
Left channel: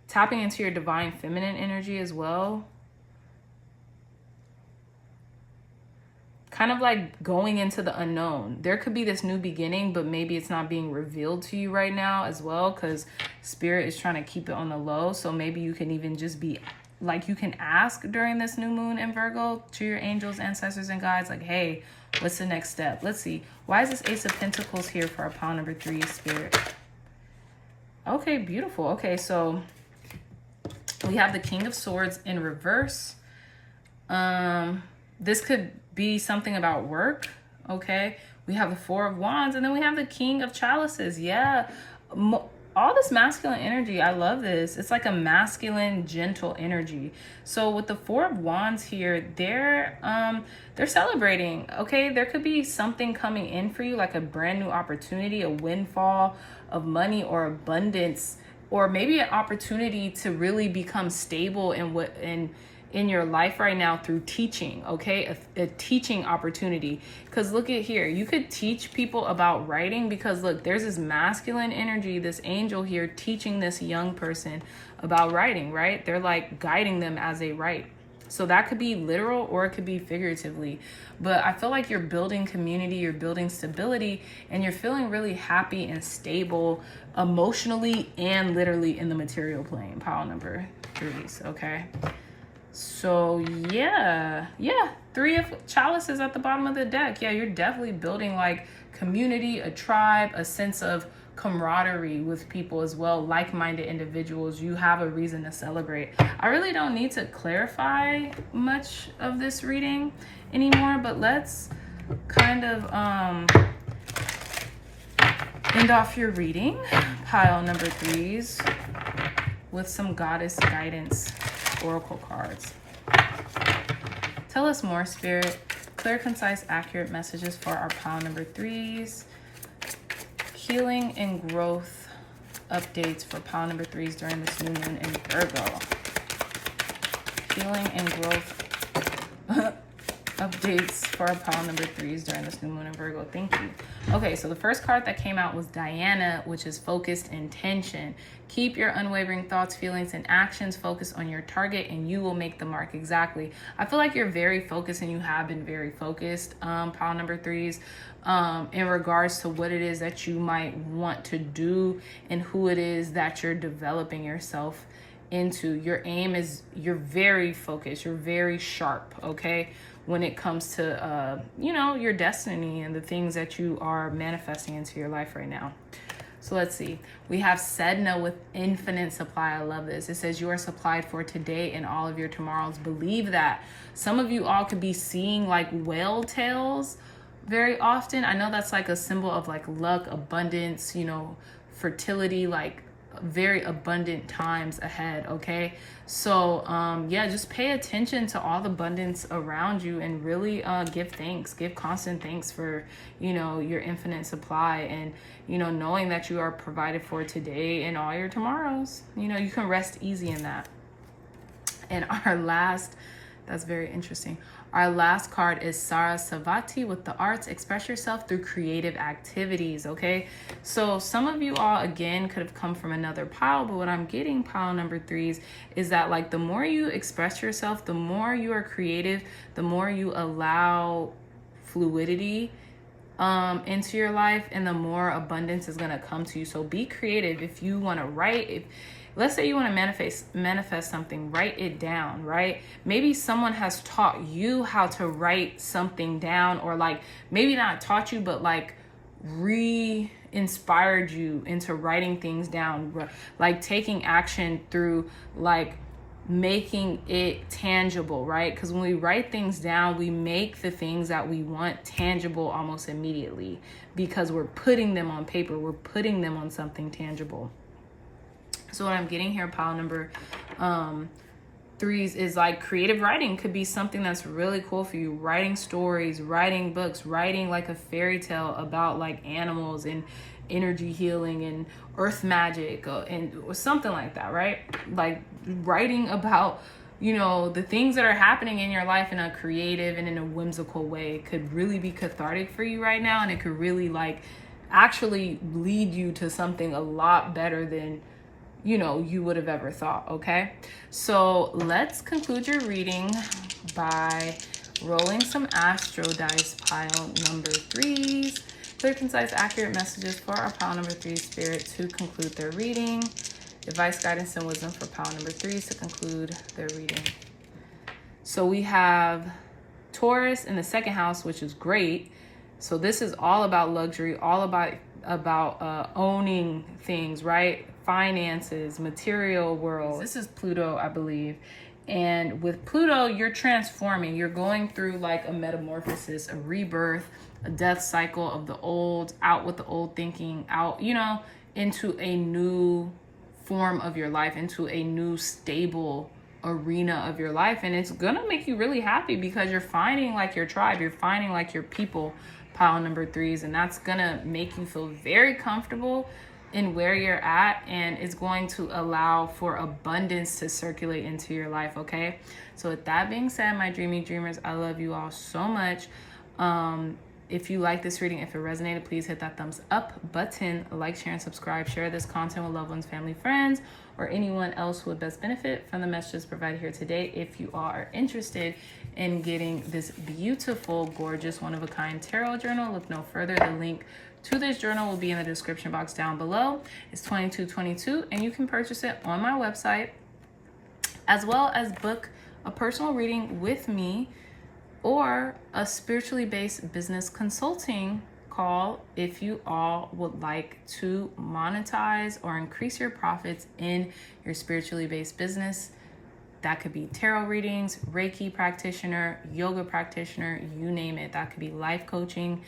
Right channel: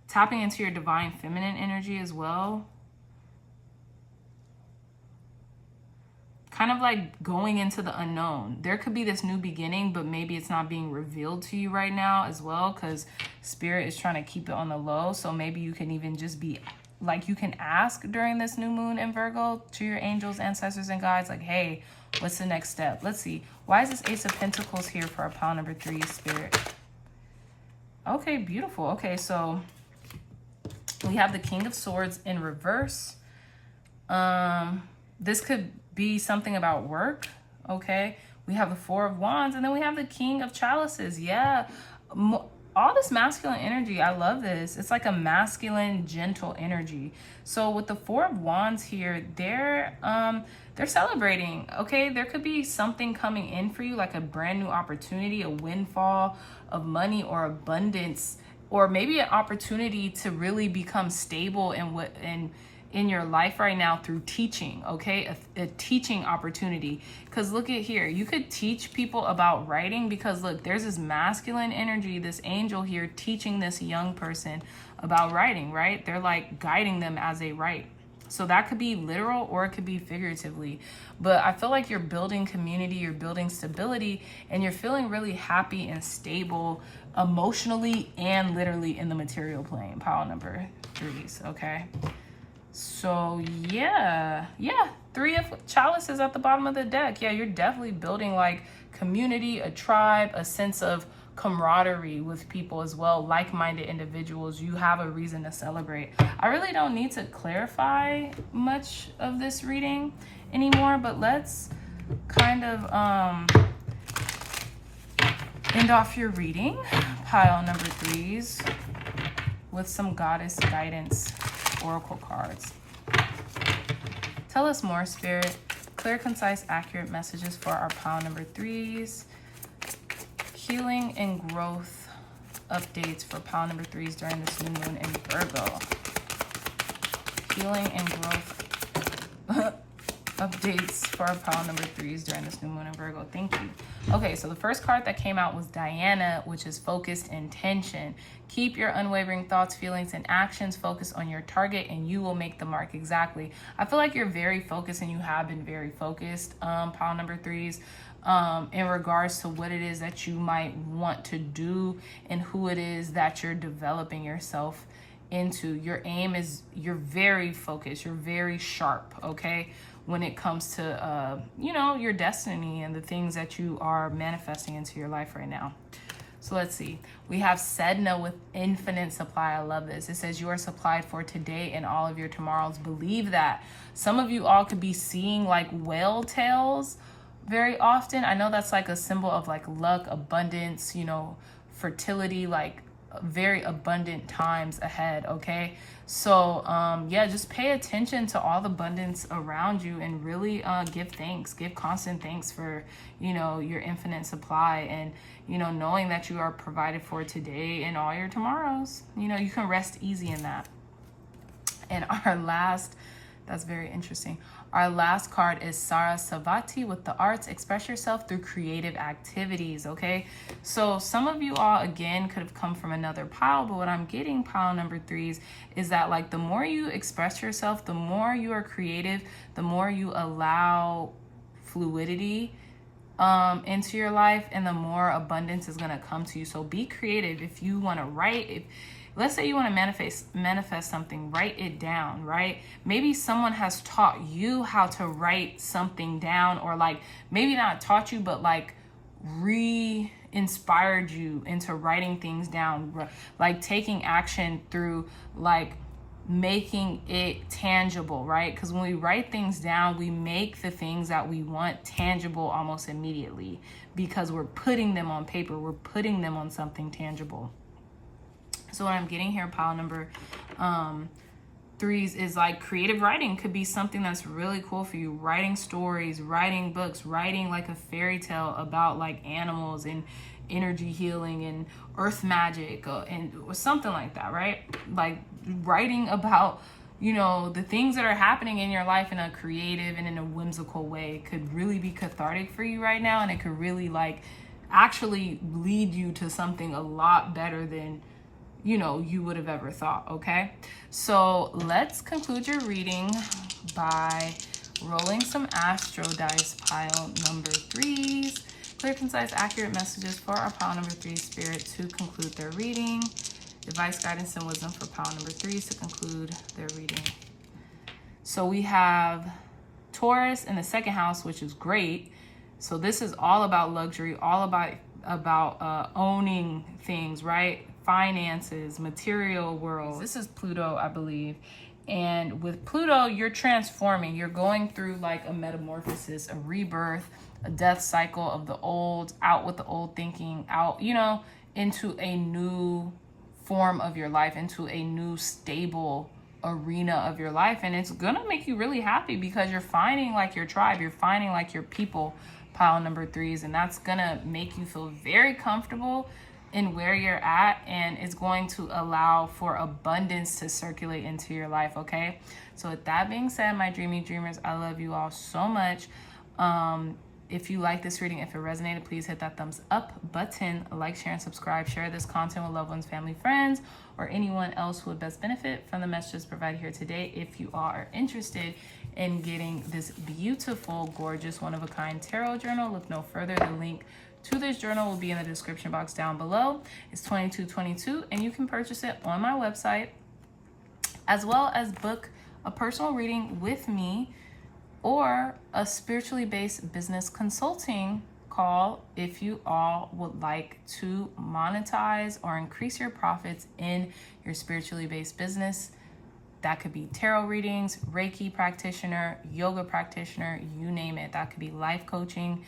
Tapping into your divine feminine energy as well. Kind of like going into the unknown. There could be this new beginning, but maybe it's not being revealed to you right now as well, because Spirit is trying to keep it on the low. So maybe you can even just be like, you can ask during this new moon in Virgo to your angels, ancestors, and guides, like, hey, what's the next step? Let's see. Why is this Ace of Pentacles here for our pile number 3, Spirit? Okay, beautiful. Okay, so we have the King of Swords in reverse. This could be something about work, okay? We have the Four of Wands, and then we have the King of Chalices. Yeah, all this masculine energy, I love this. It's like a masculine, gentle energy. So with the Four of Wands here, they're celebrating, okay? There could be something coming in for you, like a brand new opportunity, a windfall of money or abundance, or maybe an opportunity to really become stable in your life right now through teaching, okay? A teaching opportunity. Because look at here, you could teach people about writing, because look, there's this masculine energy, this angel here teaching this young person about writing, right? They're like guiding them as they write. So that could be literal or it could be figuratively. But I feel like you're building community, you're building stability, and you're feeling really happy and stable emotionally and literally in the material plane, pile number 3s, okay? So yeah, 3 of Chalices at the bottom of the deck. Yeah, you're definitely building like community, a tribe, a sense of camaraderie with people as well, like-minded individuals. You have a reason to celebrate. I really don't need to clarify much of this reading anymore, but let's kind of end off your reading, pile number 3s, with some goddess guidance oracle cards. Tell us more, Spirit. Clear, concise, accurate messages for our pile number 3s. Healing and growth updates for pile number 3s during this new moon in Virgo. Healing and growth updates for our pile number 3s during this new moon in Virgo. Thank you. Okay, so the first card that came out was Diana, which is focused intention. Keep your unwavering thoughts, feelings, and actions focused on your target, and you will make the mark. Exactly. I feel like you're very focused, and you have been very focused, pile number 3s, in regards to what it is that you might want to do and who it is that you're developing yourself into. Your aim is, you're very focused, you're very sharp, okay, when it comes to, you know, your destiny and the things that you are manifesting into your life right now. So let's see. We have Sedna with infinite supply. I love this. It says you are supplied for today and all of your tomorrows. Believe that. Some of you all could be seeing like whale tails very often. I know that's like a symbol of like luck, abundance, you know, fertility, like very abundant times ahead, okay? So yeah, just pay attention to all the abundance around you and really give thanks, give constant thanks for, you know, your infinite supply, and, you know, knowing that you are provided for today and all your tomorrows. You know, you can rest easy in that. And our last, that's very interesting. Our last card is Sarasvati with the arts. Express yourself through creative activities, okay? So some of you all, again, could have come from another pile, but what I'm getting, pile number 3s, is that like the more you express yourself, the more you are creative, the more you allow fluidity into your life, and the more abundance is gonna come to you. So be creative. If you wanna write, let's say you want to manifest something, write it down, right? Maybe someone has taught you how to write something down, or like maybe not taught you, but like re-inspired you into writing things down, like taking action through like making it tangible, right? Because when we write things down, we make the things that we want tangible almost immediately, because we're putting them on paper, we're putting them on something tangible. So what I'm getting here, pile number threes is like creative writing could be something that's really cool for you. Writing stories, writing books, writing like a fairy tale about like animals and energy healing and earth magic or something like that, right? Like writing about, you know, the things that are happening in your life in a creative and in a whimsical way could really be cathartic for you right now. And it could really like actually lead you to something a lot better than, you know, you would have ever thought. Okay, so let's conclude your reading by rolling some astro dice, pile number 3s. Clear, concise, accurate messages for our pile number 3 spirit to conclude their reading. Advice, guidance, and wisdom for pile number 3s to conclude their reading. So we have Taurus in the second house, which is great. So this is all about luxury, all about owning things, right? Finances, material world. This is Pluto, I believe. And with Pluto, you're transforming. You're going through like a metamorphosis, a rebirth, a death cycle of the old, out with the old thinking, out, you know, into a new form of your life, into a new stable arena of your life. And it's gonna make you really happy because you're finding like your tribe, you're finding like your people, pile number 3s, and that's gonna make you feel very comfortable in where you're at, and it's going to allow for abundance to circulate into your life. Okay, so with that being said, my dreamy dreamers, I love you all so much. If you like this reading, if it resonated, please hit that thumbs up button, like, share, and subscribe. Share this content with loved ones, family, friends, or anyone else who would best benefit from the messages provided here today. If you are interested in getting this beautiful, gorgeous, one-of-a-kind tarot journal, look no further. The link to this journal will be in the description box down below. It's $22.22, and you can purchase it on my website, as well as book a personal reading with me or a spiritually based business consulting call if you all would like to monetize or increase your profits in your spiritually based business. That could be tarot readings, Reiki practitioner, yoga practitioner, you name it. That could be life coaching.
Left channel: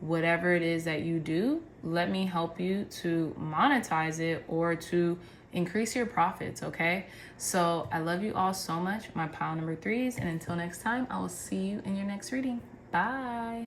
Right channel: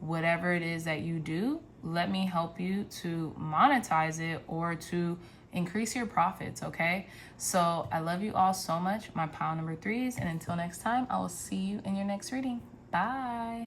Whatever it is that you do, let me help you to monetize it or to increase your profits, okay? So I love you all so much, my pile number 3s, and until next time, I will see you in your next reading. Bye.